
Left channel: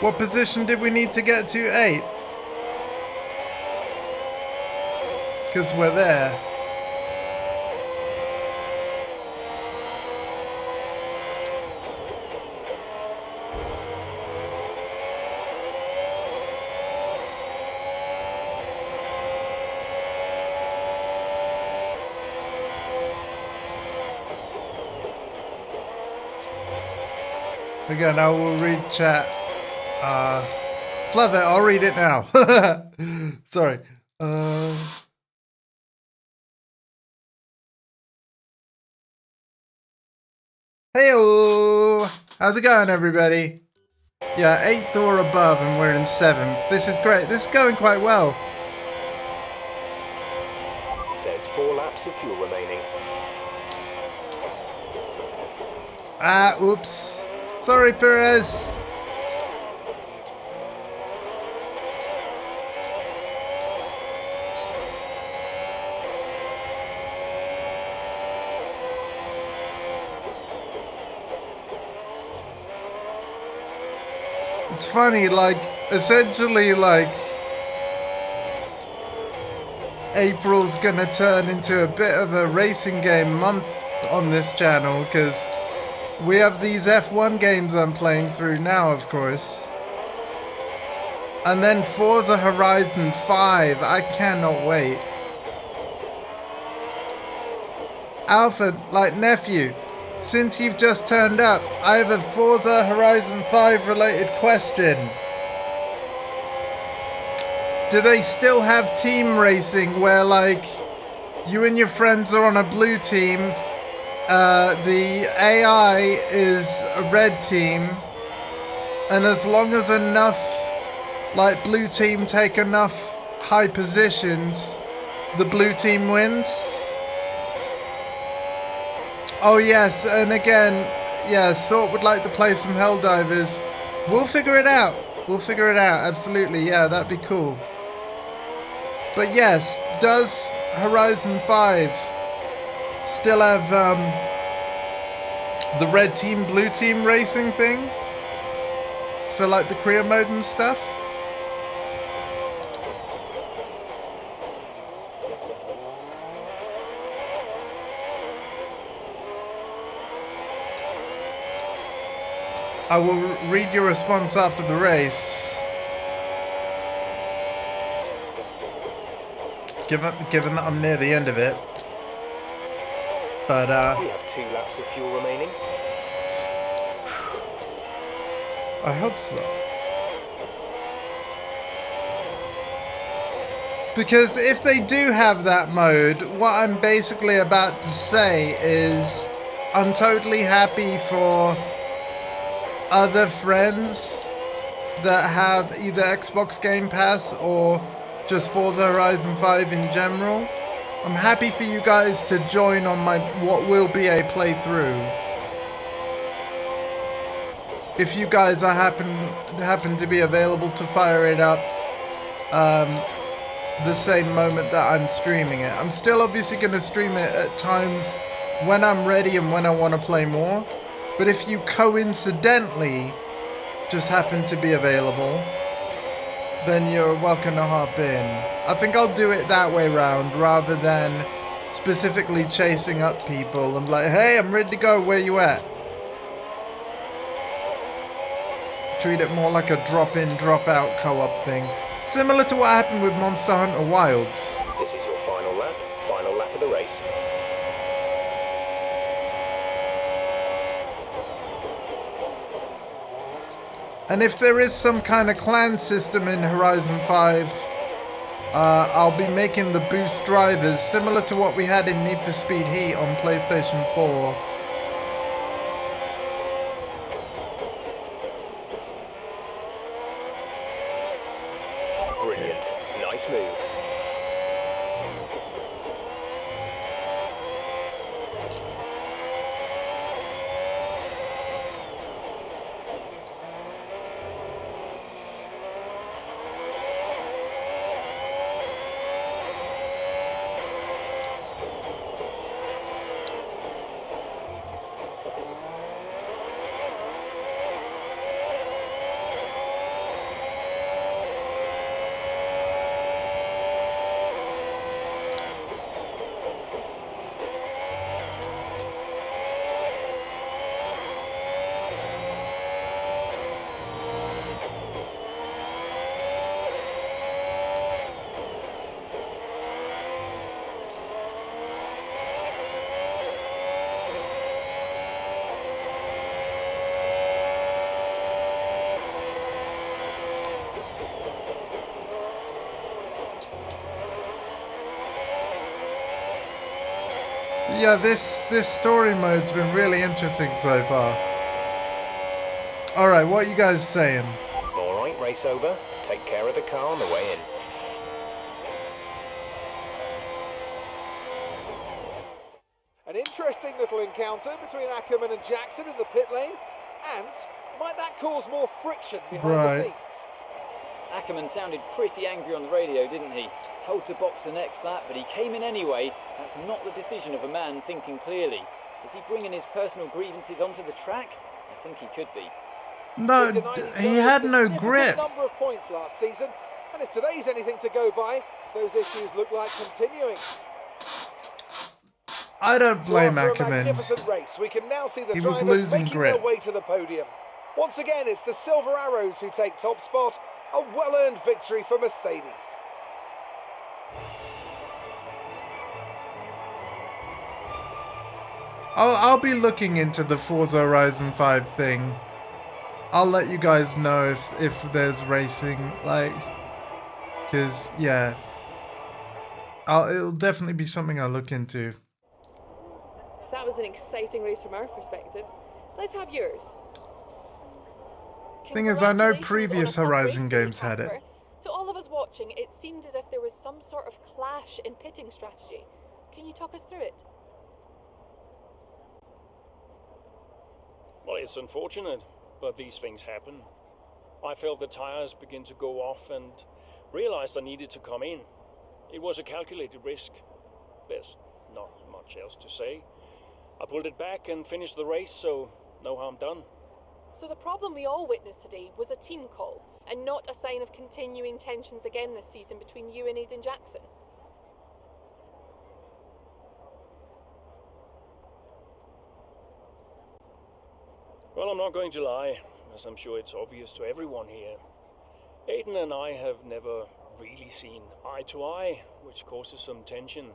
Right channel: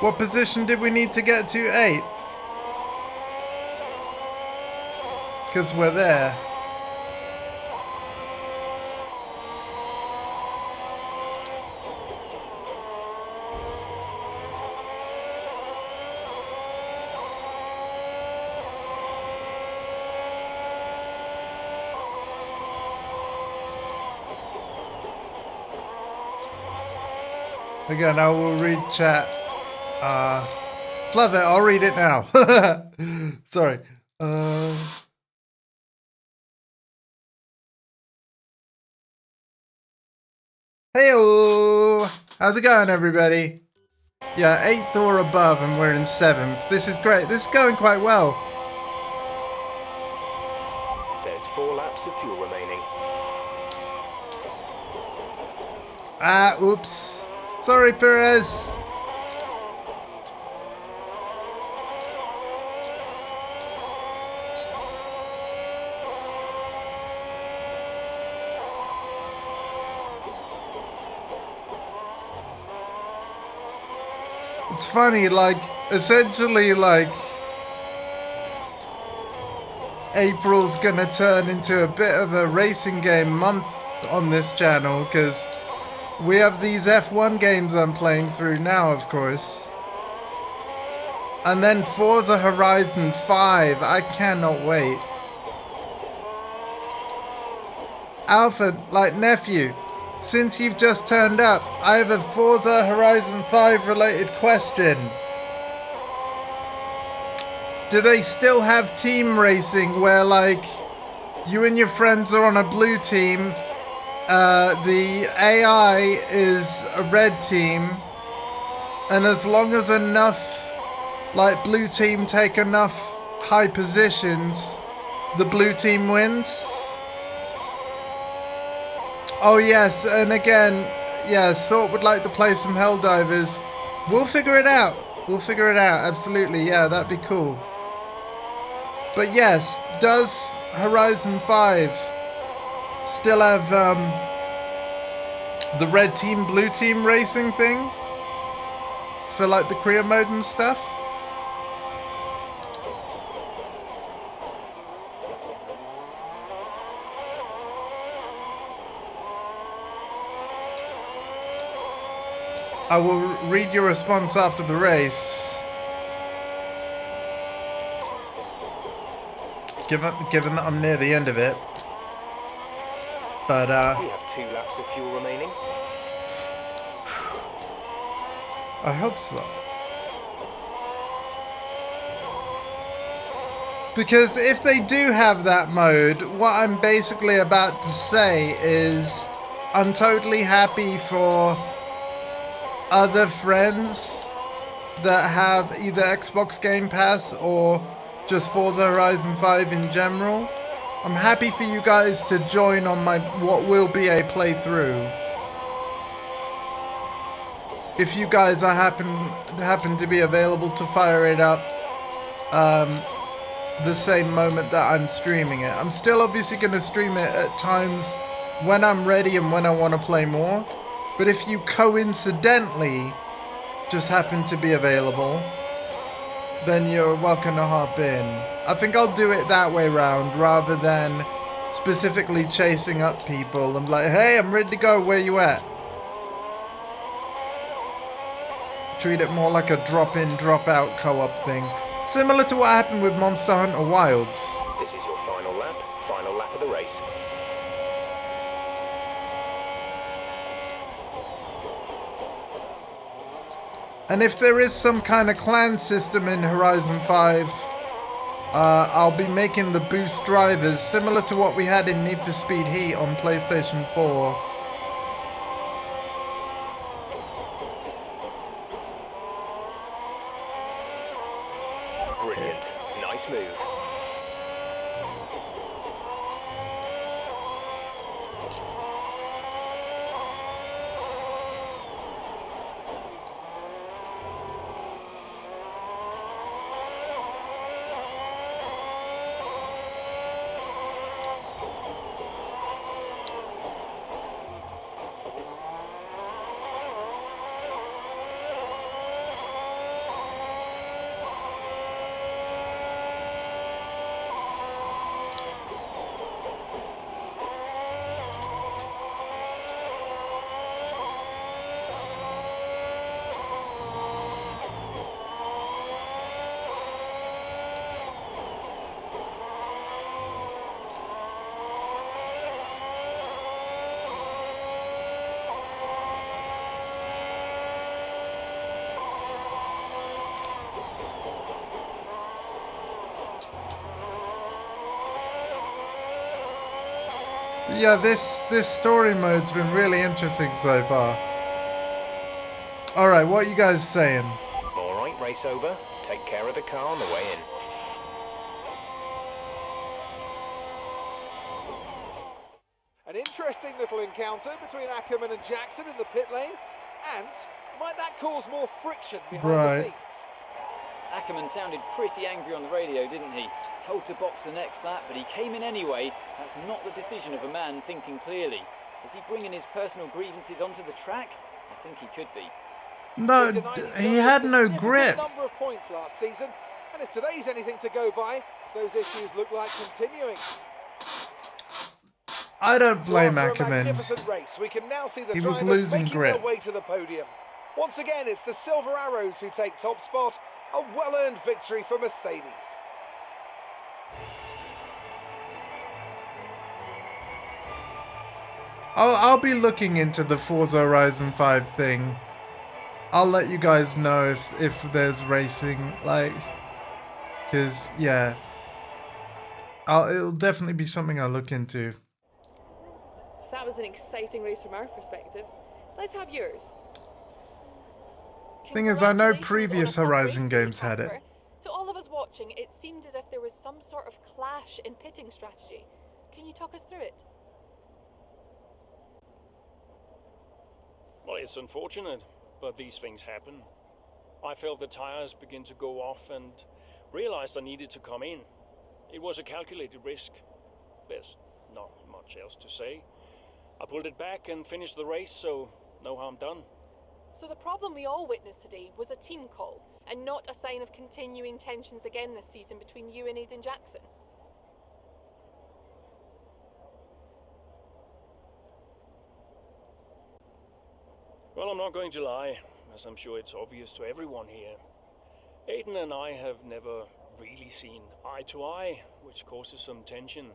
What position did we need to get to? 8th? Because we're there. Again, I will read chat Love it. I'll read it now. Sorry. Hey-o! How's it going, everybody? Yeah, 8th or above, and we're in 7th. This is great. This is going quite well. There's 4 laps of fuel remaining. Ah, oops. Sorry, Perez. It's funny, like, essentially, like, April's gonna turn into a bit of a racing game month on this channel, because we have these F1 games I'm playing through now, of course. And then Forza Horizon 5, I cannot wait. Alpha, like, nephew, since you've just turned up, I have a Forza Horizon 5 related question. Do they still have team racing where, like, you and your friends are on a blue team, the AI is a red team, and as long as enough, like, blue team take enough high positions, the blue team wins? Oh yes, and again, yeah, Sort would like to play some Helldivers. We'll figure it out. We'll figure it out, absolutely, yeah, that'd be cool. But yes, does Horizon 5 still have the red team, blue team racing thing? For like the career mode and stuff? I will read your response after the race. Given that I'm near the end of it. But we have 2 laps of fuel remaining. I hope so. Because if they do have that mode, what I'm basically about to say is I'm totally happy for other friends that have either Xbox Game Pass or just Forza Horizon 5 in general. I'm happy for you guys to join on my what will be a playthrough. If you guys are happen to be available to fire it up the same moment that I'm streaming it. I'm still obviously going to stream it at times when I'm ready and when I want to play more. But if you coincidentally just happen to be available, then you're welcome to hop in. I think I'll do it that way round rather than specifically chasing up people and like, hey, I'm ready to go, where you at? Treat it more like a drop-in, drop-out co-op thing. Similar to what happened with Monster Hunter Wilds. This is your final lap of the race. And if there is some kind of clan system in Horizon 5, I'll be making the boost drivers similar to what we had in Need for Speed Heat on PlayStation 4. Brilliant. Nice move. Yeah, this story mode's been really interesting so far. All right, what are you guys saying? All right, race over. Take care of the car on the way in. An interesting little encounter between Ackerman and Jackson in the pit lane. And might that cause more friction behind the scenes? Ackerman sounded pretty angry on the radio, didn't he? Told to box the next lap, but he came in anyway. That's not the decision of a man thinking clearly. Is he bringing his personal grievances onto the track? I think he could be. No, he had no grip. Number of points last season, and if today's anything to go by, those issues look like continuing. I don't blame after Ackerman. a magnificent race, we can now see the He was drivers losing making grip. their way to the podium. Once again, it's the Silver Arrows who take top spot. A well-earned victory for Mercedes. I'll be looking into the Forza Horizon 5 thing. I'll let you guys know if there's racing, like, because yeah, it'll definitely be something I'll look into. So that was an exciting race from our perspective. Let's have yours. Thing is, I know Congratulations previous on a fun Horizon race for you, games had it. Casper. To all of us watching, it seemed as if there was some sort of clash in pitting strategy. Can you talk us through it? Well, it's unfortunate, but these things happen. I felt the tires begin to go off and realized I needed to come in. It was a calculated risk. There's not much else to say. I pulled it back and finished the race, so no harm done. So the problem we all witnessed today was a team call, and not a sign of continuing tensions again this season between you and Aiden Jackson. Well, I'm not going to lie, as I'm sure it's obvious to everyone here. Aiden and I have never really seen eye to eye, which causes some tension.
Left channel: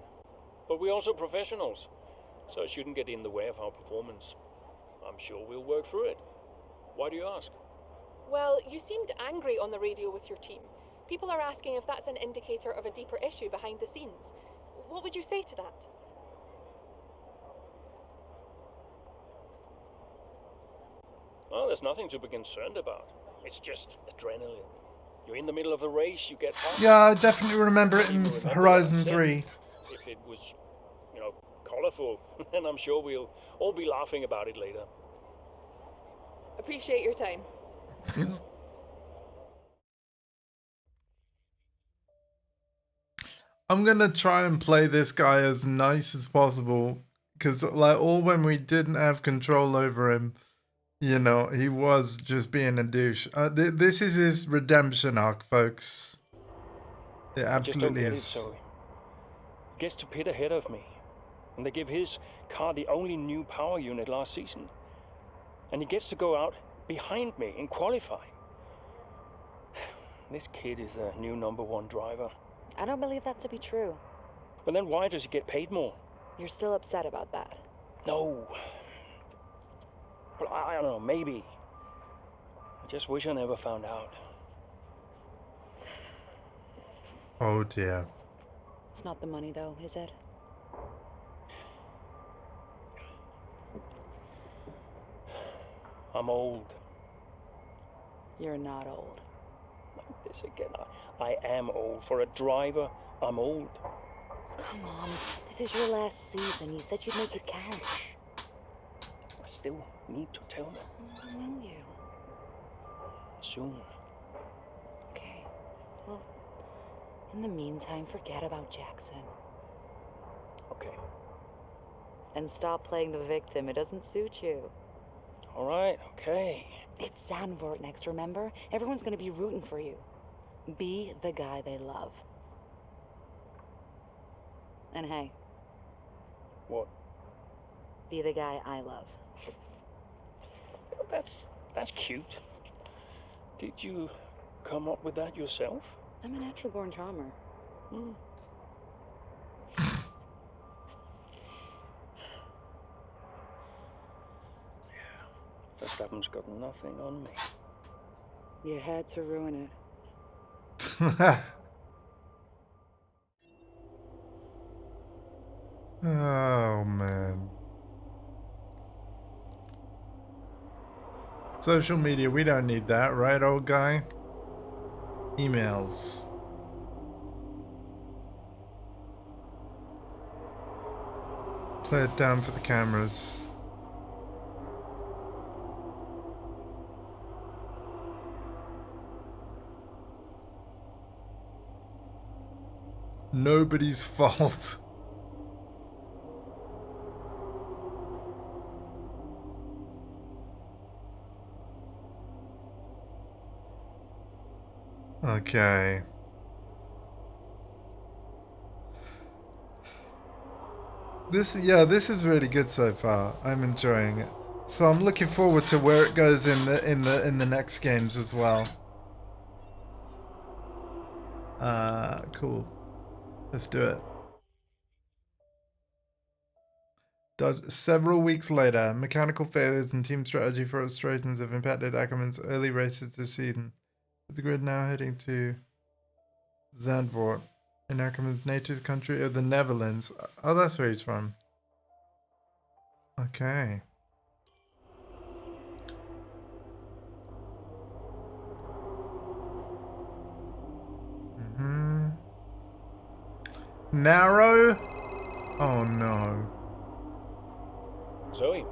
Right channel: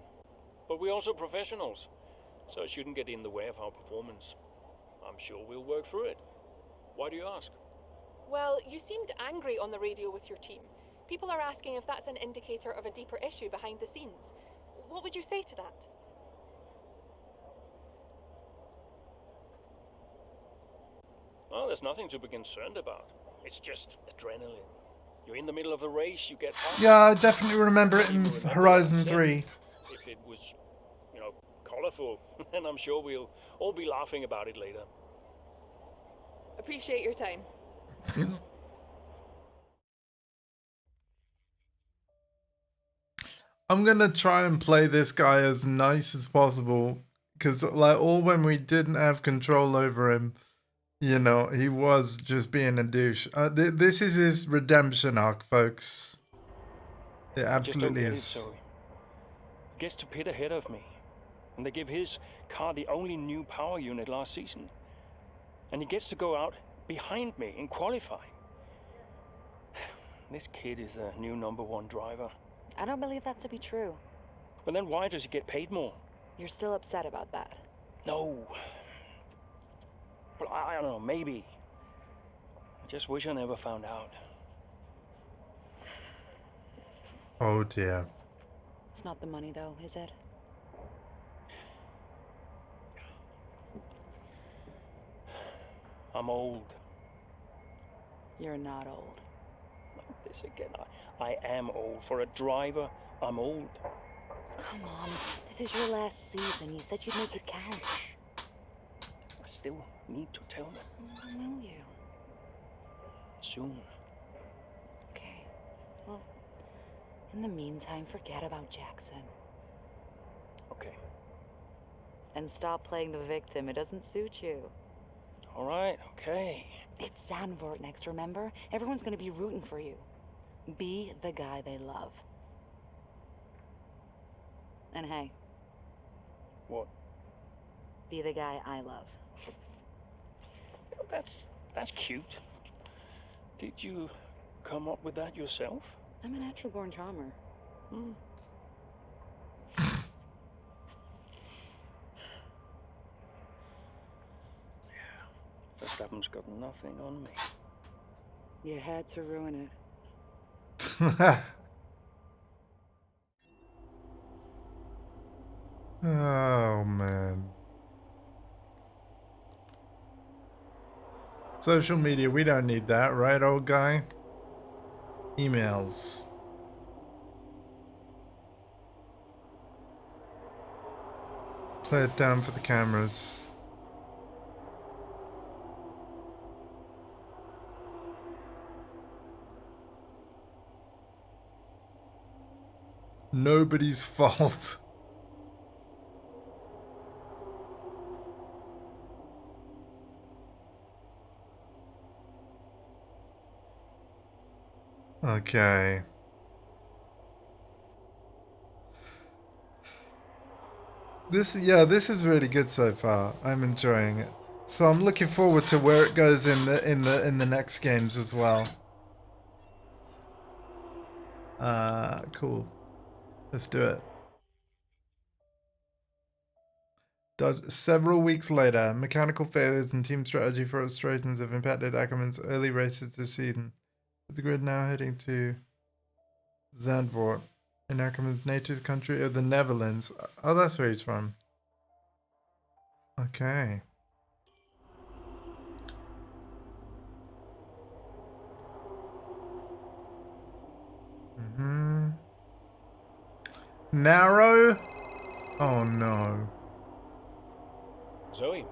But we're also professionals, so it shouldn't get in the way of our performance. I'm sure we'll work through it. Why do you ask? Well, you seemed angry on the radio with your team. People are asking if that's an indicator of a deeper issue behind the scenes. What would you say to that? Well, there's nothing to be concerned about. It's just adrenaline. You're in the middle of a race, you get hot. Yeah, I definitely remember it in Horizon 3. If it was, colorful, then I'm sure we'll all be laughing about it later. Appreciate your time. I'm gonna try and play this guy as nice as possible, because like all when we didn't have control over him, he was just being a douche. This is his redemption arc, folks. It absolutely I is. just don't get it, Zoe. He gets to pit ahead of me, and they give his car the only new power unit last season, and he gets to go out behind me in qualifying. This kid is the new #1 driver. I don't believe that to be true. But then why does he get paid more? You're still upset about that? No. Well, I don't know, maybe. I just wish I never found out. Oh dear. It's not the money though, is it? I'm old. You're not old. This again, I am old. For a driver, I'm old. Come on, this is your last season. You said you'd make it count. I still need to tell them. Will you? Soon. Okay. Well, in the meantime, forget about Jackson. Okay. And stop playing the victim. It doesn't suit you. All right, okay. It's Zandvoort next, remember? Everyone's gonna be rooting for you. Be the guy they love. And hey. What? Be the guy I love. That's cute. Did you come up with that yourself? I'm a natural born charmer. Verstappen's got nothing on me. You had to ruin it. Oh, man. Social media, we don't need that, right, old guy? Emails. Play it down for the cameras. Nobody's fault. Okay. This is really good so far. I'm enjoying it. So I'm looking forward to where it goes in the next games as well. Cool. Let's do it. Several weeks later, mechanical failures and team strategy frustrations have impacted Ackerman's early races this season. With the grid now heading to Zandvoort, in Ackerman's native country of the Netherlands. Oh, that's where he's from. Okay. Narrow? Oh no. Zoe.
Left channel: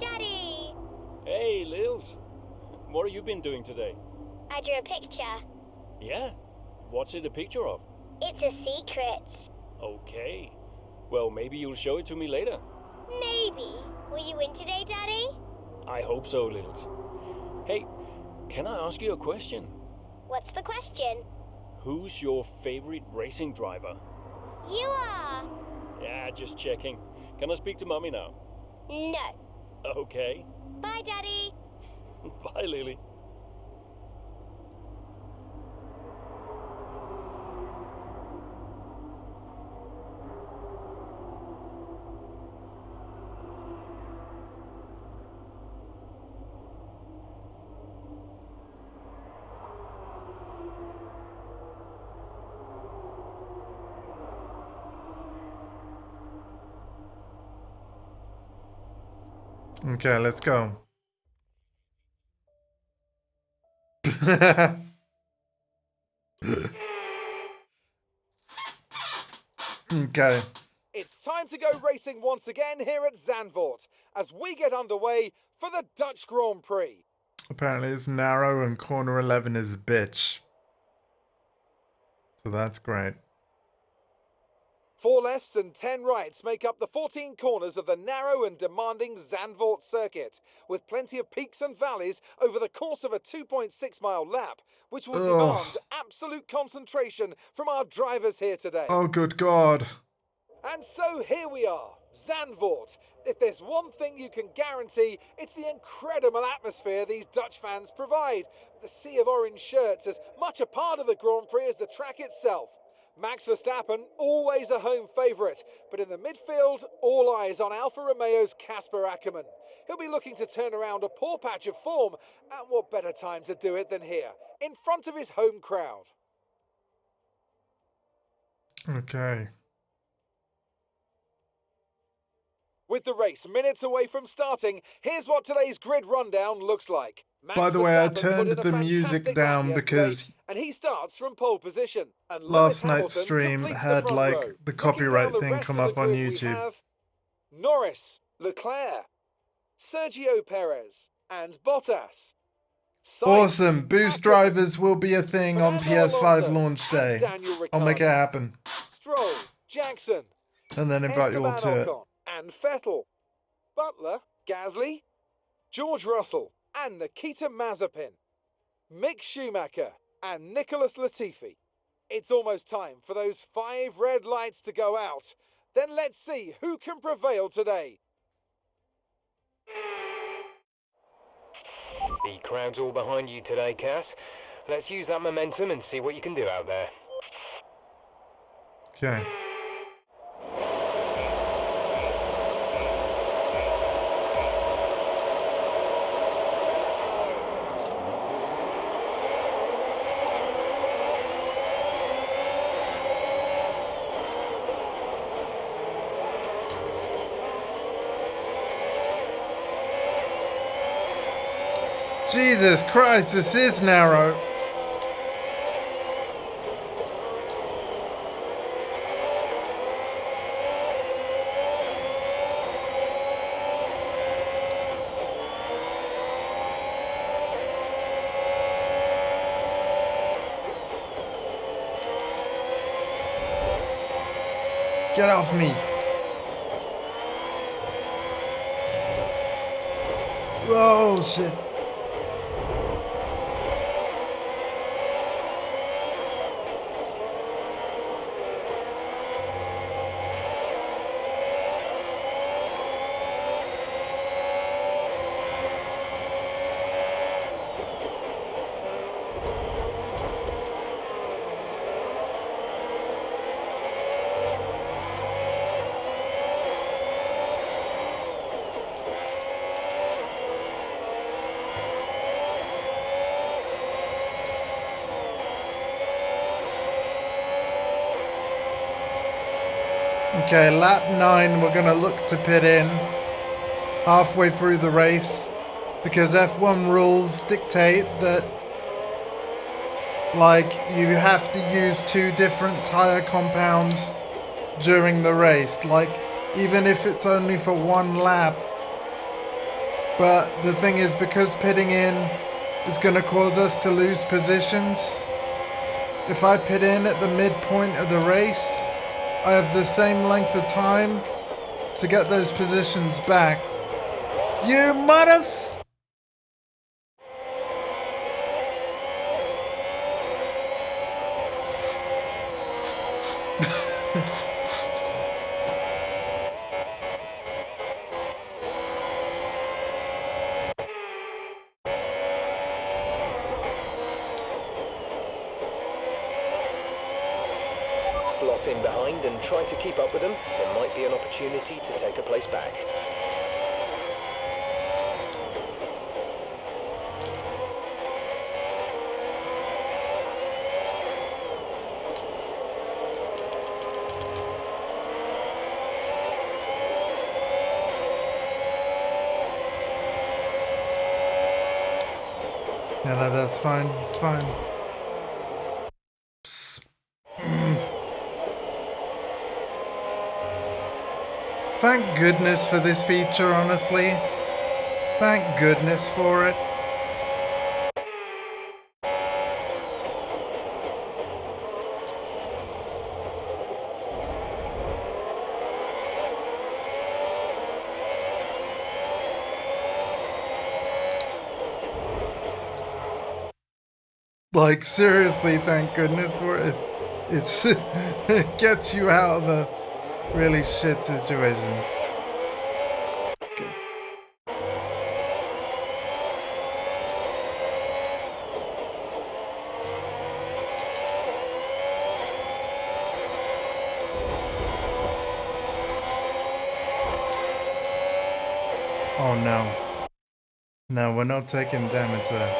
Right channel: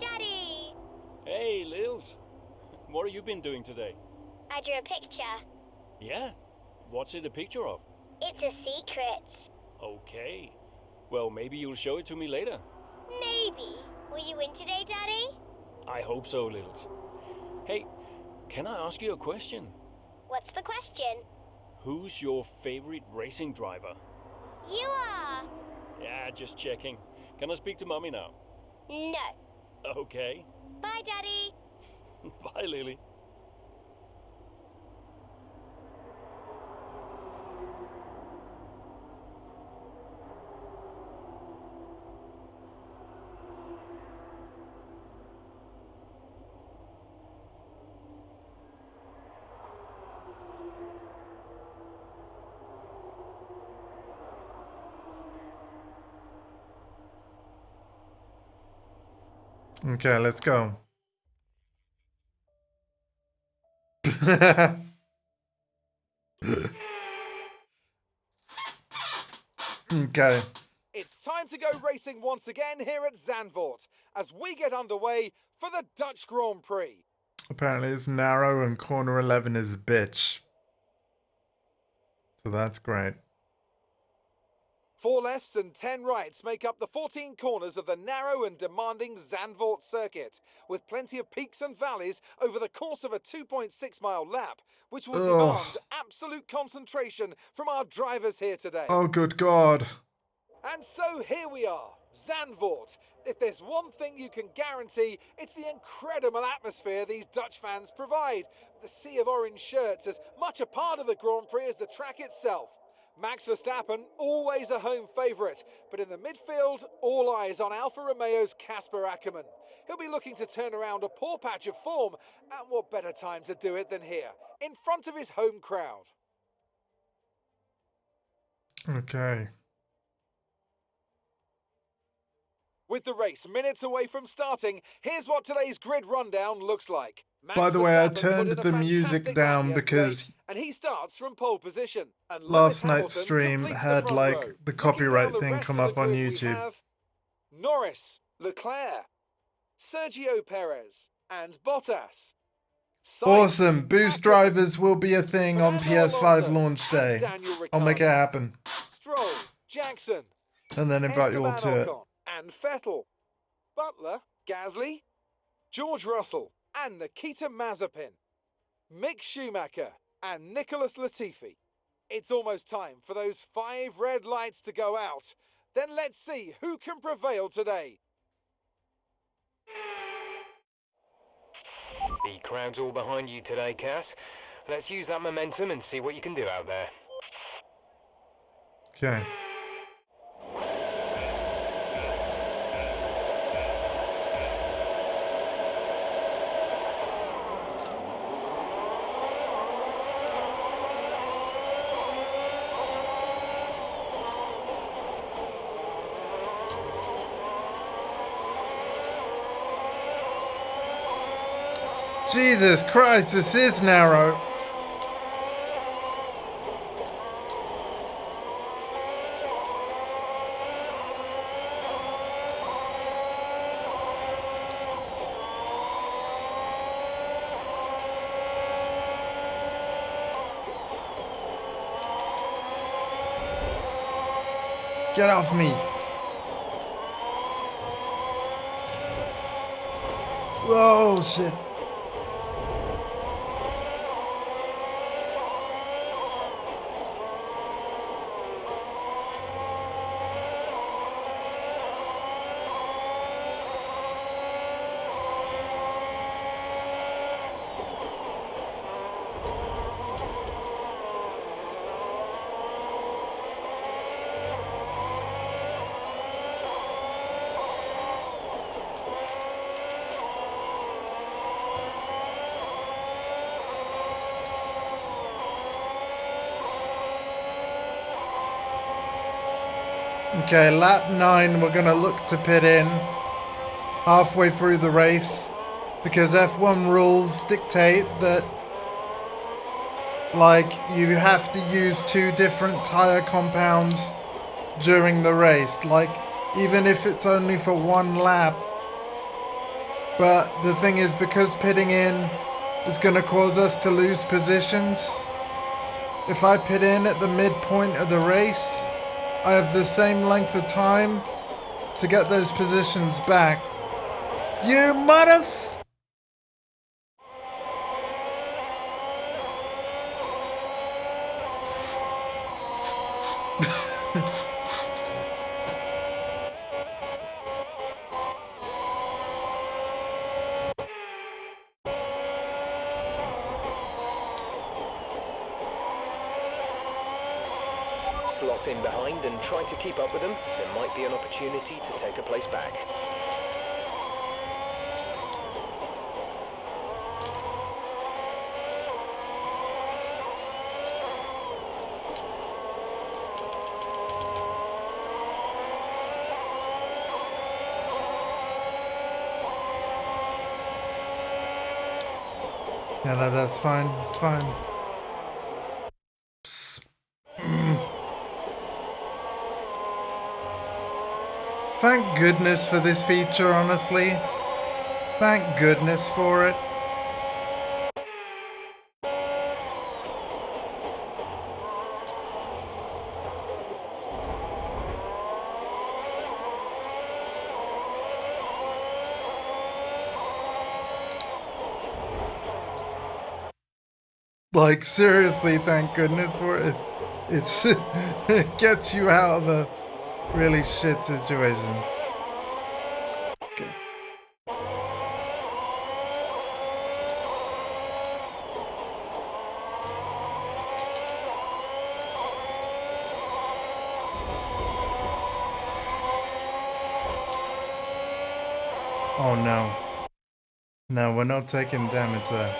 Daddy! Hey, Lils. What have you been doing today? I drew a picture. Yeah? What's it a picture of? It's a secret. Okay. Well, maybe you'll show it to me later. Maybe. Will you win today, Daddy? I hope so, Lils. Hey, can I ask you a question? What's the question? Who's your favorite racing driver? You are. Yeah, just checking. Can I speak to Mommy now? No. Okay. Bye, Daddy. Bye, Lily. Okay, let's go. Okay. It's time to go racing once again here at Zandvoort as we get underway for the Dutch Grand Prix. Apparently it's narrow and corner 11 is a bitch. So that's great. 4 lefts and 10 rights make up the 14 corners of the narrow and demanding Zandvoort circuit, with plenty of peaks and valleys over the course of a 2.6-mile lap, which will demand absolute concentration from our drivers here today. Oh, good God. And so here we are, Zandvoort. If there's one thing you can guarantee, it's the incredible atmosphere these Dutch fans provide. The sea of orange shirts as much a part of the Grand Prix as the track itself. Max Verstappen, always a home favourite, but in the midfield, all eyes on Alfa Romeo's Casper Ackermann. He'll be looking to turn around a poor patch of form, and what better time to do it than here, in front of his home crowd. Okay. With the race minutes away from starting, here's what today's grid rundown looks like. By the way, I turned the music down because and he starts from pole position. And last night's stream had like the copyright thing come up on YouTube. Norris, Leclerc, Sergio Perez, and Bottas. Awesome! Boost drivers will be a thing on PS5 launch day. I'll make it happen. Stroll, Jackson, and then invite you all to it. And Vettel, Butler, Gasly, George Russell, and Nikita Mazepin, Mick Schumacher, and Nicholas Latifi. It's almost time for those 5 red lights to go out. Then let's see who can prevail today. The crowd's all behind you today, Cass. Let's use that momentum and see what you can do out there. Okay. Jesus Christ, this is narrow. Get off me. Oh shit. Okay, lap 9, we're gonna look to pit in halfway through the race because F1 rules dictate that, like, you have to use 2 different tire compounds during the race, like, even if it's only for 1 lap. But the thing is, because pitting in is gonna cause us to lose positions, if I pit in at the midpoint of the race, I have the same length of time to get those positions back. You motherf... Slot in behind and try to keep up with them. There might be an opportunity to take a place back. Yeah, no, that's fine. It's fine. Thank goodness for this feature, honestly. Thank goodness for it. Like, seriously, thank goodness for it. It's it gets you out of a really shit situation. Okay. Oh no. No, we're not taking damage there.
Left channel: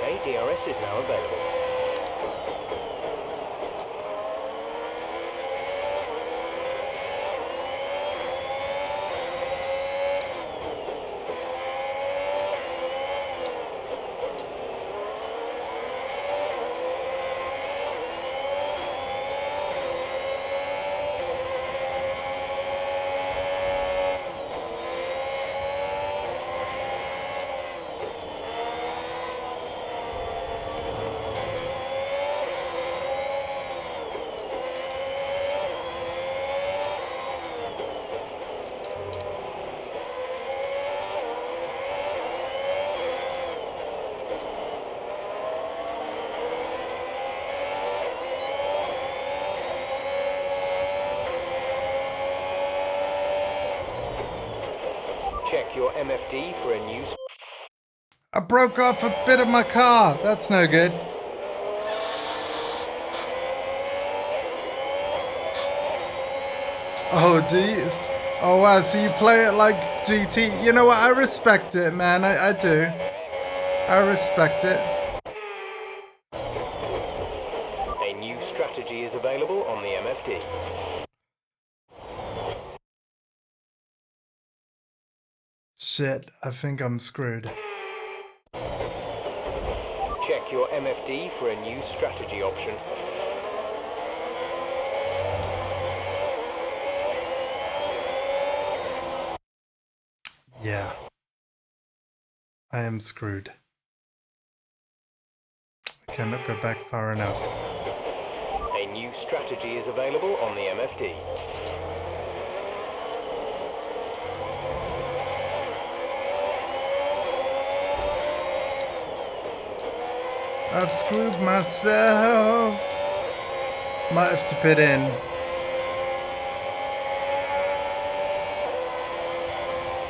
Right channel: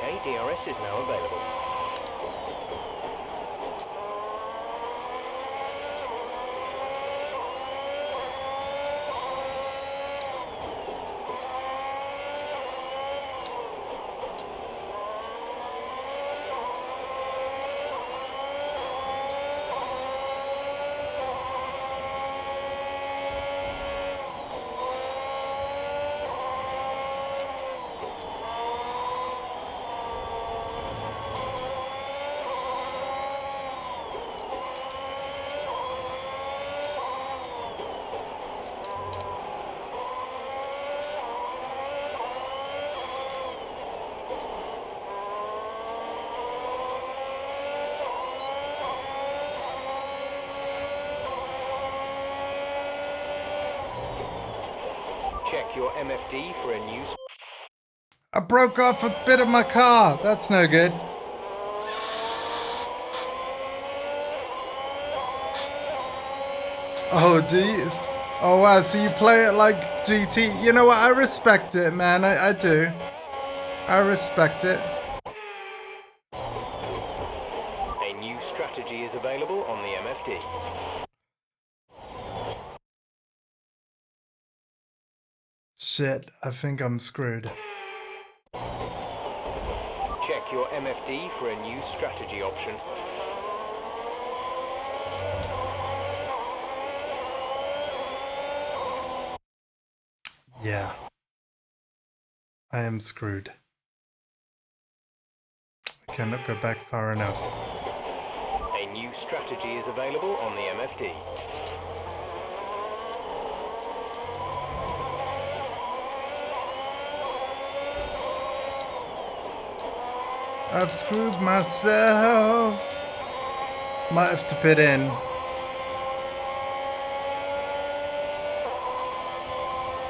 Okay, DRS is now available. Check your MFD for a new... I broke off a bit of my car. That's no good. Oh, Oh wow, so you play it like GT. You know what? I respect it, man. I do. I respect it. A new strategy is available on the MFD. Shit, I think I'm screwed. Check your MFD for a new strategy option. Yeah. I am screwed. I cannot go back far enough. A new strategy is available on the MFD. I've screwed myself. Might have to pit in.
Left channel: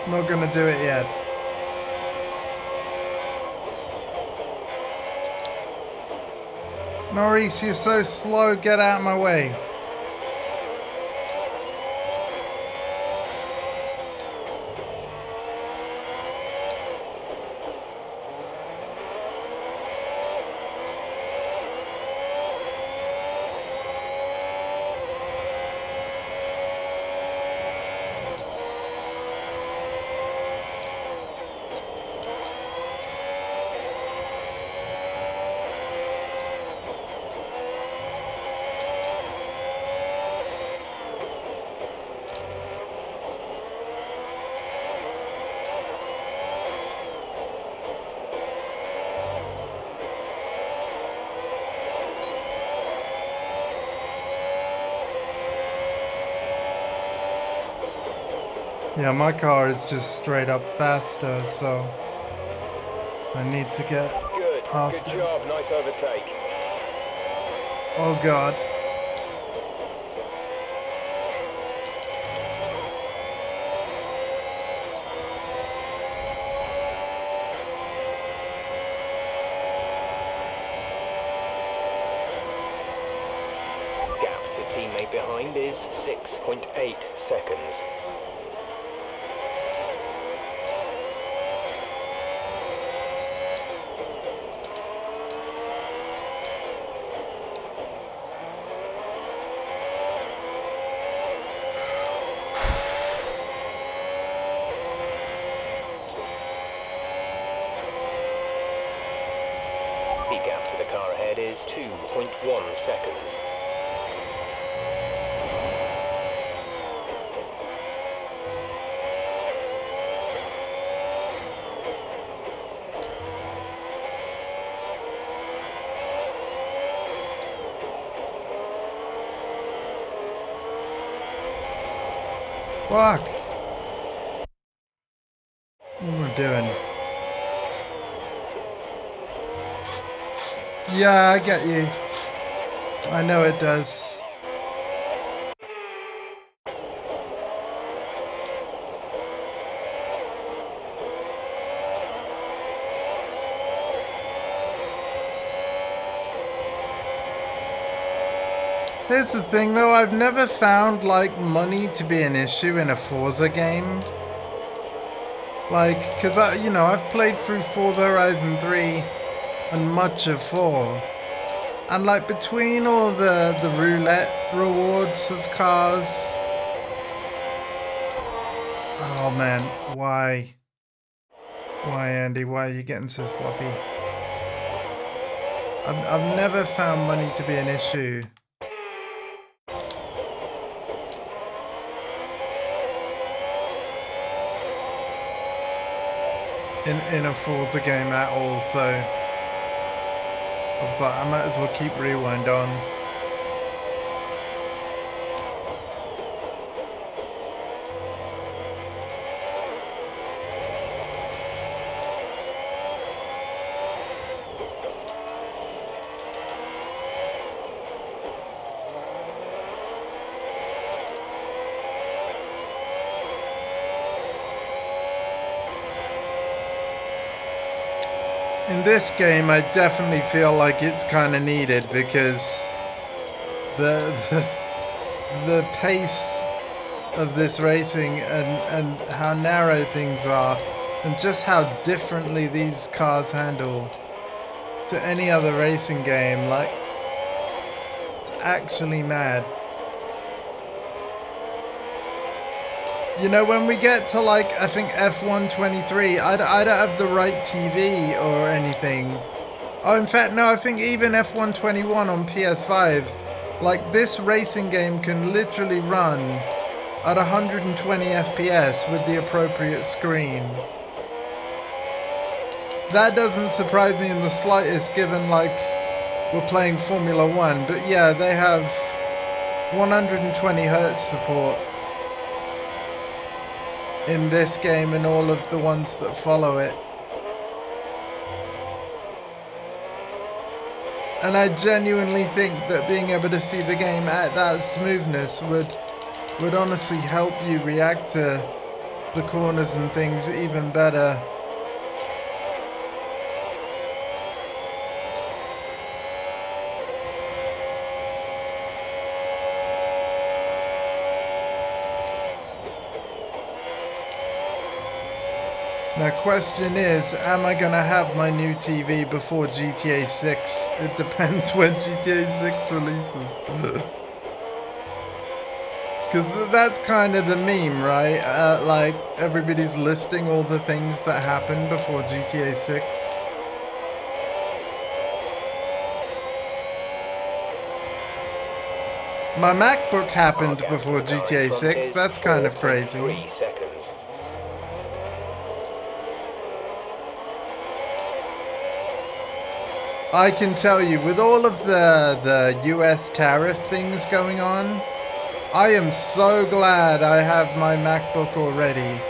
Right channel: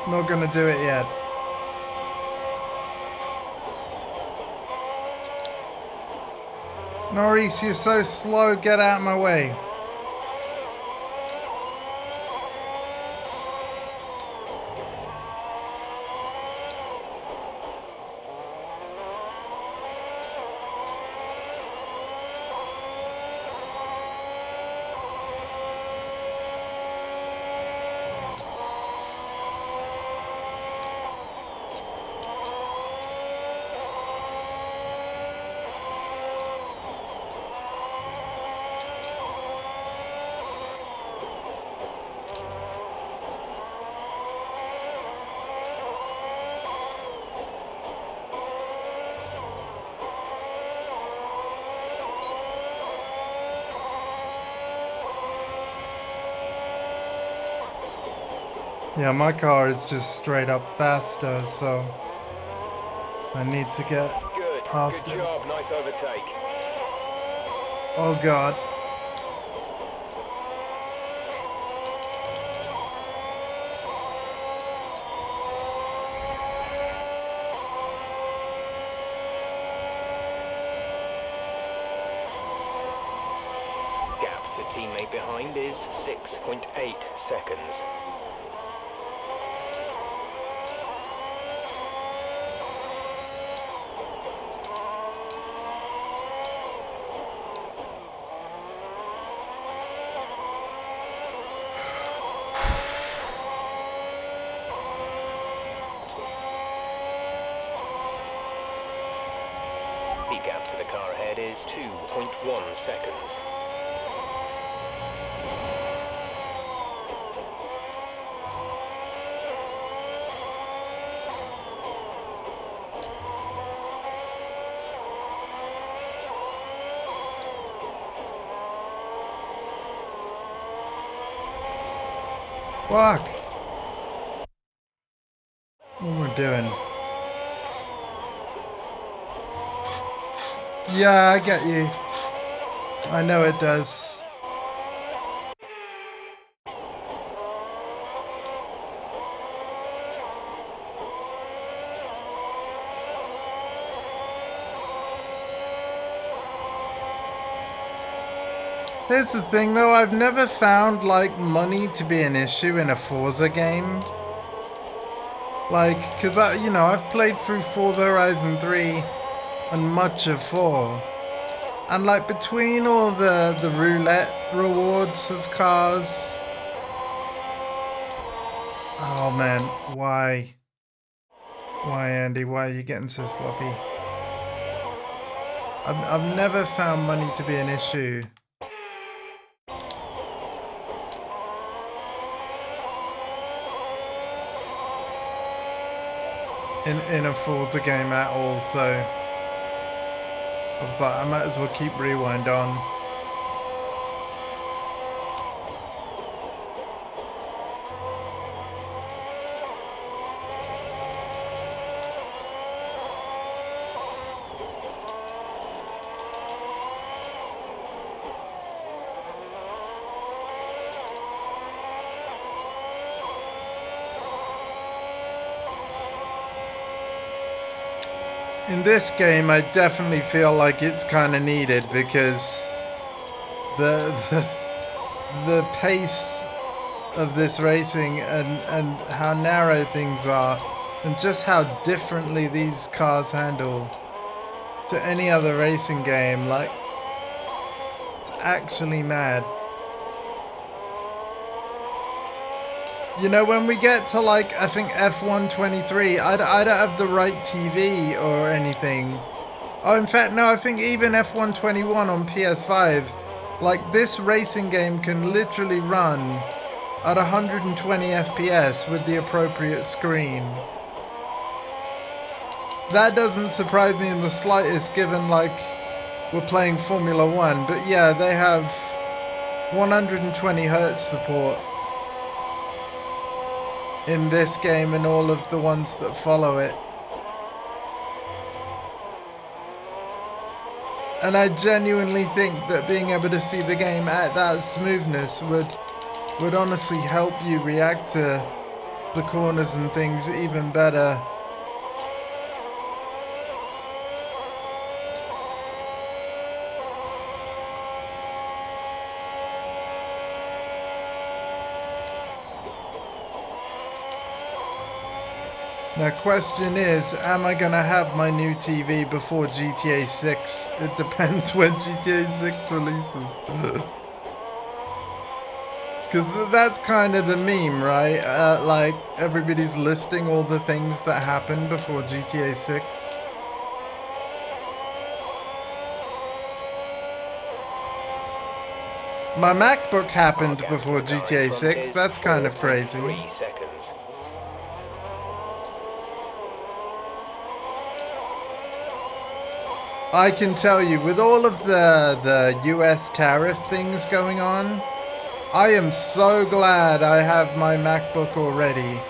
Not gonna do it yet. Norris, you're so slow. Get out of my way. Yeah, my car is just straight up faster, so I need to get past Good it. job, nice overtake. Oh god. Gap to teammate behind is 6.8 seconds. The gap to the car ahead is 2.1 seconds. Fuck. What am I doing? Yeah, I get you. I know it does. Here's the thing though, I've never found like money to be an issue in a Forza game. Like, cause I've played through Forza Horizon 3 and much of 4. And like between all the roulette rewards of cars. Oh man, why? Why, Andy? Why are you getting so sloppy? I've never found money to be an issue. In a Forza game at all, so I was like, I might as well keep Rewind on. In this game, I definitely feel like it's kind of needed because the pace of this racing and how narrow things are and just how differently these cars handle to any other racing game. Like, it's actually mad. You know, when we get to, like, I think F123, I don't have the right TV or anything. Oh, in fact, no, I think even F121 on PS5, like, this racing game can literally run at 120 FPS with the appropriate screen. That doesn't surprise me in the slightest, given, like, we're playing Formula 1. But yeah, they have 120 Hz support in this game and all of the ones that follow it. And I genuinely think that being able to see the game at that smoothness would honestly help you react to the corners and things even better. Now, question is, am I gonna have my new TV before GTA 6? It depends when GTA 6 releases. Because that's kind of the meme, right? Like, everybody's listing all the things that happened before GTA 6. My MacBook happened before GTA 6. That's kind of crazy. 3 seconds. I can tell you, with all of the US tariff things going on, I am so glad I have my MacBook already.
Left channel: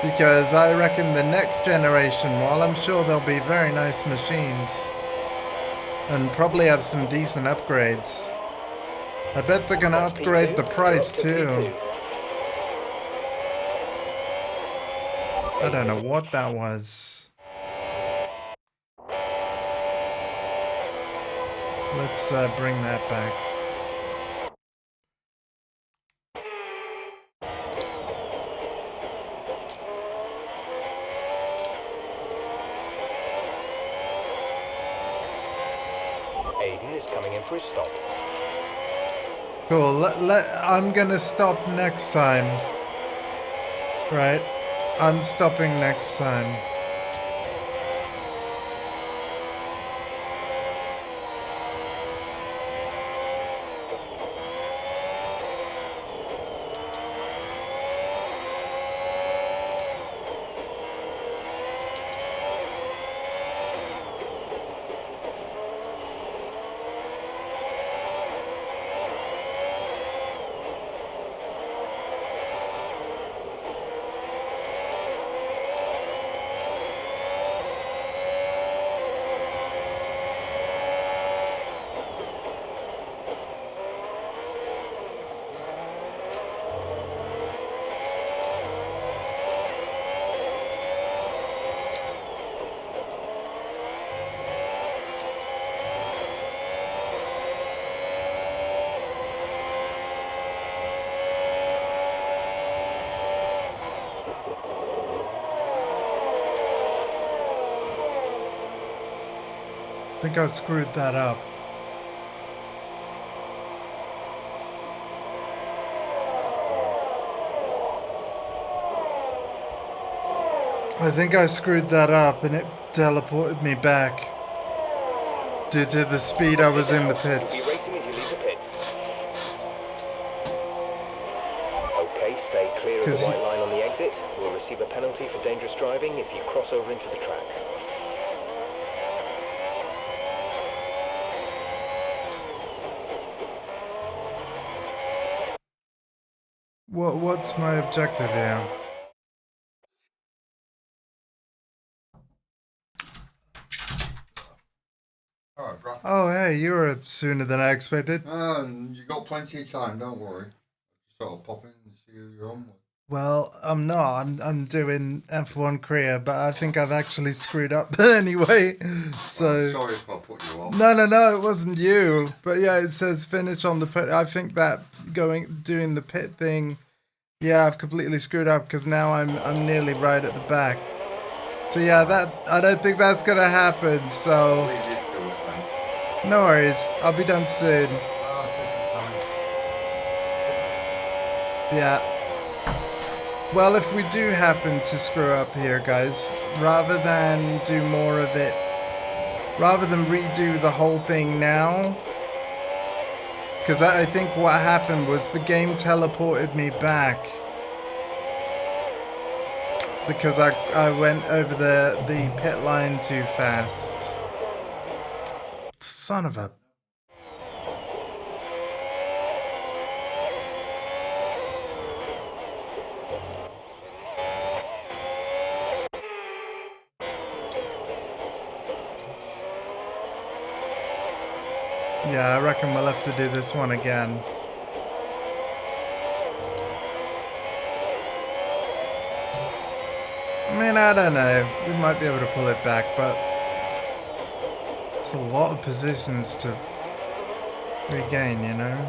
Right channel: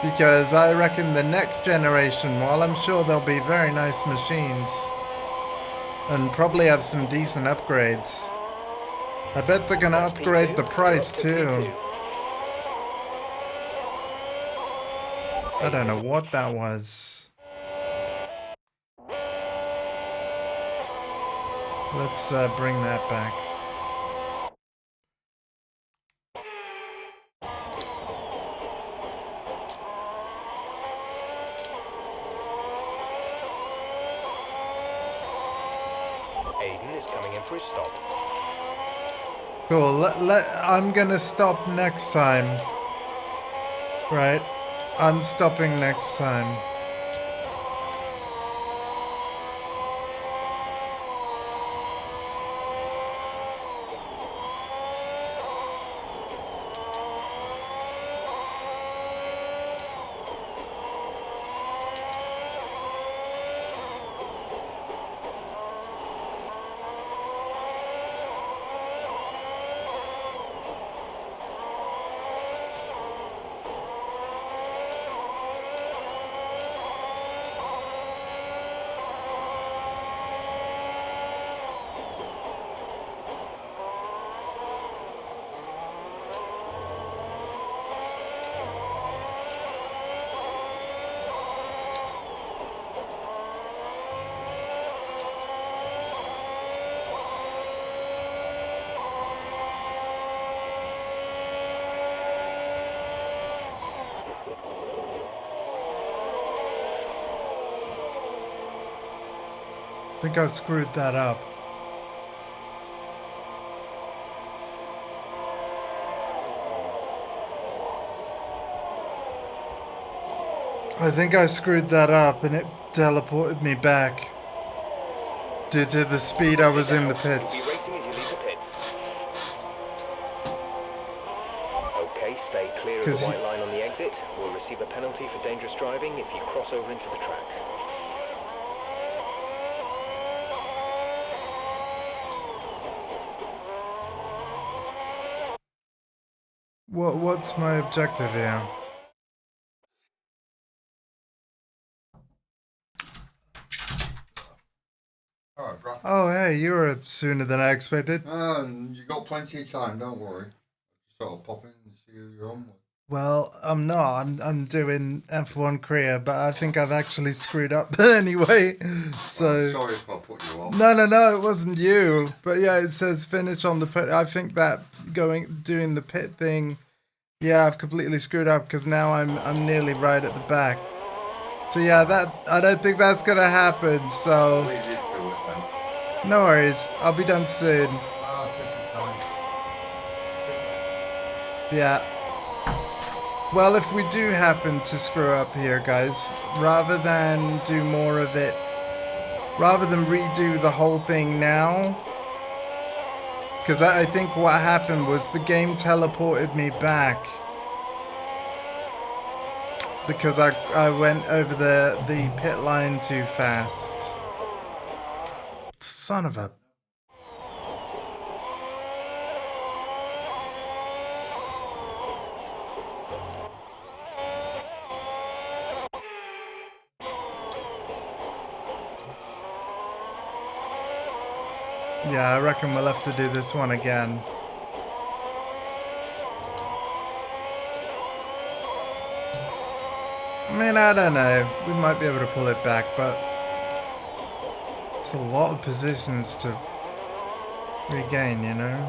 Because I reckon the next generation, while I'm sure they'll be very nice machines, and probably have some decent upgrades, I bet they're gonna upgrade the price too. I don't know what that was. Let's bring that back. Aiden is coming in for his stop. Cool. I'm gonna stop next time. Right. I'm stopping next time. I think I screwed that up. I think I screwed that up and it teleported me back due to the speed I was in the pits. You'll be racing as you leave the pits. Okay, stay clear of the white line on the exit. We'll receive a penalty for dangerous driving if you cross over into the track. What's my objective here? Oh, hey, you were sooner than I expected. You got plenty of time, don't worry. Just sort of pop in and see who you're on with. Well, I'm not. I'm doing F1 Korea, but I think I've actually screwed up anyway. So sorry if I put you off. No, it wasn't you. But yeah, it says finish on the pit. I think that doing the pit thing. Yeah, I've completely screwed up because now I'm nearly right at the back. So yeah, that I don't think that's gonna happen. So Leave you to it then. no worries. I'll be done soon. Take your time. Yeah. Well, if we do happen to screw up here, guys, rather than do more of it, rather than redo the whole thing now, because I think what happened was the game teleported me back because I went over the pit line too fast. Son of a... Yeah, I reckon we'll have to do this one again. I mean, I don't know. We might be able to pull it back, but it's a lot of positions to regain, you know?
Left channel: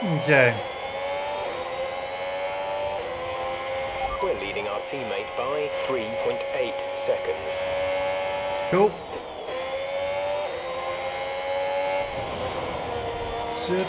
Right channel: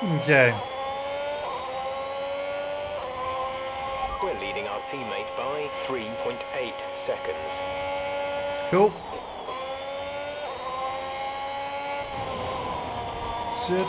Okay. We're leading our teammate by 3.8 seconds. Cool. Shit.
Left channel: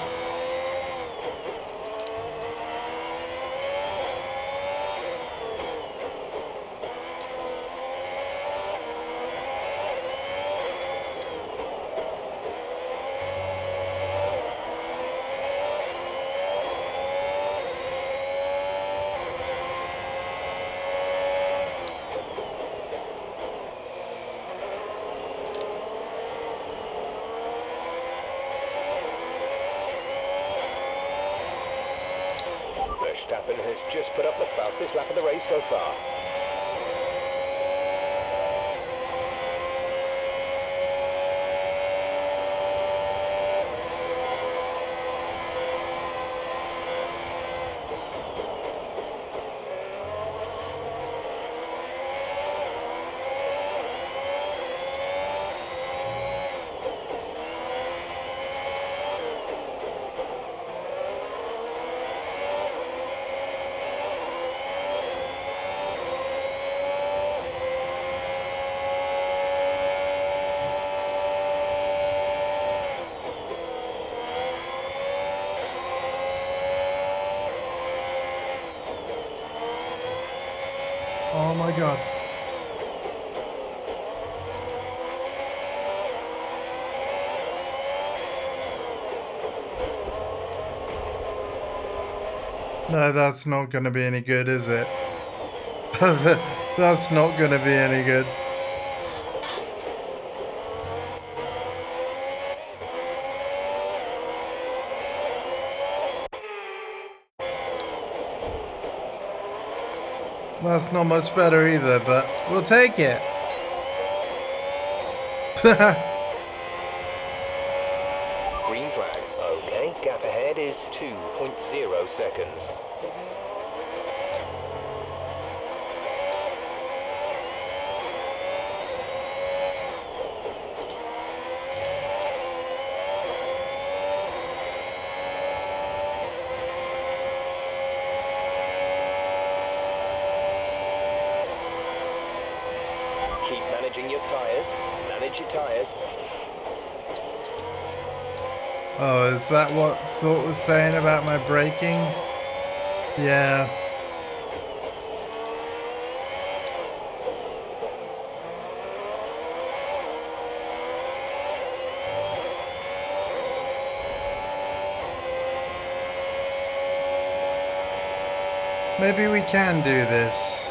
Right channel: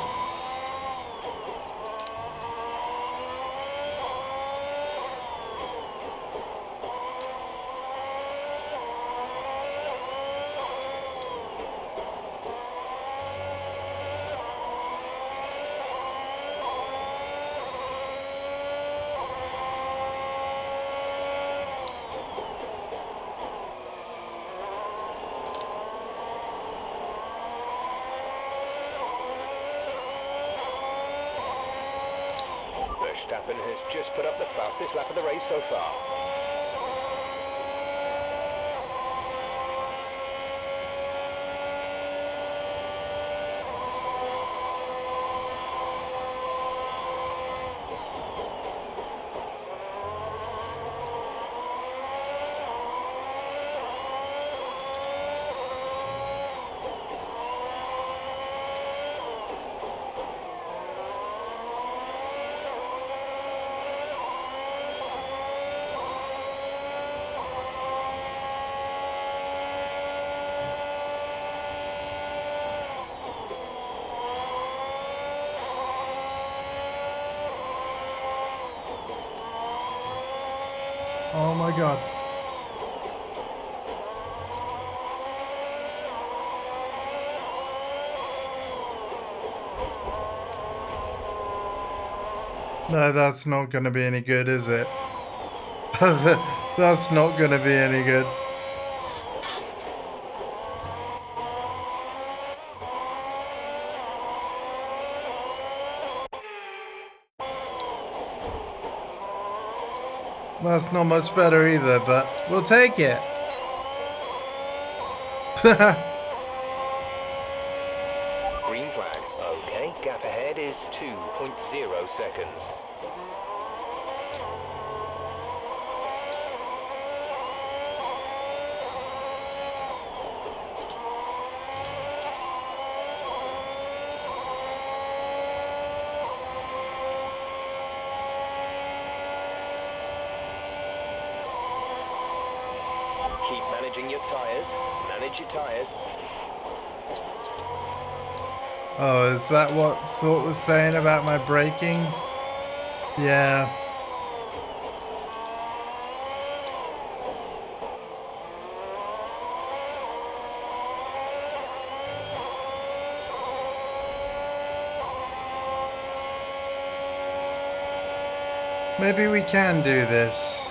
Verstappen has just put up the fastest lap of the race so far. Oh my god. No, that's not gonna be any good, is it? That's not gonna be any good. That's not much better either, but we'll take it. Green flag. Okay, gap ahead is 2.0 seconds. Keep managing your tyres. Manage your tyres. Oh, is that what Sort was saying about my braking? Yeah. Maybe we can do this.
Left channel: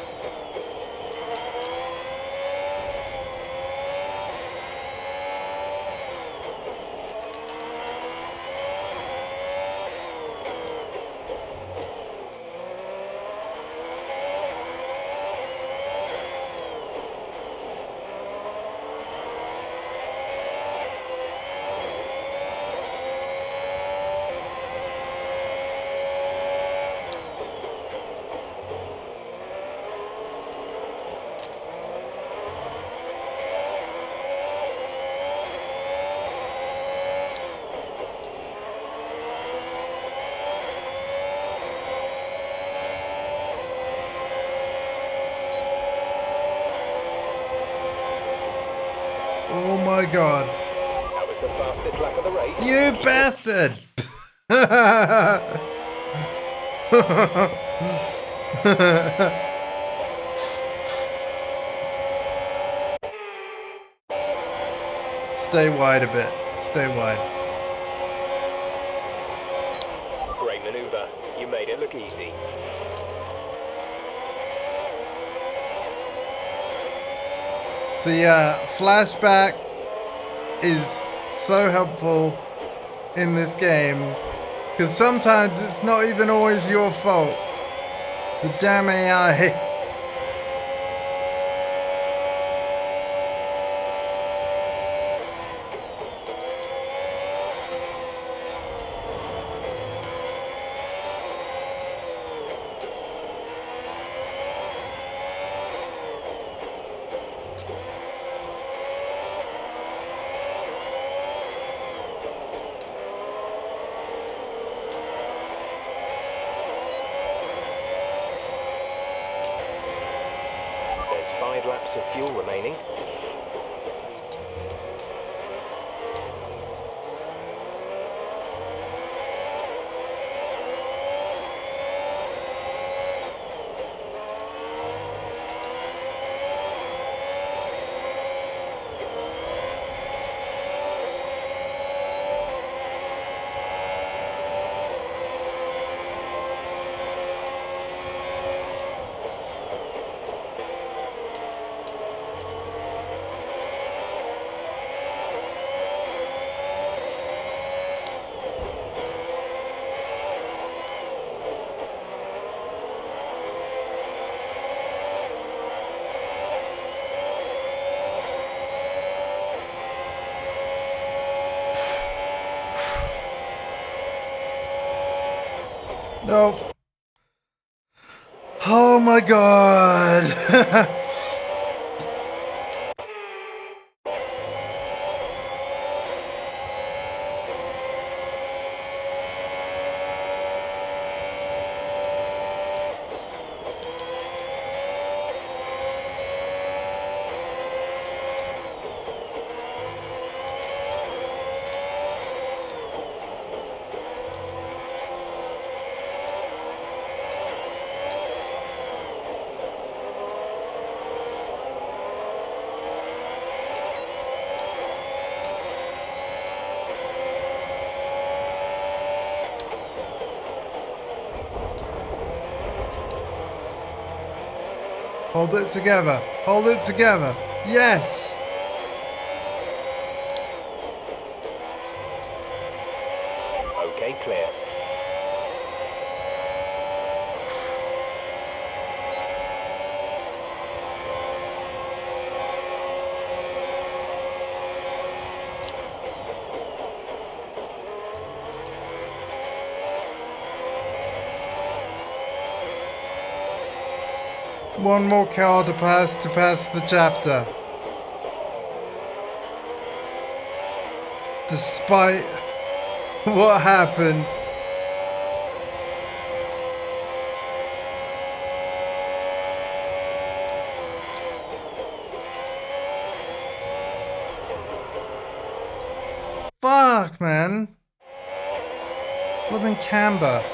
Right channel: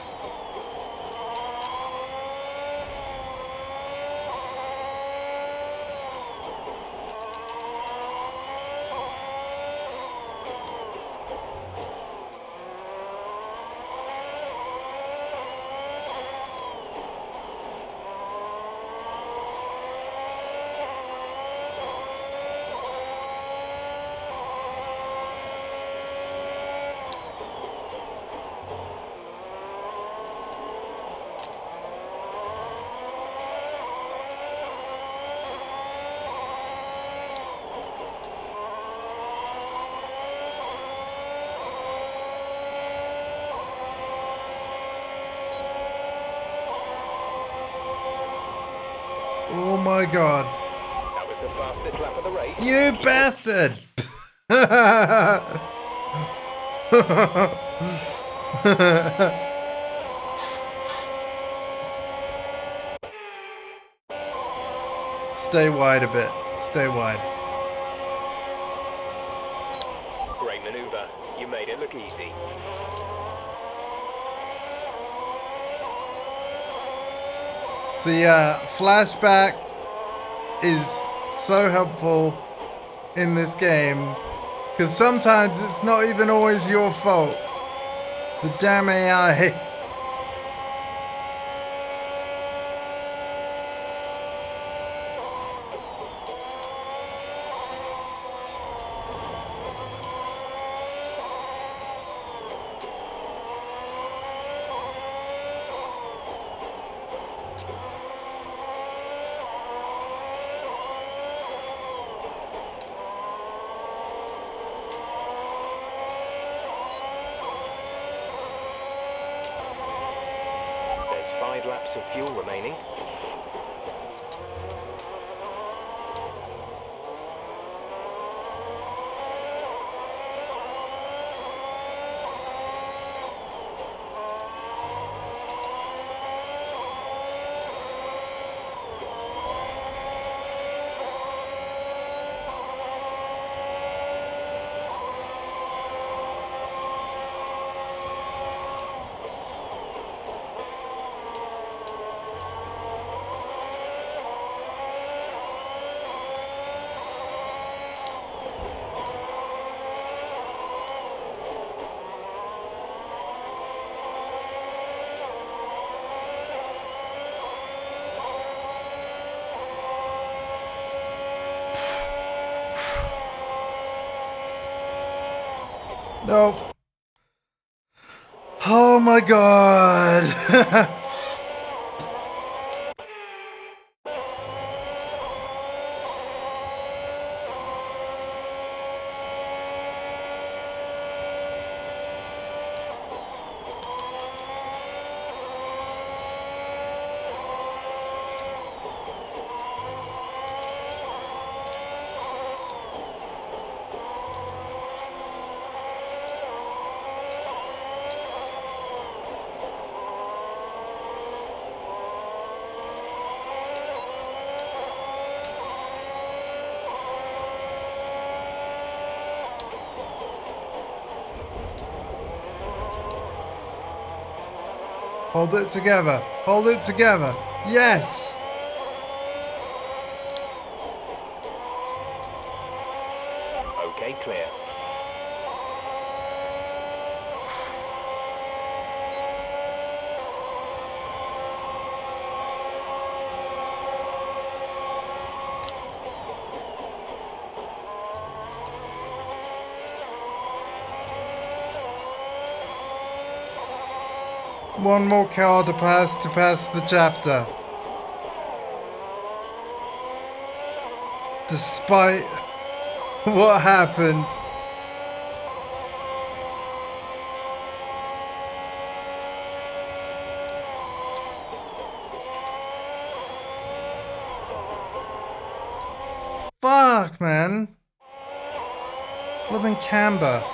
Oh my god. That was the fastest lap of the race. You bastard! Stay wide a bit. Stay wide. Great maneuver. You made it look easy. So yeah, flashback is so helpful in this game because sometimes it's not even always your fault. The damn AI. There's 5 laps of fuel remaining. Nope. Oh my god. Hold it together. Hold it together. Yes! Okay, clear. One more car to pass the chapter. Despite what happened. Fuck, man. Live in Canberra.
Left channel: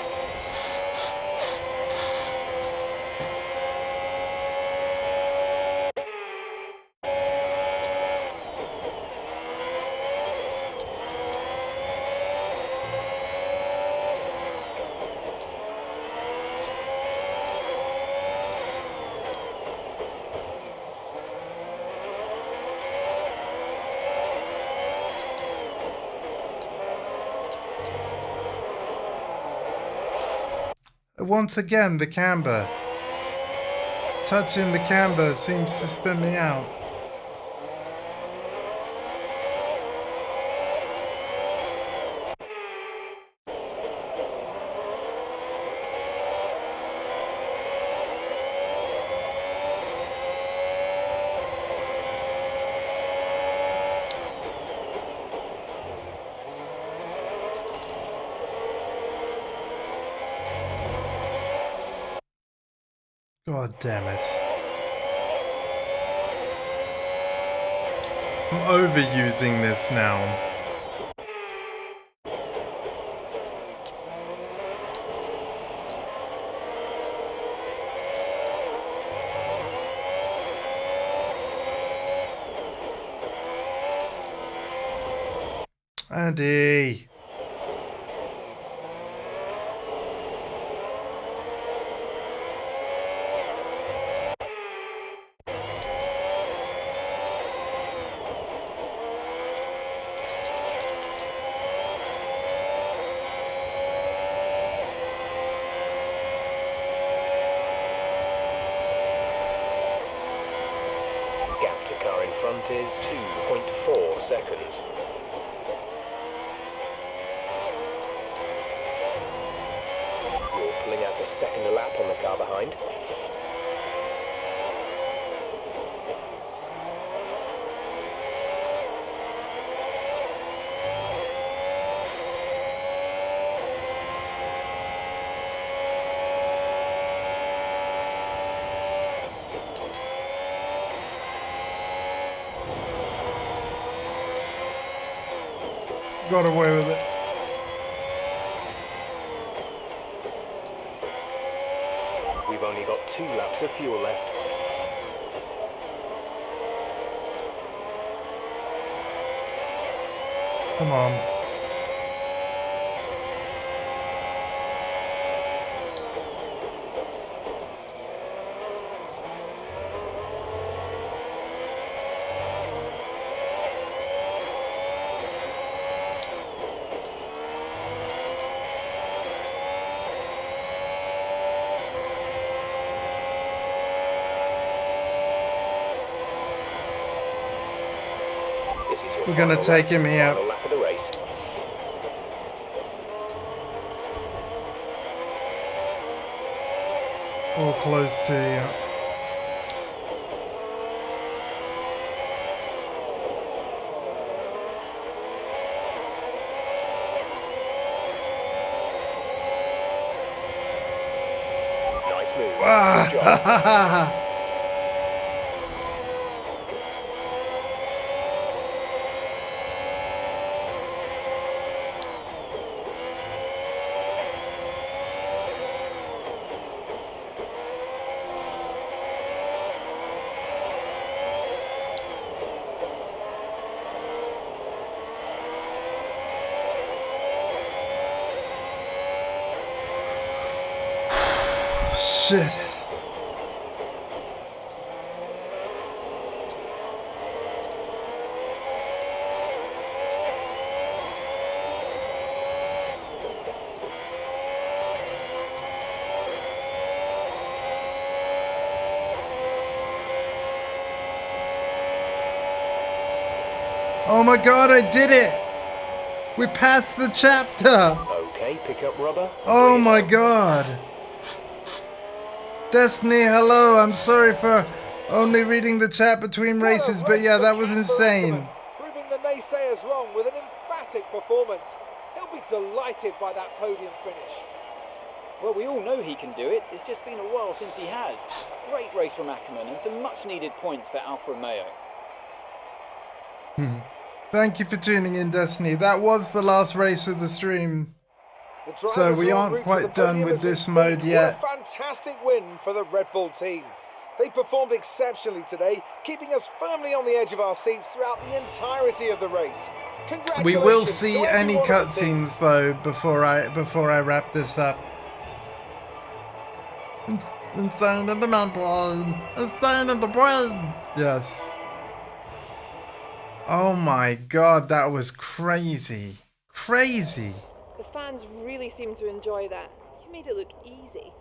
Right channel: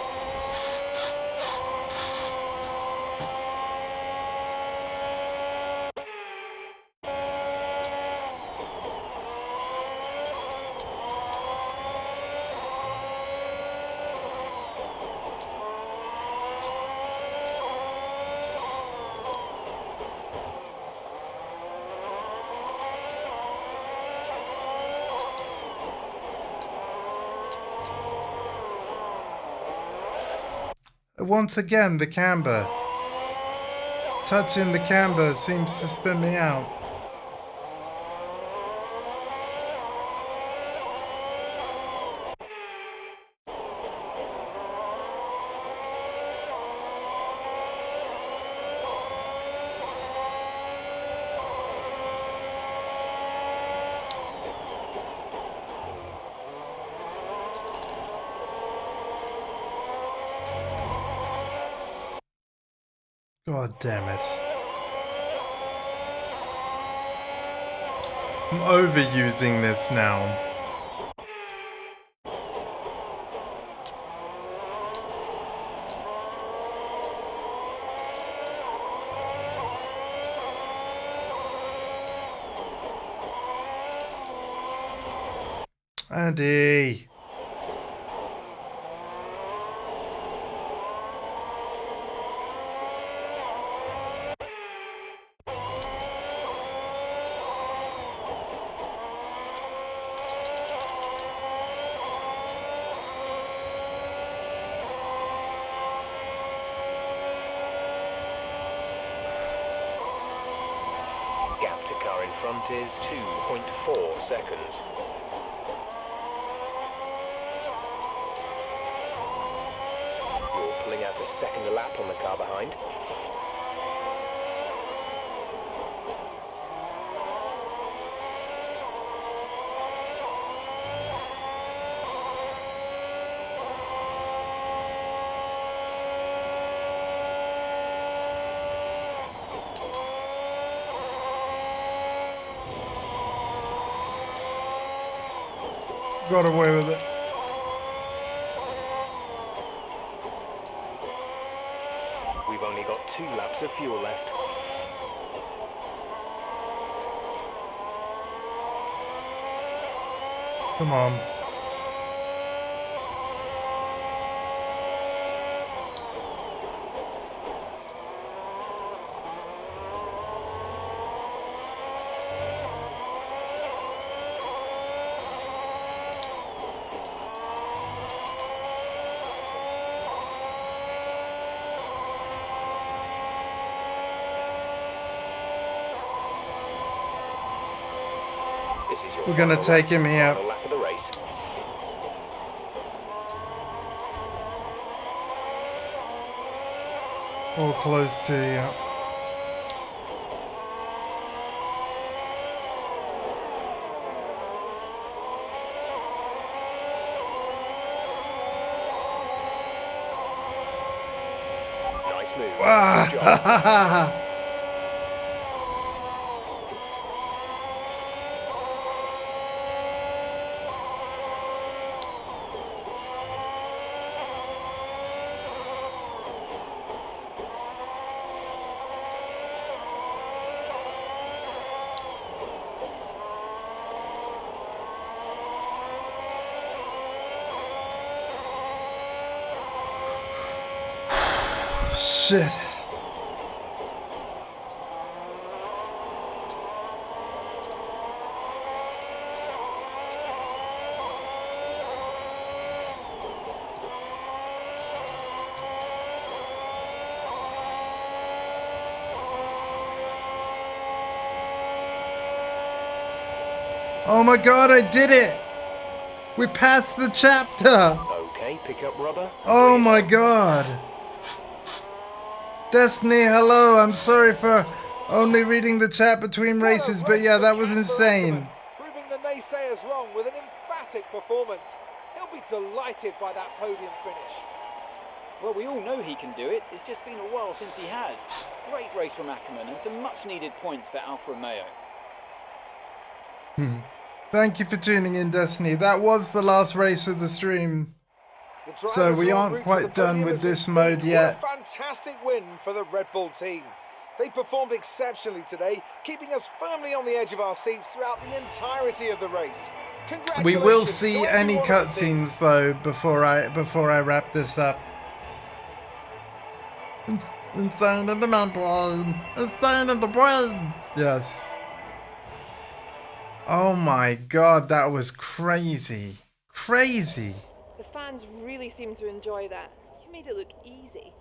Once again, the camber. Touching the camber seems to spin me out. God damn it. I'm overusing this now. Andy. Gap to car in front is 2.4 seconds. You're pulling out a second a lap on the car behind. Got away with it. We've only got 2 laps of fuel left. Come on. This is your We're gonna take him here. final lap of the race. Or close to you. Nice move. Ah, Good ha, job. ha, ha, ha. Shit. Oh my god, I did it! We passed the chapter! Okay, pick up rubber. Oh my god! Destiny, hello! I'm sorry for only reading the chat between races, but yeah, that was insane. Proving the naysayers wrong with an emphatic performance. He'll be delighted by that podium finish. Well, we all know he can do it. It's just been a while since he has. Great race from Ackerman and some much needed points for Alfa Romeo. Thank you for tuning in, Destiny. That was the last race of the stream. So we aren't quite done with this mode yet. What a fantastic win for the Red Bull team. They performed exceptionally today, keeping us firmly on the edge of our seats throughout the entirety of the race. Congratulations. We will see any cutscenes though before I wrap this up. Insane in the membrane. Insane in the brain. Yes. Oh my god, that was crazy. Crazy. The fans really seem to enjoy that. You made it look easy.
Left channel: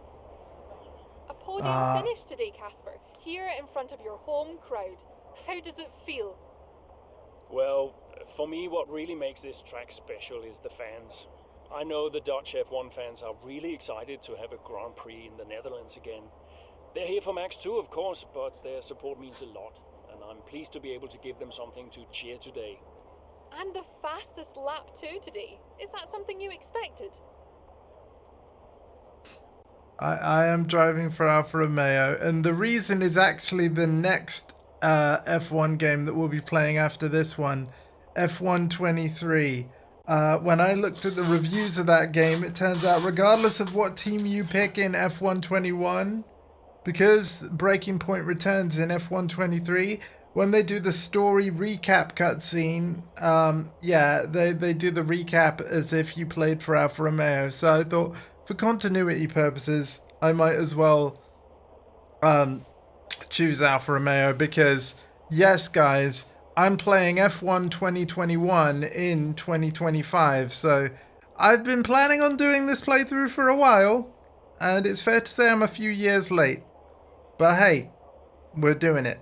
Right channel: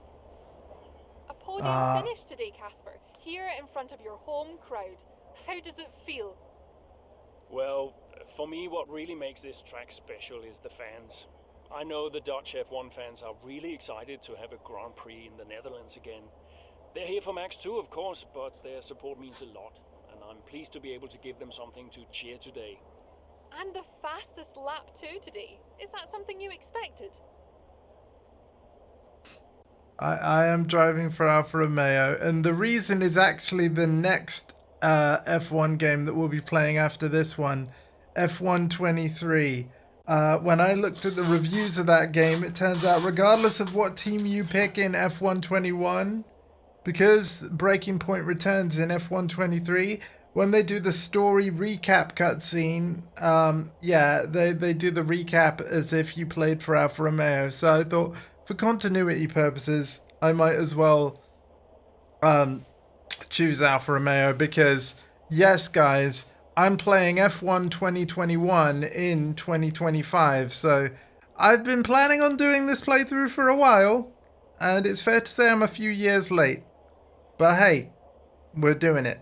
A podium finish today, Casper. Here in front of your home crowd. How does it feel? Well, for me, what really makes this track special is the fans. I know the Dutch F1 fans are really excited to have a Grand Prix in the Netherlands again. They're here for Max 2, of course, but their support means a lot, and I'm pleased to be able to give them something to cheer today. And the fastest lap too today. Is that something you expected? I am driving for Alfa Romeo, and the reason is actually the next F1 game that we'll be playing after this one, F1 23. When I looked at the reviews of that game, it turns out regardless of what team you pick in F1 21, because Breaking Point returns in F1 23, when they do the story recap cutscene, yeah, they do the recap as if you played for Alfa Romeo. So I thought, for continuity purposes, I might as well choose Alfa Romeo because, yes, guys, I'm playing F1 2021 in 2025. So I've been planning on doing this playthrough for a while, and it's fair to say I'm a few years late. But hey, we're doing it.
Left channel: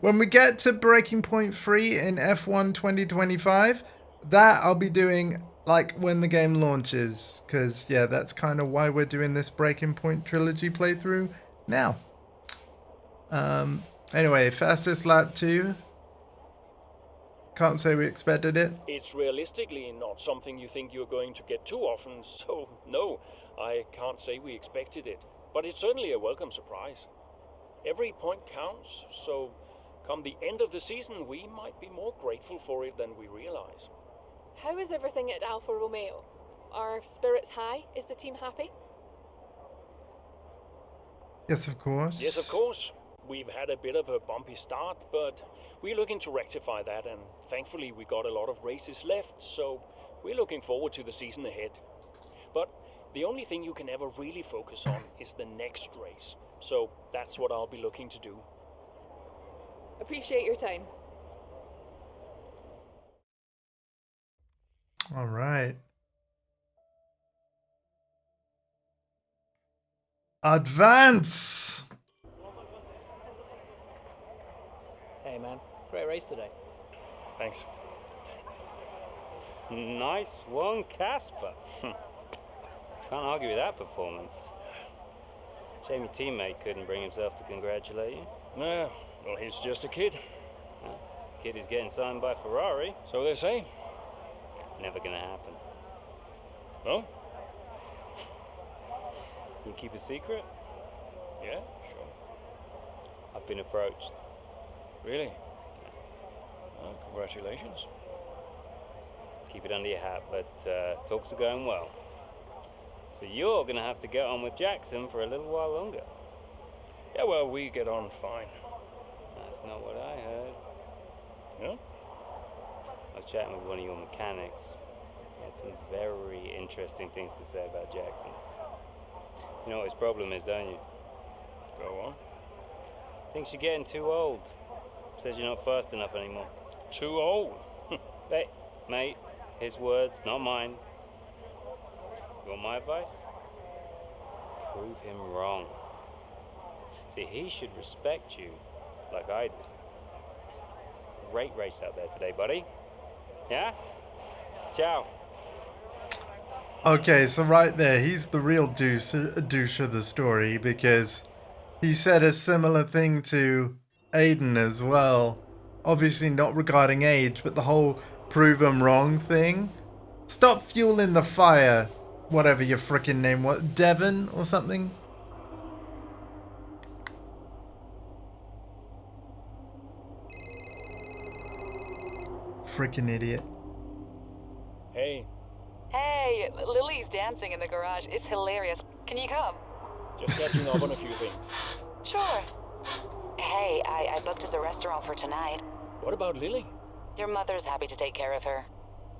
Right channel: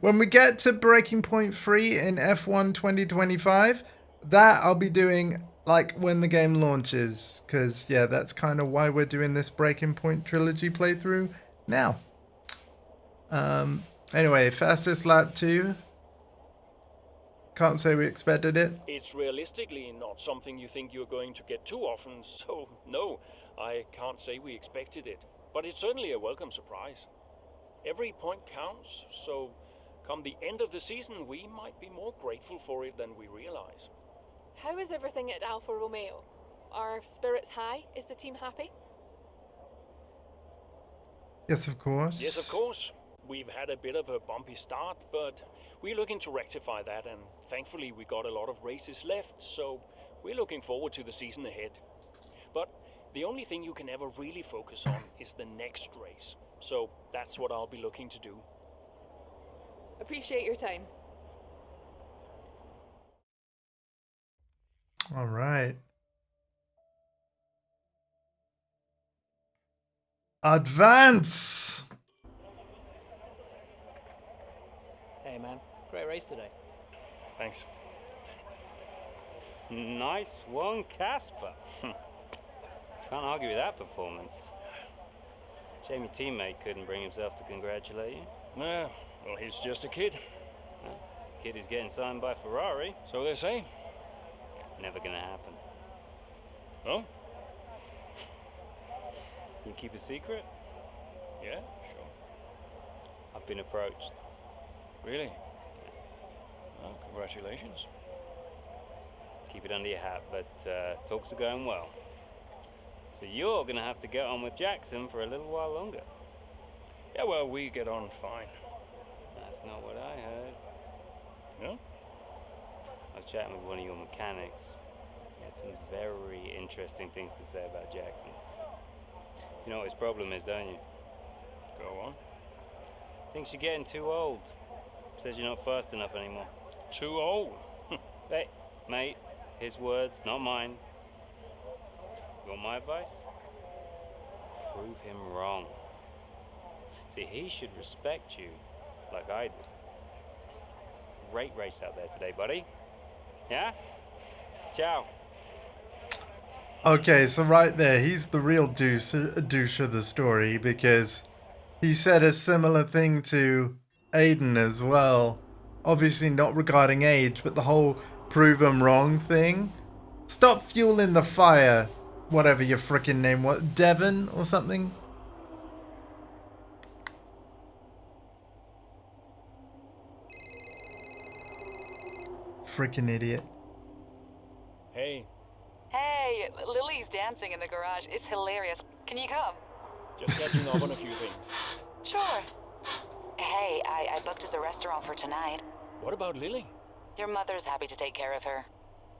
When we get to Breaking Point 3 in F1 2025, that I'll be doing like when the game launches. Because, yeah, that's kind of why we're doing this Breaking Point Trilogy playthrough now. Anyway, fastest lap 2. Can't say we expected it. It's realistically not something you think you're going to get too often, so no, I can't say we expected it. But it's certainly a welcome surprise. Every point counts, so come the end of the season, we might be more grateful for it than we realize. How is everything at Alfa Romeo? Are spirits high? Is the team happy? Yes, of course. Yes, of course. We've had a bit of a bumpy start, but we're looking to rectify that, and thankfully we got a lot of races left, so we're looking forward to the season ahead. But the only thing you can ever really focus on is the next race. So that's what I'll be looking to do. Appreciate your time. All right. Advance! Hey man, great race today. Thanks. Nice one, Casper. Can't argue with that performance. Shame your teammate couldn't bring himself to congratulate you. Nah, well, he's just a kid. Kid who's getting signed by Ferrari. So they say. Never gonna happen. Oh? You keep a secret? Yeah, sure. I've been approached. Really? Yeah. Well, congratulations. Keep it under your hat, but talks are going well. So you're gonna have to get on with Jackson for a little while longer. Yeah, well, we get on fine. That's not what I heard. Yeah? I was chatting with one of your mechanics. He had some very interesting things to say about Jackson. You know what his problem is, don't you? Go on. Thinks you're getting too old. Says you're not fast enough anymore. Too old? Hey, mate, his words, not mine. You want my advice? Prove him wrong. See, he should respect you like I do. great race out there today, buddy. Yeah? Ciao. Okay, so right there, he's the real douche of the story, because he said a similar thing to Aiden as well. Obviously not regarding age, but the whole prove 'em wrong thing. Stop fueling the fire. Whatever your frickin' name was. Devon or something? Frickin' idiot. Hey, Hey, Lily's dancing in the garage. It's hilarious. Can you come? just catching up on a few things. Sure. Hey, I booked us a restaurant for tonight. What about Lily? Your mother's happy to take care of her.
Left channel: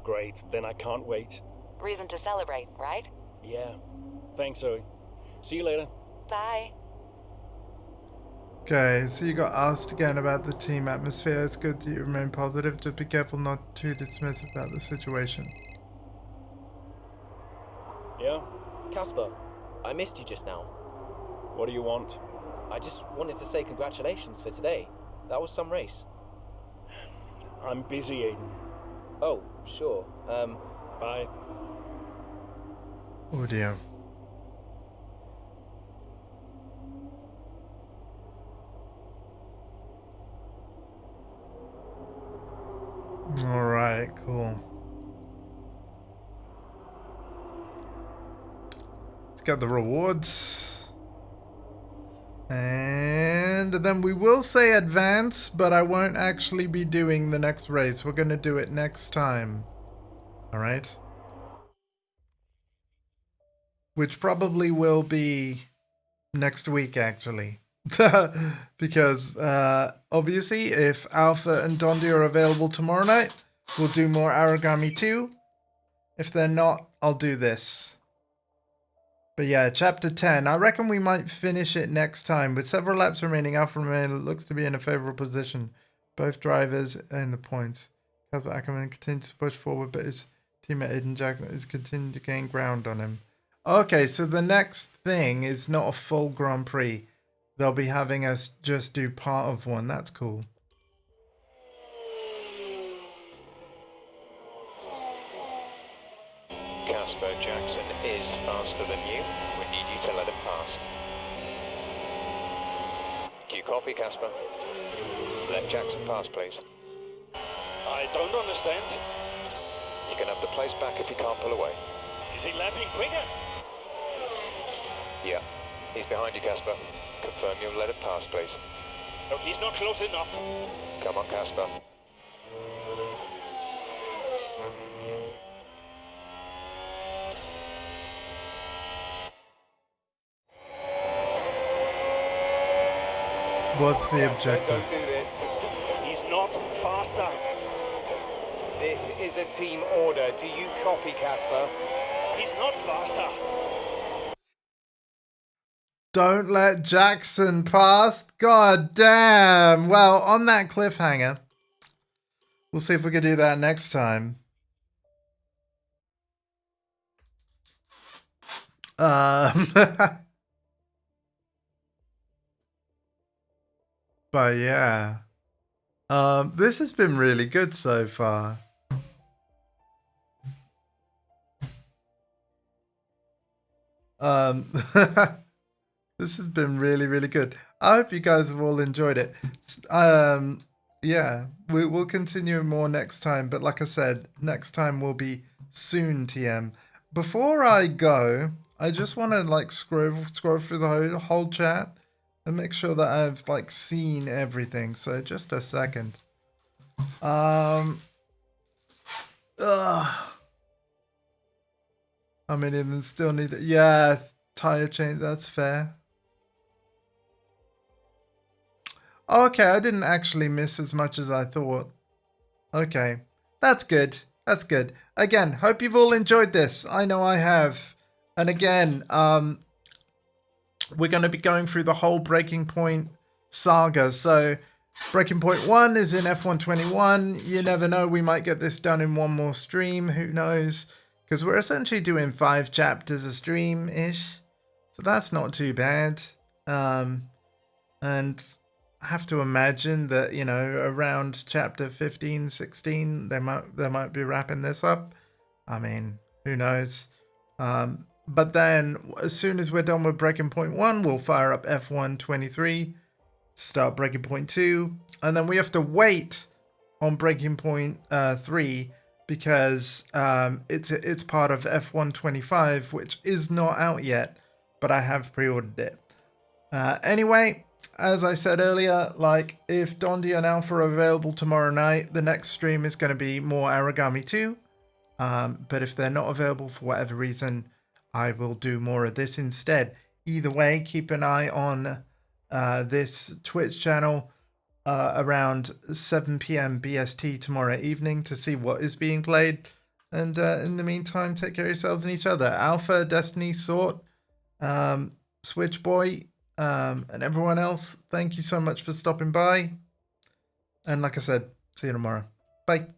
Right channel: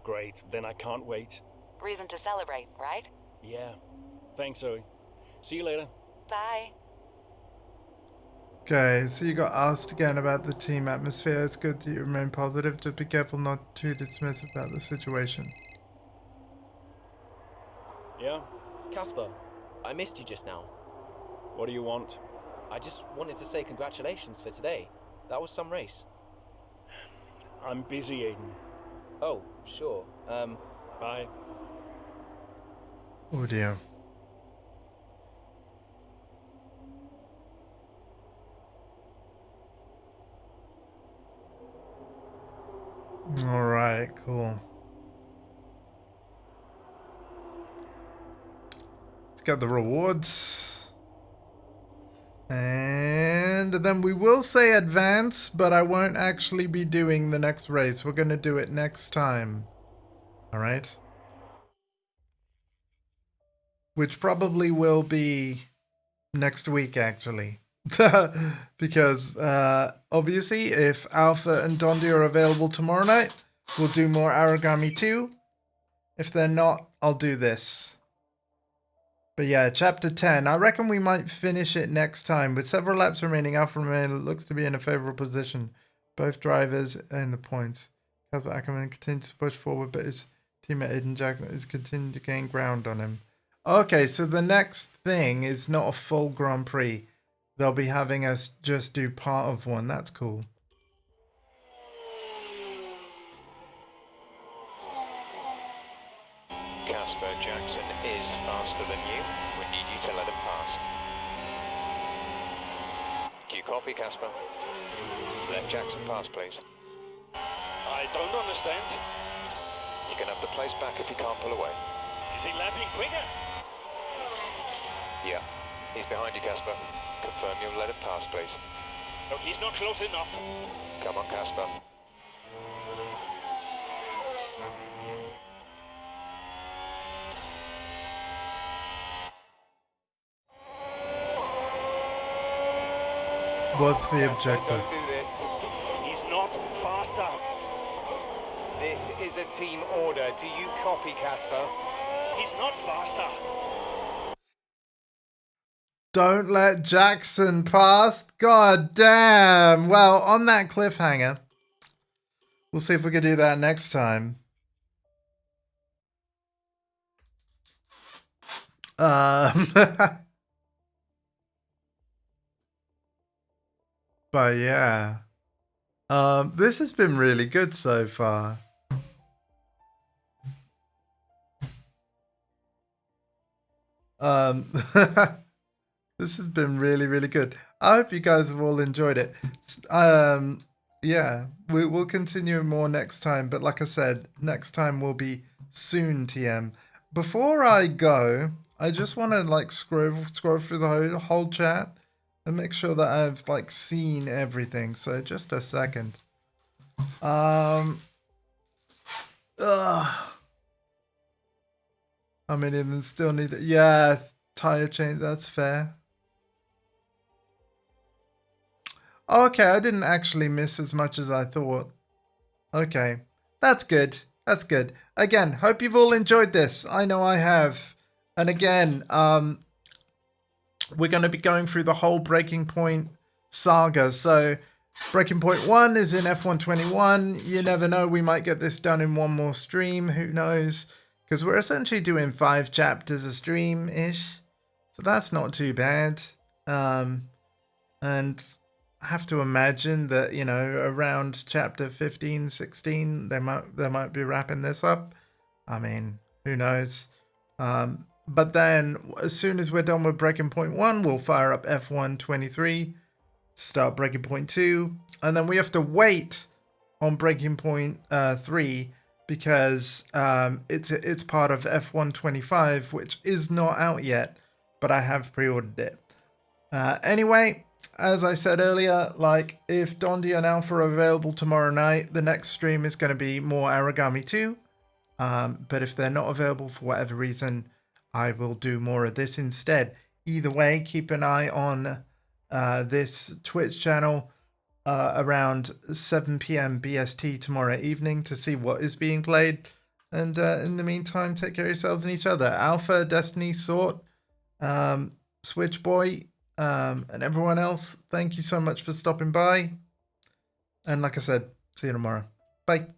Great, then I can't wait. Reason to celebrate, right? Yeah. Thanks, Zoe. See you later. Bye. Okay, so you got asked again about the team atmosphere. It's good that you remain positive. Just be careful not to dismiss about the situation. Yeah? Casper, I missed you just now. What do you want? I just wanted to say congratulations for today. That was some race. I'm busy, Aiden. Oh, sure. Bye. Oh dear. Alright, cool. Let's get the rewards. And then we will say advance, but I won't actually be doing the next race. We're going to do it next time. Alright? Which probably will be next week, actually. Because obviously, if Alpha and Dondi are available tomorrow night, we'll do more Origami 2. If they're not, I'll do this. But yeah, chapter 10. I reckon we might finish it next time. With several laps remaining, Alpha looks to be in a favorable position. Both drivers in the points. Casper Ackerman continues to push forward, but his teammate Aiden Jackson is continuing to gain ground on him. Okay, so the next thing is not a full Grand Prix. They'll be having us just do part of one. That's cool. Casper Jackson is faster than you. We need you to let him pass. Do you copy, Casper? Let Jackson pass, please. I don't understand. You can have the place back if you can't pull away. Is he lapping quicker? Yeah. He's behind you, Casper. Confirm you'll let him pass, please. Look, he's not close enough. Come on, Casper. What's the objective? Don't do this. He's not faster. This is a team order. Do you copy, Casper? He's not faster. Don't let Jackson pass. God damn. Well, on that cliffhanger, we'll see if we can do that next time. But yeah. This has been really good so far. This has been really, really good. I hope you guys have all enjoyed it. Yeah, we'll continue more next time. But like I said, next time will be soon, TM. Before I go, I just want to like scroll through the whole chat and make sure that I've like seen everything. So just a second. How many of them still need it? Yeah, tire change. That's fair. Okay, I didn't actually miss as much as I thought. Okay, that's good. That's good. Again, hope you've all enjoyed this. I know I have. And again, we're going to be going through the whole Breaking Point saga. So Breaking Point 1 is in F121. You never know, we might get this done in one more stream. Who knows? Because we're essentially doing 5 chapters a stream-ish. So that's not too bad. And have to imagine that, you know, around chapter 15, 16, they might be wrapping this up. I mean, who knows? But then as soon as we're done with Breaking Point 1, we'll fire up F1 23, start Breaking Point 2, and then we have to wait on Breaking Point 3 because it's part of F1 25, which is not out yet, but I have pre-ordered it. Anyway, as I said earlier, like, if Dondi and Alpha are available tomorrow night, the next stream is going to be more Aragami 2. But if they're not available for whatever reason, I will do more of this instead. Either way, keep an eye on this Twitch channel around 7 p.m. BST tomorrow evening to see what is being played. And in the meantime, take care of yourselves and each other. Alpha, Destiny, Sort, Switch Boy, and everyone else, thank you so much for stopping by. And like I said, see you tomorrow. Bye.